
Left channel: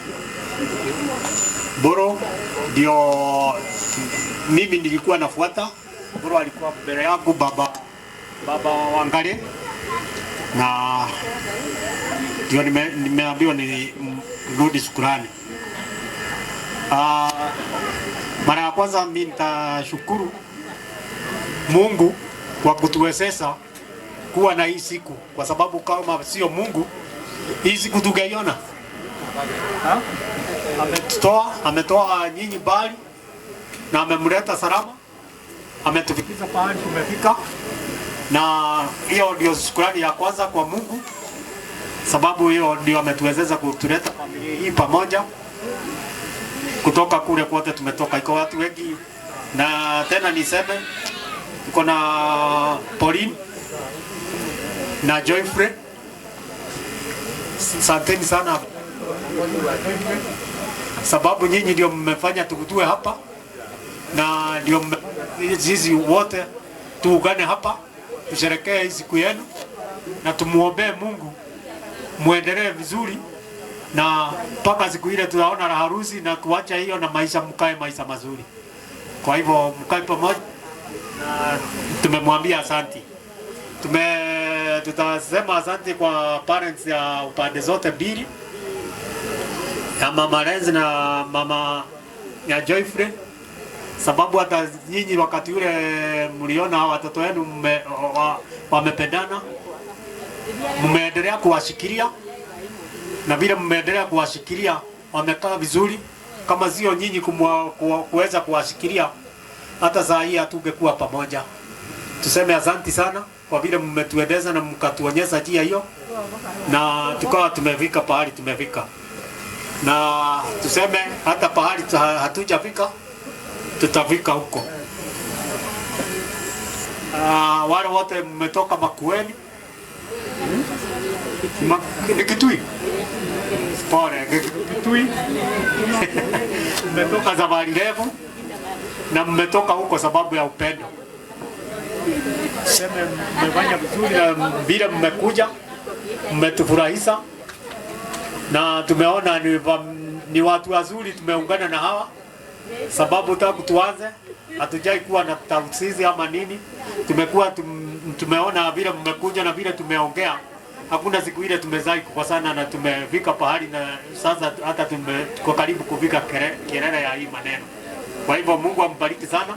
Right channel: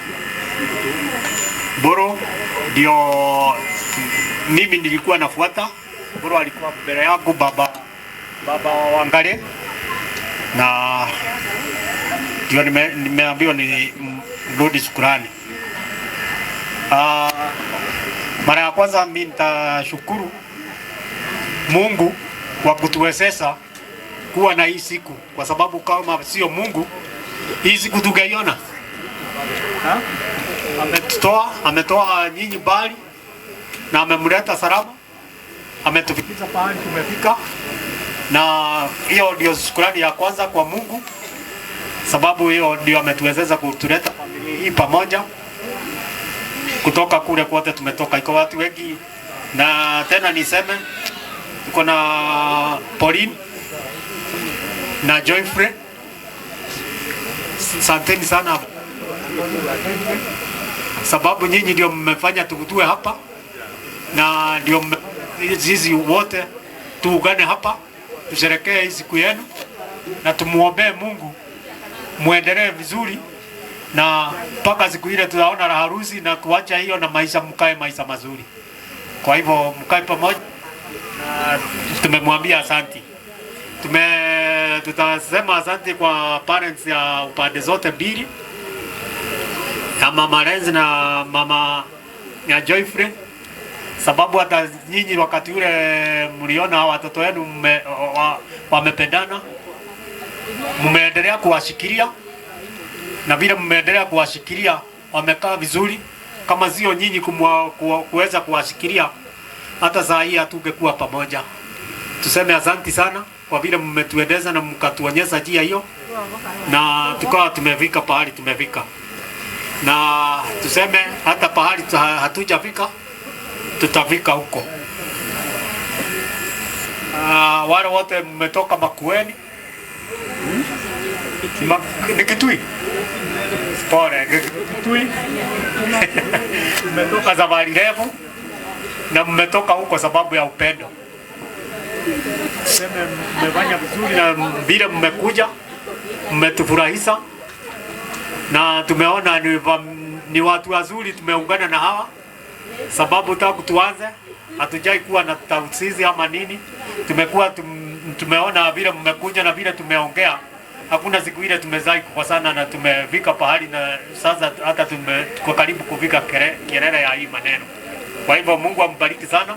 Boro ndio mimi nilikuwa nafuata. Boro alikuwa mbele yangu, baba Wangare, na ndio nimeambiwa ni rudi shukrani. Mara ya kwanza mimi nitashukuru Mungu kwa kutuwezesha kuwa na hii siku, kwa sababu kama sio Mungu hii siku tungeiona. Ametoa nyinyi mbali na amemleta salama, ametufikisha pahali tumefika, na hiyo ndio shukrani ya kwanza kwa Mungu, sababu hiyo ndio ametuwezesha kutuleta familia hii pamoja. Kutoka kule kote tumetoka, iko watu wengi, na tena niseme tuko na Pauline na Joyfrey. Asanteni sana, sababu nyinyi ndio mmefanya tukutue hapa, na ndio sisi wote tuungane hapa tusherekee hii siku yenu, na tumuombee Mungu muendelee vizuri, na mpaka siku ile tunaona harusi, na tuacha hiyo na maisha, mkae maisha mazuri. Kwa hivyo mkae pamoja, na tumemwambia asanti. Tutasema asante kwa parents ya upande zote mbili, na mama Renzi na mama ya Joyfrey, sababu hata nyinyi wakati ule mliona watoto wenu wamependana, mmeendelea kuwashikilia, na vile mmeendelea kuwashikilia wamekaa vizuri. Kama sio nyinyi kuweza kuwashikilia, hata saa hii hatungekuwa pamoja. Tuseme asante sana kwa vile mmetuendeza na mkatuonyesha njia hiyo, na tukawa tumefika pahali tumefika, na tuseme hata pahali hatujafika tutafika huko. Wale wote mmetoka Makueni, ni Kitui, pole Kitui mmetoka Zabari Revu, na mmetoka huko sababu ya upendo. Sema mmefanya vizuri, na bila mmekuja mmetufurahisha, na tumeona ni watu wazuri, tumeungana na hawa, sababu tangu tuanze hatujai kuwa na tausizi ama nini. Tumeona vile mmekuja na vile tumeongea, hakuna siku ile tumezai kukosana, na tumefika pahali, na sasa hata tuko karibu kufika kelele ya hii maneno. Kwa hivyo Mungu ambariki sana.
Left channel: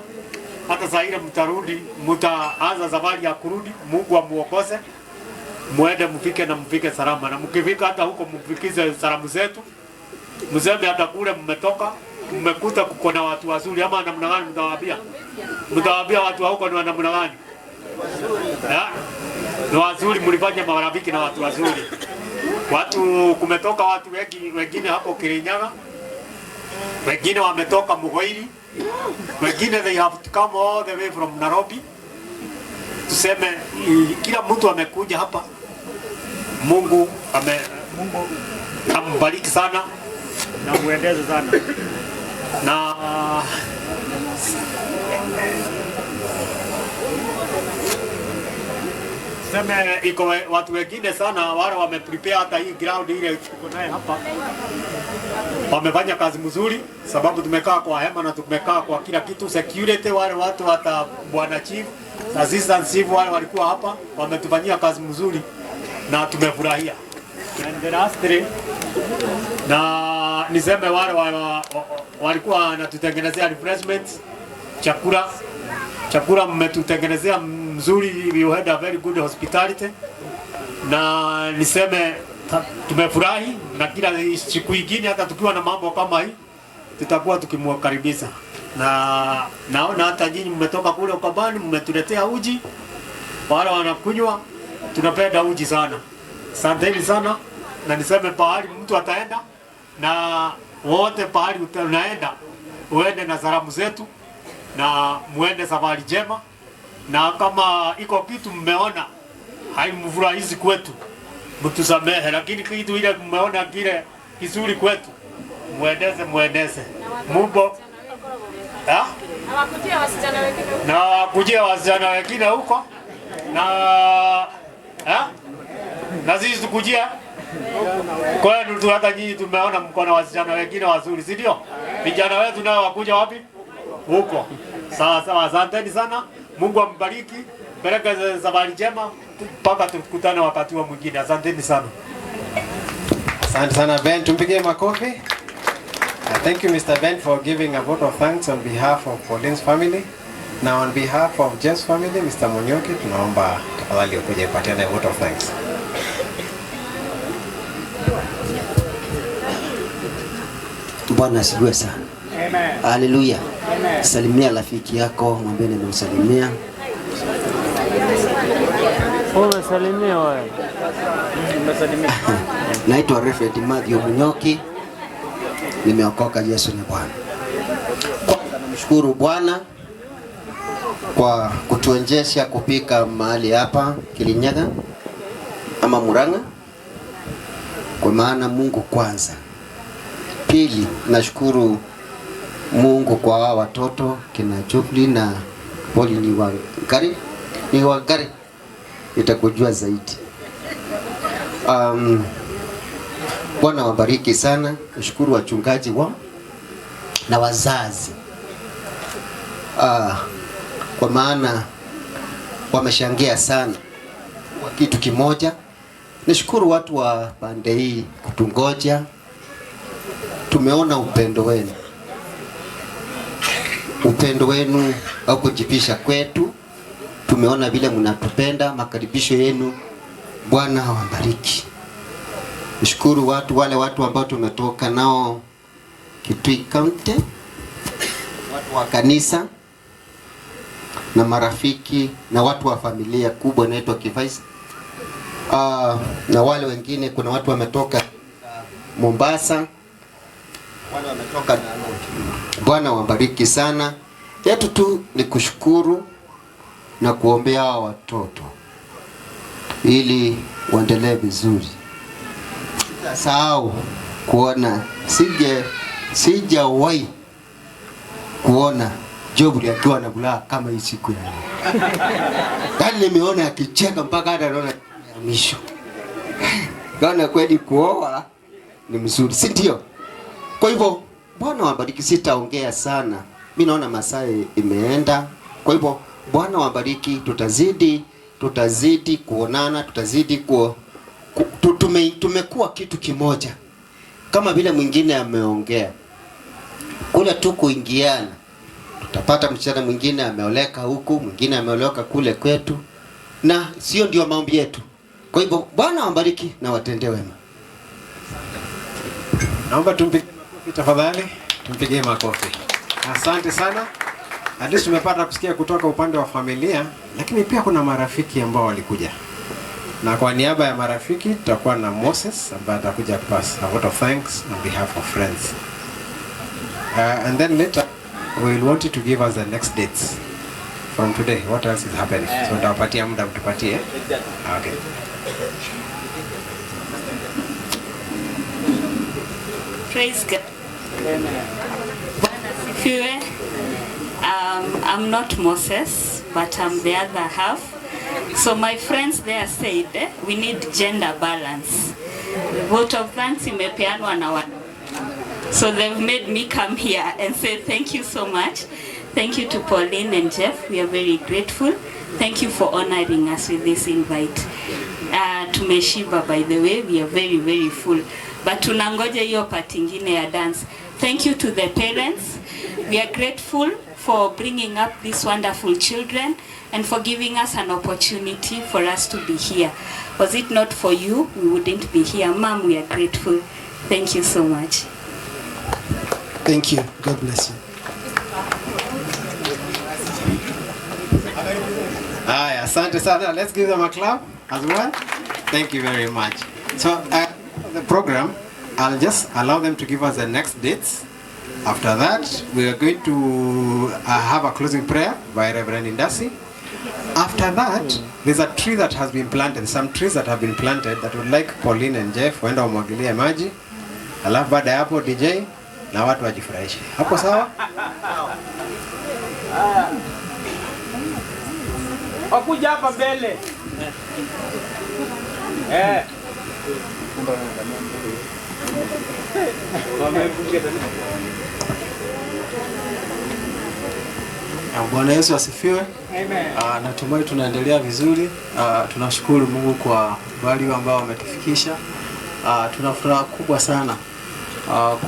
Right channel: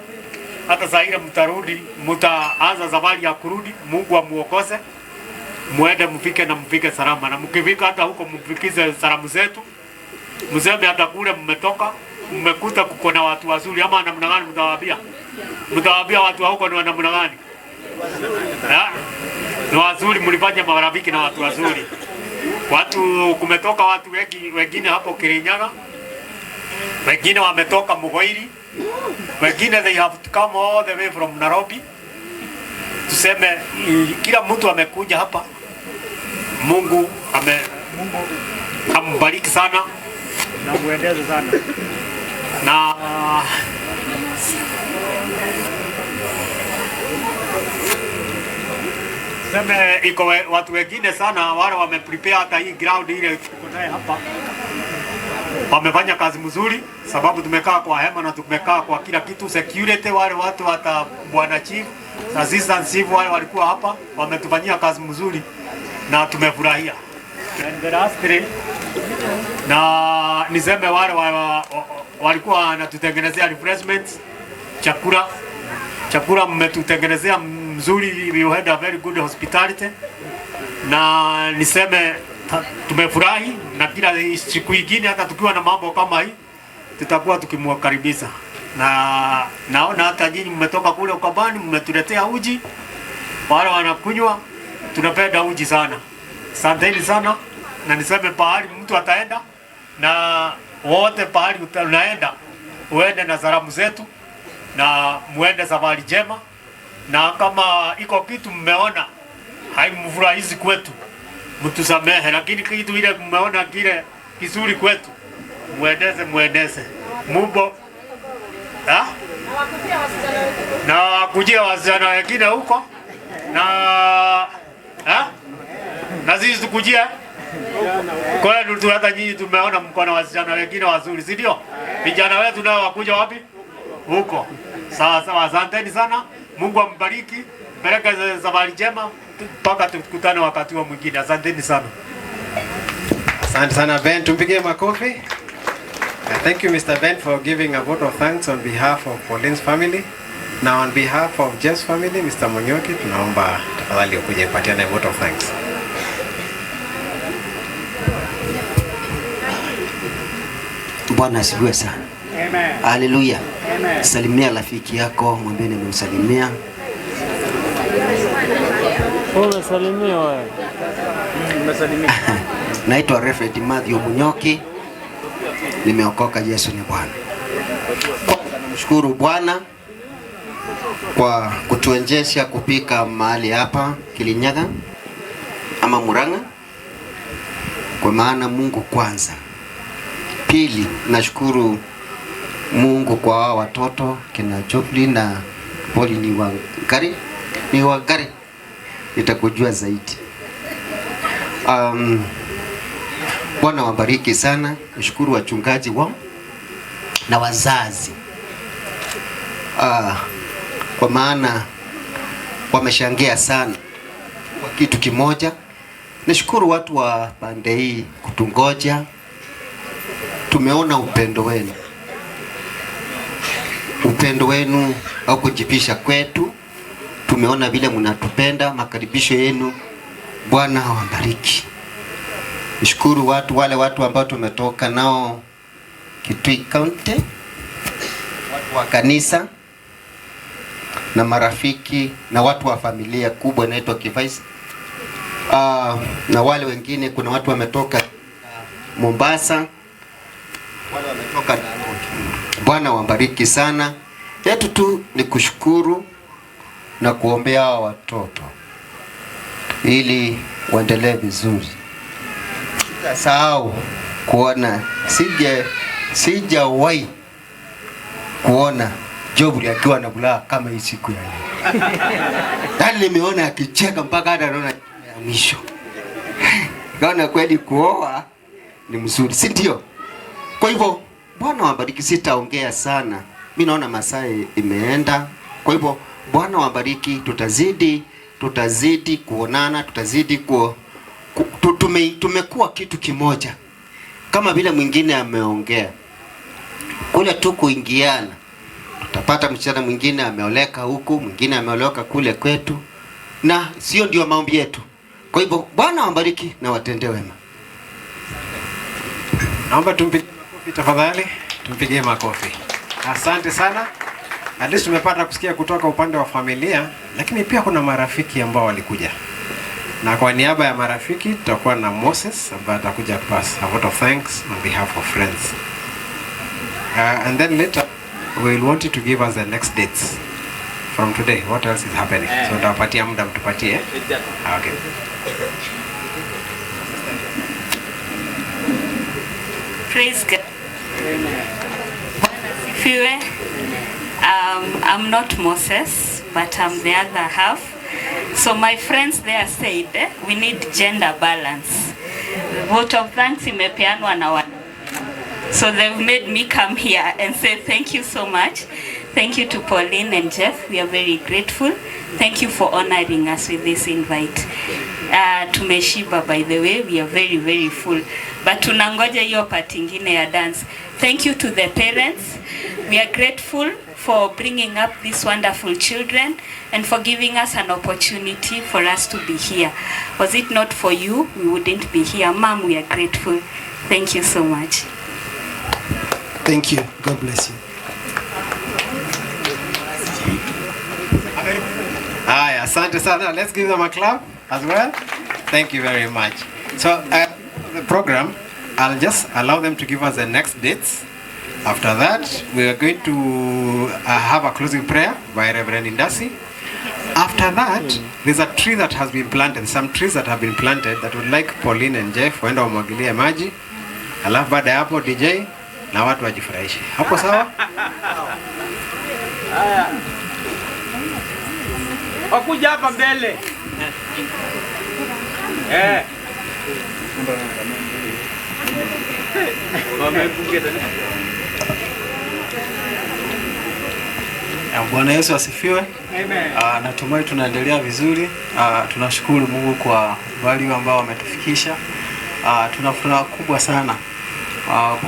Hata saa ile mtarudi, mtaanza safari ya kurudi, Mungu amuongoze, muende mfike na mfike salama, na mkifika hata huko mfikize salamu zetu, mseme hata kule mmetoka mmekuta kuko na watu wazuri, ama namna gani mtawaambia? Mtawaambia watu wa huko ni namna gani? Ni wazuri, mlifanya marafiki na watu wazuri. Kumetoka watu wengine hapo Kirinyaga, wengine wametoka Mugoiri, wengine they have come all the way from Nairobi, tuseme kila mtu amekuja hapa, Mungu ambariki sana na muendeze sana na seme iko watu wengine sana wale wameprepare hata hii ground ile tuko naye hapa, wamefanya kazi mzuri, sababu tumekaa kwa hema na tumekaa kwa kila kitu. Security wale watu hata bwana chief, assistant chief wale walikuwa hapa, wametufanyia kazi mzuri na tumefurahia. And the last three, na niseme wale walikuwa wanatutengenezea refreshments, chakula mmetutengenezea mzuri, you had a very good hospitality, na niseme tumefurahi, na kila siku nyingine hata tukiwa na mambo kama hii tutakuwa tukimwakaribisha. Na naona hata nyinyi mmetoka kule Ukambani mmetuletea uji, wale wanakunywa, tunapenda uji sana. Asanteni sana, na niseme pahali mtu ataenda na wote pahali unaenda uende na salamu zetu na muende safari njema, na kama iko kitu mmeona haimfurahishi kwetu mtusamehe, lakini kitu ile mmeona kile kizuri kwetu muendeze Mungu na kujia wasichana wengine huko na sisi tukujia kwenu tu. Hata nyinyi tumeona mko na wasichana wengine wazuri, si ndio? Vijana wetu nao wakuja wapi? Huko. Sawa sawa, asanteni sana. Mungu ambariki, baraka za safari njema mpaka tukutane wakati wa mwingine. Asanteni sana. Asante sana Ben, tumpigie makofi. Thank you Mr. Ben for giving a vote of thanks on behalf of Pauline's family. Now on behalf of Jeff's family, Mr. Munyoki, tunaomba tafadhali ukuje patiane vote of thanks. Bwana asifiwe sana. Amen. Haleluya. Amen. Salimia rafiki yako, mwambie nimemsalimia. Umesalimia wewe. Naitwa Reverend Matthew Munyoki. Nimeokoka, Yesu ni Bwana. Kwanza namshukuru Bwana kwa kutuwezesha kupika mahali hapa Kirinyaga ama Murang'a, kwa maana Mungu kwanza. Pili, nashukuru Mungu kwa hawa watoto kina Jofli na Poli ni wagari nitakujua zaidi. Bwana wabariki sana. Nashukuru wachungaji wao na wazazi kwa maana wameshangia sana kwa kitu kimoja. Nashukuru watu wa pande hii kutungoja. Tumeona upendo wenu au kujipisha kwetu. Tumeona vile mnatupenda, makaribisho yenu. Bwana awabariki. Nishukuru wale watu ambao tumetoka nao Kitui County, watu wa kanisa na marafiki na watu wa familia kubwa inaitwa Kivaisi. Na wale wengine, kuna watu wametoka Mombasa, wale wametoka Nairobi. Bwana wabariki sana. Yetu tu ni kushukuru na kuombea hawa watoto ili waendelee vizuri. Sahau kuona sijawahi kuona Jofli akiwa na furaha kama hii siku ya leo. Ndani nimeona akicheka mpaka hata naona mwisho. Naona kweli kuoa ni mzuri, si ndio? Kwa hivyo Bwana wabariki, sitaongea sana. Mimi naona masaa imeenda. Kwa hivyo Bwana wabariki, tutazidi kuonana, tutazidi tumekuwa kitu kimoja. Kama vile mwingine ameongea. Kule tu kuingiana. Tutapata msichana mwingine ameoleka huku, mwingine ameoleka kule kwetu. Na sio ndio maombi yetu. Kwa hivyo Bwana wabariki na watendee wema. Naomba tumpigie makofi tafadhali. Tumpigie makofi. Asante sana. Hadi tumepata kusikia kutoka upande wa familia, lakini pia kuna marafiki ambao walikuja. Na kwa niaba ya marafiki tutakuwa na Moses ambaye atakuja pass a vote of thanks on behalf of friends. And then later we will want you to give us the next dates from today, what else is happening? So nitawapatia muda mtupatie. Okay. Praise God. Bwana asifiwe. I'm not Moses, but I'm the other half. So my friends there said we need gender balance. Vote of thanks imepeanwa na wana. So they've made me come here and say thank you so much. Thank you to Pauline and Jeff. We are very grateful. Thank you for honoring us with this invite. Tumeshiba, by the way, we are very, very full. But tunangoja hiyo part ingine ya dance. Thank you to the parents. We are grateful for bringing up these wonderful children and for giving us an opportunity for us to be here. Was it not for you, we wouldn't be here. Mom, we are grateful. Thank you so much. Thank you. God bless you. Haya, asante sana. Let's give them a clap as well. Thank you very much. So the program, I'll just allow them to give us the next dates. After that, we are going to have a closing prayer by Reverend Indasi. After that, there's a tree that has been planted, some trees that have been planted that would like Pauline and Jeff waenda wamwagilie maji. Alafu baada ya hapo DJ na watu wajifurahishe. Hapo sawa? Wakuja hapa mbele. Bwana Yesu asifiwe. Amen. Natumai tunaendelea vizuri. Tunashukuru Mungu kwa wale ambao wametufikisha. Tuna furaha kubwa sana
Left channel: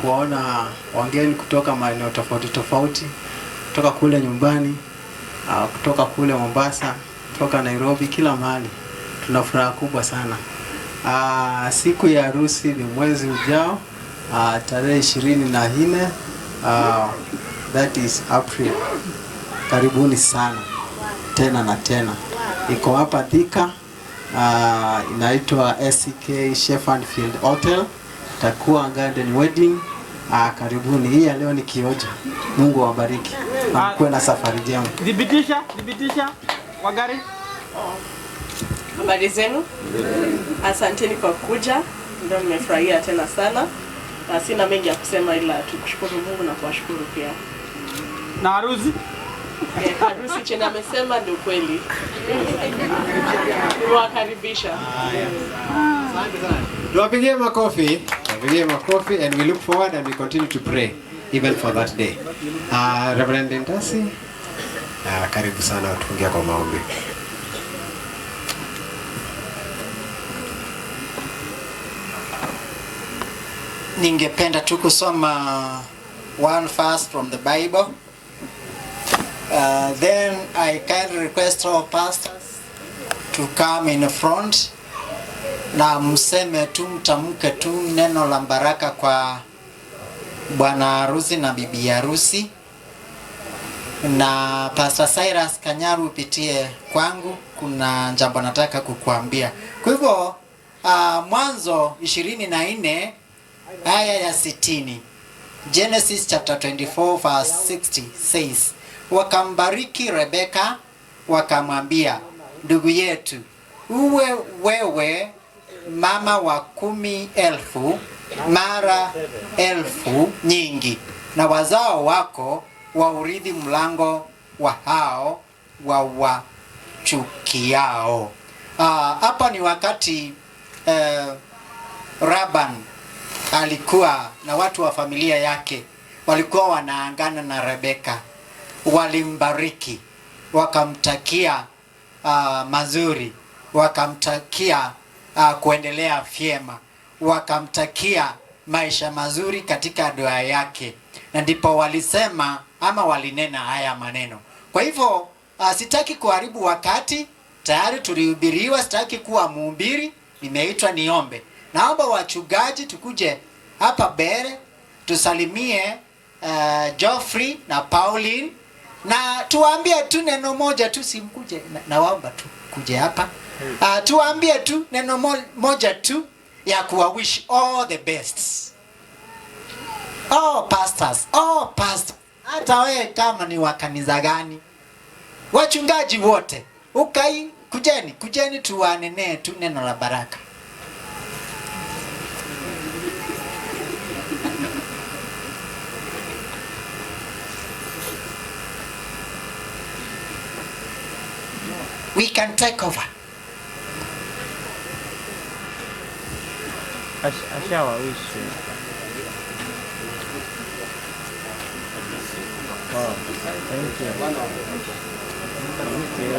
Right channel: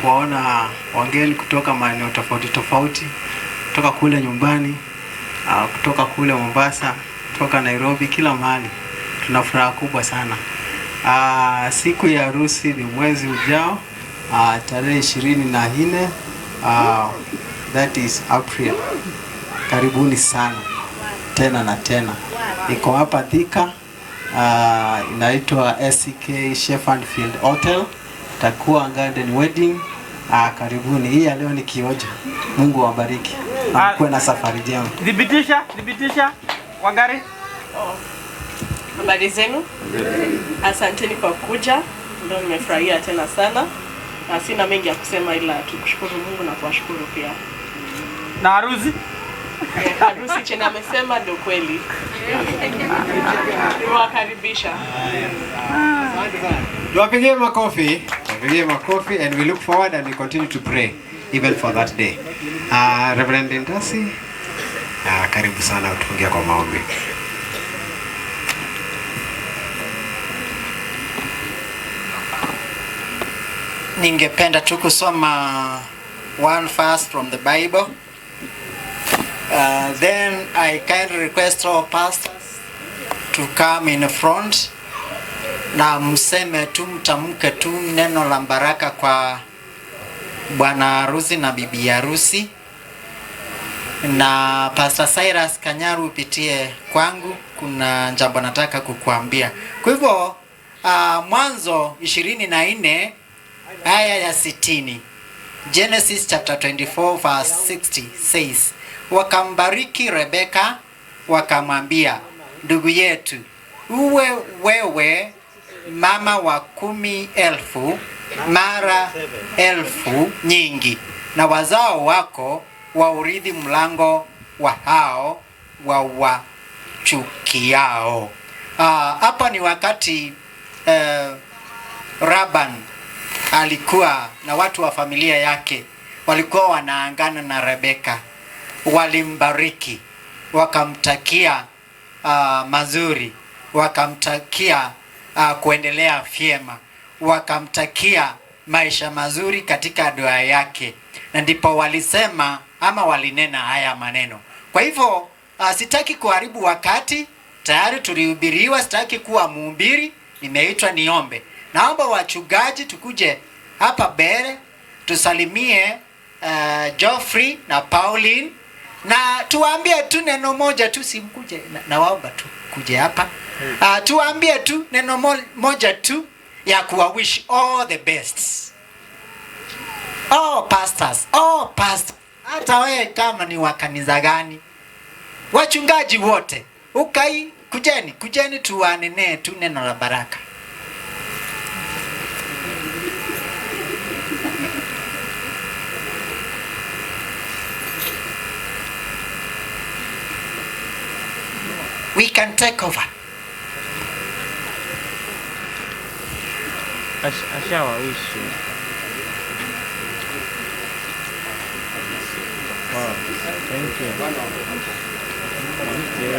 kuwaona wageni kutoka maeneo tofauti tofauti, kutoka kule nyumbani, kutoka kule Mombasa, kutoka Nairobi, kila mahali. Tuna furaha kubwa sana. Siku ya harusi ni mwezi ujao, tarehe 24, that is April. Karibuni sana tena na tena. Iko hapa Thika, inaitwa SCK Shepherd Field Hotel. Takuwa garden wedding. Karibuni. Hii ya leo ni kioja. Mungu awabariki. Mkuwe na safari njema. Dhibitisha kwa gari. Habari zenu? Asanteni kwa kuja. Ndio nimefurahia tena sana. Na sina mengi ya kusema ila tukushukuru Mungu na kuwashukuru pia. Na harusi? Harusi chenye amesema ndio kweli. Niwakaribisha. Tuwapigie makofi. Tuwapigie makofi, and we look forward and we continue to pray even for that day. Reverend Indasi, karibu sana utufungie kwa maombi. Ningependa tu kusoma one verse from the Bible. Then I kindly request all pastors to come in front na mseme tu, mtamke tu neno la baraka kwa bwana harusi na bibi harusi. Na Pastor Cyrus Kanyaru upitie kwangu, kuna jambo nataka kukuambia. Kwa hivyo Mwanzo 24 aya ya 60, Genesis chapter 24 verse 60 says, wakambariki Rebeka wakamwambia, ndugu yetu, uwe wewe mama wa 10,000 mara 1,000 nyingi, na wazao wako waurithi mlango wa hao wawachukiao. Hapa ni wakati Laban alikuwa na watu wa familia yake walikuwa wanaangana na Rebeka. Walimbariki, wakamtakia mazuri, wakamtakia kuendelea vyema, wakamtakia maisha mazuri katika ndoa yake, na ndipo walisema ama walinena haya maneno. Kwa hivyo sitaki kuharibu wakati, tayari tulihubiriwa, sitaki kuwa mhubiri, nimeitwa niombe. Naomba wachungaji tukuje hapa mbele tusalimie Geoffrey na Pauline, na tuambie tu neno moja tu, simkuje na waomba tu kuje hapa. Tuambie tu neno moja tu ya kuwa wish all the best. Pastors, hata wewe kama ni wa kanisa gani, Wachungaji wote, kujeni tuwanenee tu neno la baraka. We can take over. Ashawawishi. Wow, thank you. Thank you.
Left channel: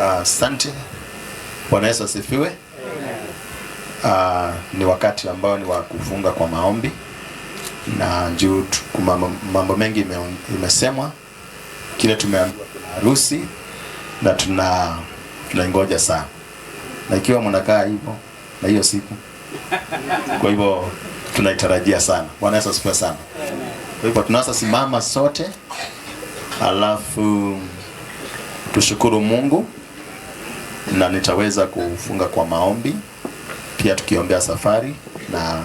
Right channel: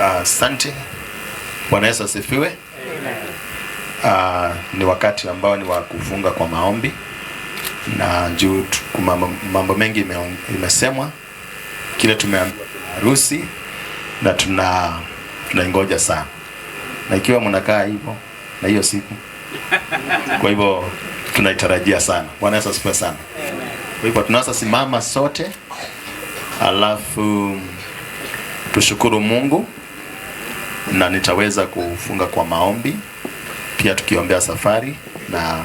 Asante. Bwana Yesu asifiwe. Ni wakati ambao ni wa kufunga kwa maombi, na juu mambo mengi imesemwa. Kile tumeambiwa kuna harusi na tunaingoja sana, na ikiwa mnakaa hivyo na hiyo siku, kwa hivyo tunaitarajia sana. Bwana Yesu asifiwe sana. Kwa hivyo tunaweza simama sote, alafu tushukuru Mungu, na nitaweza kufunga kwa maombi pia tukiombea safari, na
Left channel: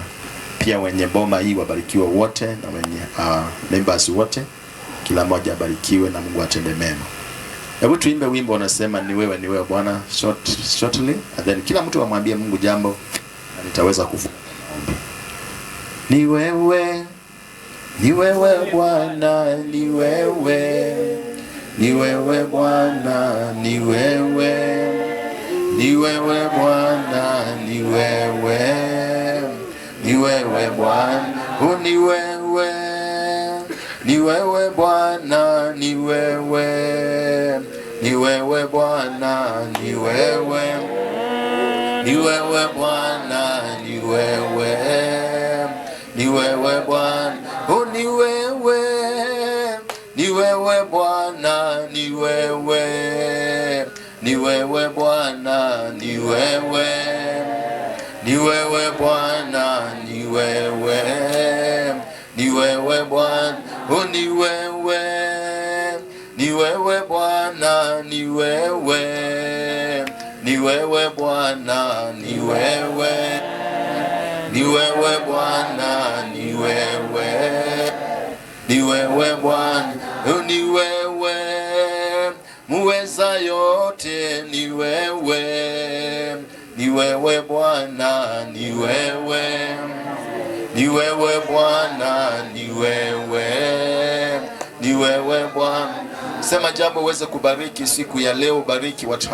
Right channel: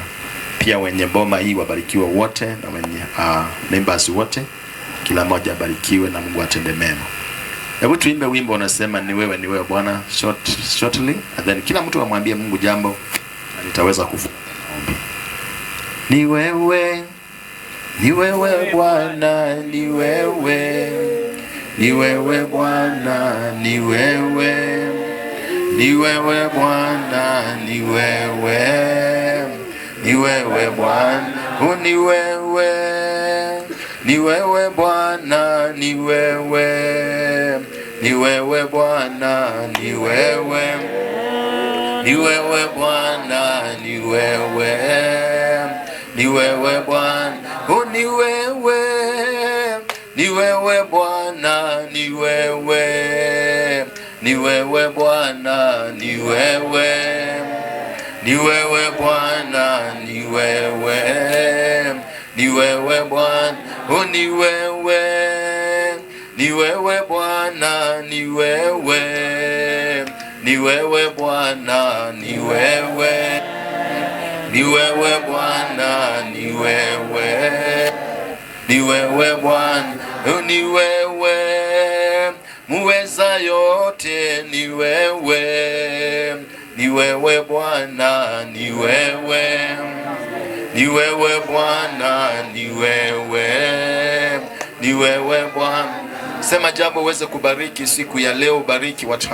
pia wenye boma hii wabarikiwe wote, na wenye members wote, kila mmoja abarikiwe na Mungu atende mema. Hebu tuimbe wimbo unasema ni wewe Bwana shortly, and then kila mtu amwambie Mungu jambo, na nitaweza kufunga maombi. Ni wewe Bwana, ni wewe Bwana, ni wewe Bwana, ni wewe Bwana, ni wewe Bwana, ni wewe Bwana, ni wewe Bwana, ni wewe Bwana, ni wewe Bwana, ni wewe Bwana, ni wewe Bwana, ni wewe Bwana, ni wewe Bwana, ni wewe Bwana, ni wewe Bwana, ni wewe Bwana, ni wewe muweza yote, ni wewe Bwana, ni wewe Bwana, ni wewe Bwana. Sema jambo uweze kubariki siku ya leo, bariki watu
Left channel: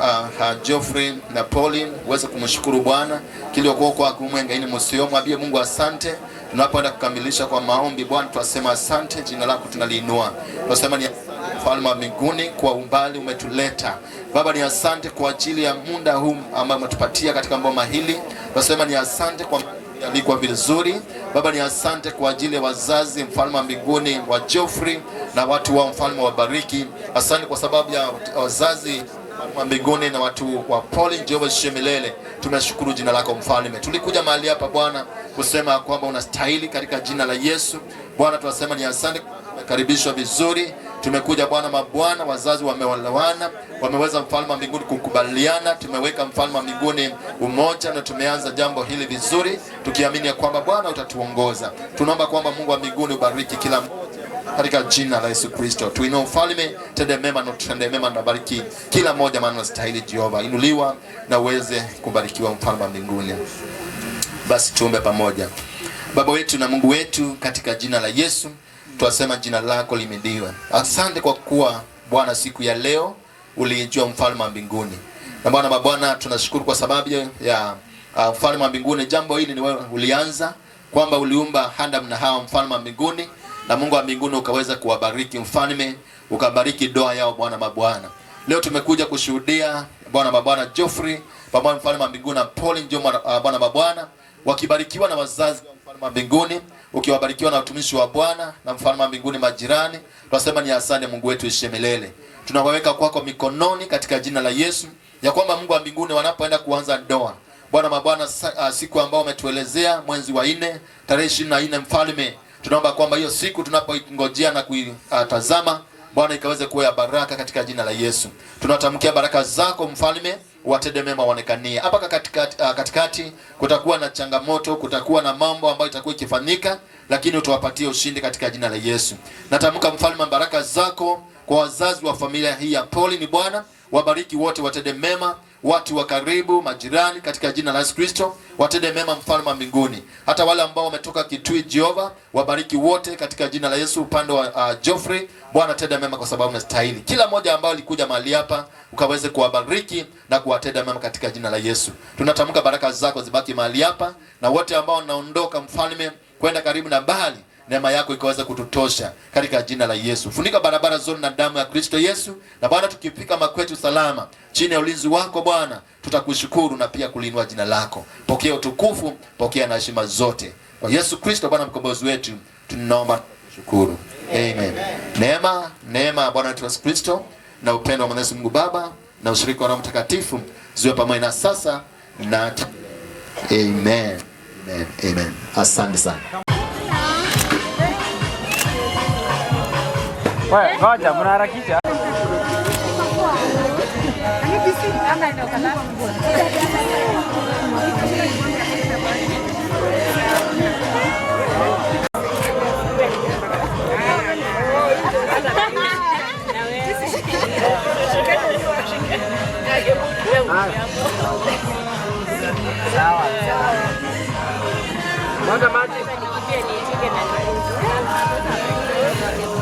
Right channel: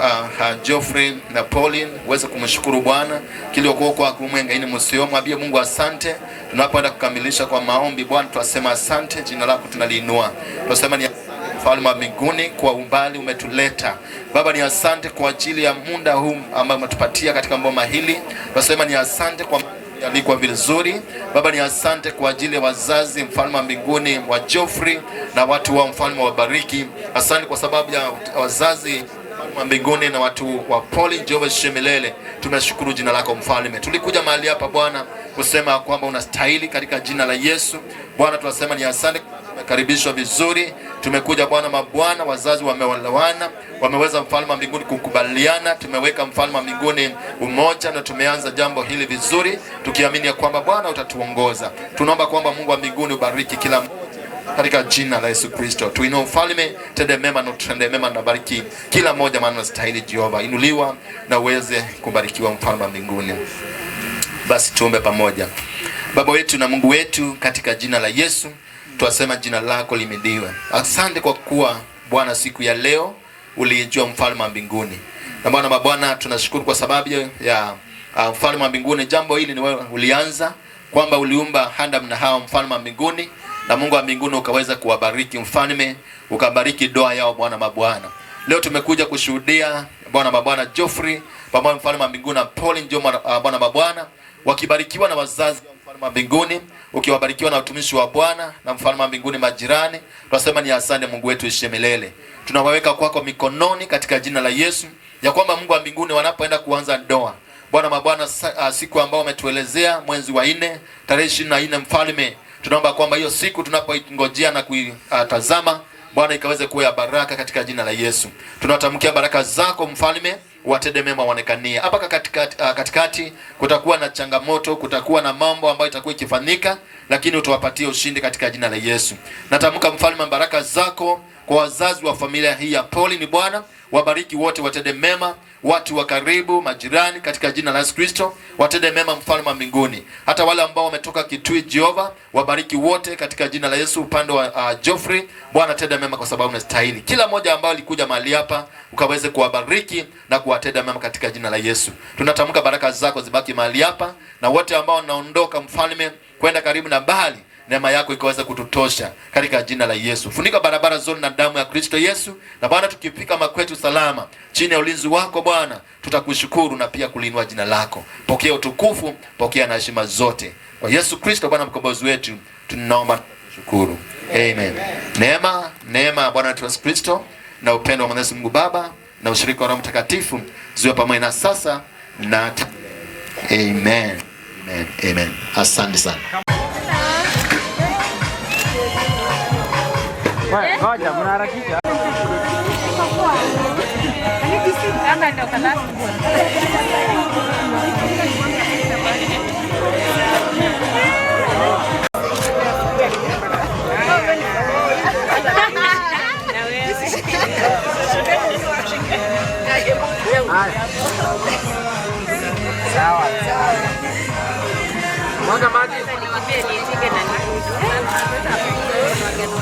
Geoffrey na Pauline, uweze kumshukuru Bwana kile kwa kumwenga ini msiomo, abie Mungu asante. Tunapoenda kukamilisha kwa maombi, Bwana tunasema asante, jina lako tunaliinua. Tunasema ni Mfalme wa mbinguni kwa umbali umetuleta. Baba ni asante kwa ajili ya muda huu ambao umetupatia katika ngoma hili. Tunasema ni asante kwa alikuwa vizuri. Baba ni asante kwa ajili ya wazazi, Mfalme wa mbinguni wa Geoffrey na watu wa Mfalme wa bariki. Asante kwa sababu ya wazazi wa mbinguni na watu wa Pauline Jehova Shemelele. Tunashukuru jina lako Mfalme. Tulikuja mahali hapa Bwana kusema kwamba unastahili katika jina la Yesu. Bwana tunasema ni asante, karibishwa vizuri. Tumekuja Bwana mabwana, wazazi wamewalawana, wameweza Mfalme wa mbinguni kukubaliana. Tumeweka Mfalme wa mbinguni umoja, na tumeanza jambo hili vizuri, tukiamini ya kwamba Bwana utatuongoza. Tunaomba kwamba Mungu wa mbinguni ubariki kila katika jina la Yesu Kristo. Tuinue Mfalme, tende mema na tutende mema, na bariki kila mmoja maana unastahili Jehova. Inuliwa na uweze kubarikiwa Mfalme wa mbinguni. Basi tuombe pamoja. Baba wetu na Mungu wetu, katika jina la Yesu twasema jina lako limidiwe. Asante kwa kuwa Bwana siku ya leo ulijua Mfalme wa mbinguni. Na Bwana mabwana tunashukuru kwa sababu ya Mfalme wa mbinguni. Jambo hili ni wewe ulianza, kwamba uliumba Adam na Hawa Mfalme wa mbinguni, na Mungu wa mbinguni ukaweza kuwabariki Mfalme, ukabariki doa yao Bwana mabwana. Leo tumekuja kushuhudia Bwana mabwana Geoffrey pamoja Mfalme wa mbinguni na Pauline Bwana mabwana wakibarikiwa na wazazi wa Mfalme wa mbinguni, ukiwabarikiwa na watumishi wa Bwana na Mfalme wa mbinguni majirani. Tunasema ni asante Mungu wetu ishe milele. Tunawaweka kwako mikononi katika jina la Yesu, ya kwamba Mungu wa mbinguni wanapoenda kuanza ndoa, Bwana mabwana, siku ambao umetuelezea mwezi wa 4 tarehe 24, Mfalme, tunaomba kwamba hiyo siku tunapoingojea na kuitazama Bwana ikaweze kuwa ya baraka katika jina la Yesu. Tunatamkia baraka zako Mfalme, watende mema waonekanie. Hapa katikati kutakuwa na changamoto, kutakuwa na mambo ambayo itakuwa ikifanyika, lakini utawapatie ushindi katika jina la Yesu. Natamka Mfalme baraka zako kwa wazazi wa familia hii ya Pauline Bwana, wabariki wote, watende mema, watu wa karibu, majirani, katika jina la Yesu Kristo, watende mema Mfalme wa mbinguni. Hata wale ambao wametoka Kitui, Jehova, wabariki wote katika jina la Yesu. Upande wa Geoffrey, Bwana tenda mema kwa sababu unastahili. Kila mmoja ambao alikuja mahali hapa ukaweze kuwabariki na kuwatenda mema katika jina la Yesu. Tunatamka baraka zako zibaki mahali hapa, na wote ambao wanaondoka Mfalme kwenda karibu na mbali, neema yako ikaweza kututosha katika jina la Yesu. Funika barabara zote na damu ya Kristo Yesu, na Bwana tukifika makwetu salama chini ya ulinzi wako Bwana, tutakushukuru na pia kulinua jina lako. Pokea utukufu, pokea na heshima zote. Kwa Yesu Kristo Bwana mkombozi wetu tunaomba shukuru. Amen. Neema ya Bwana wetu Yesu Kristo na upendo wa Mwenyezi Mungu Baba na ushirika wa Roho Mtakatifu ziwe pamoja na sasa na Amen. Amen. Amen. Asante sana. Ngoja, mnaharakisha. Sawa. Mwaga maji.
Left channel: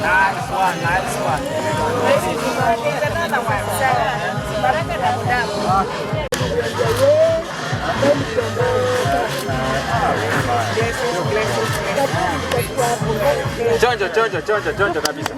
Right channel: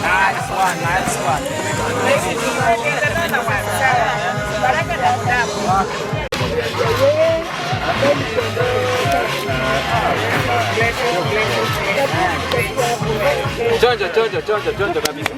Nice one. Chonjo kabisa.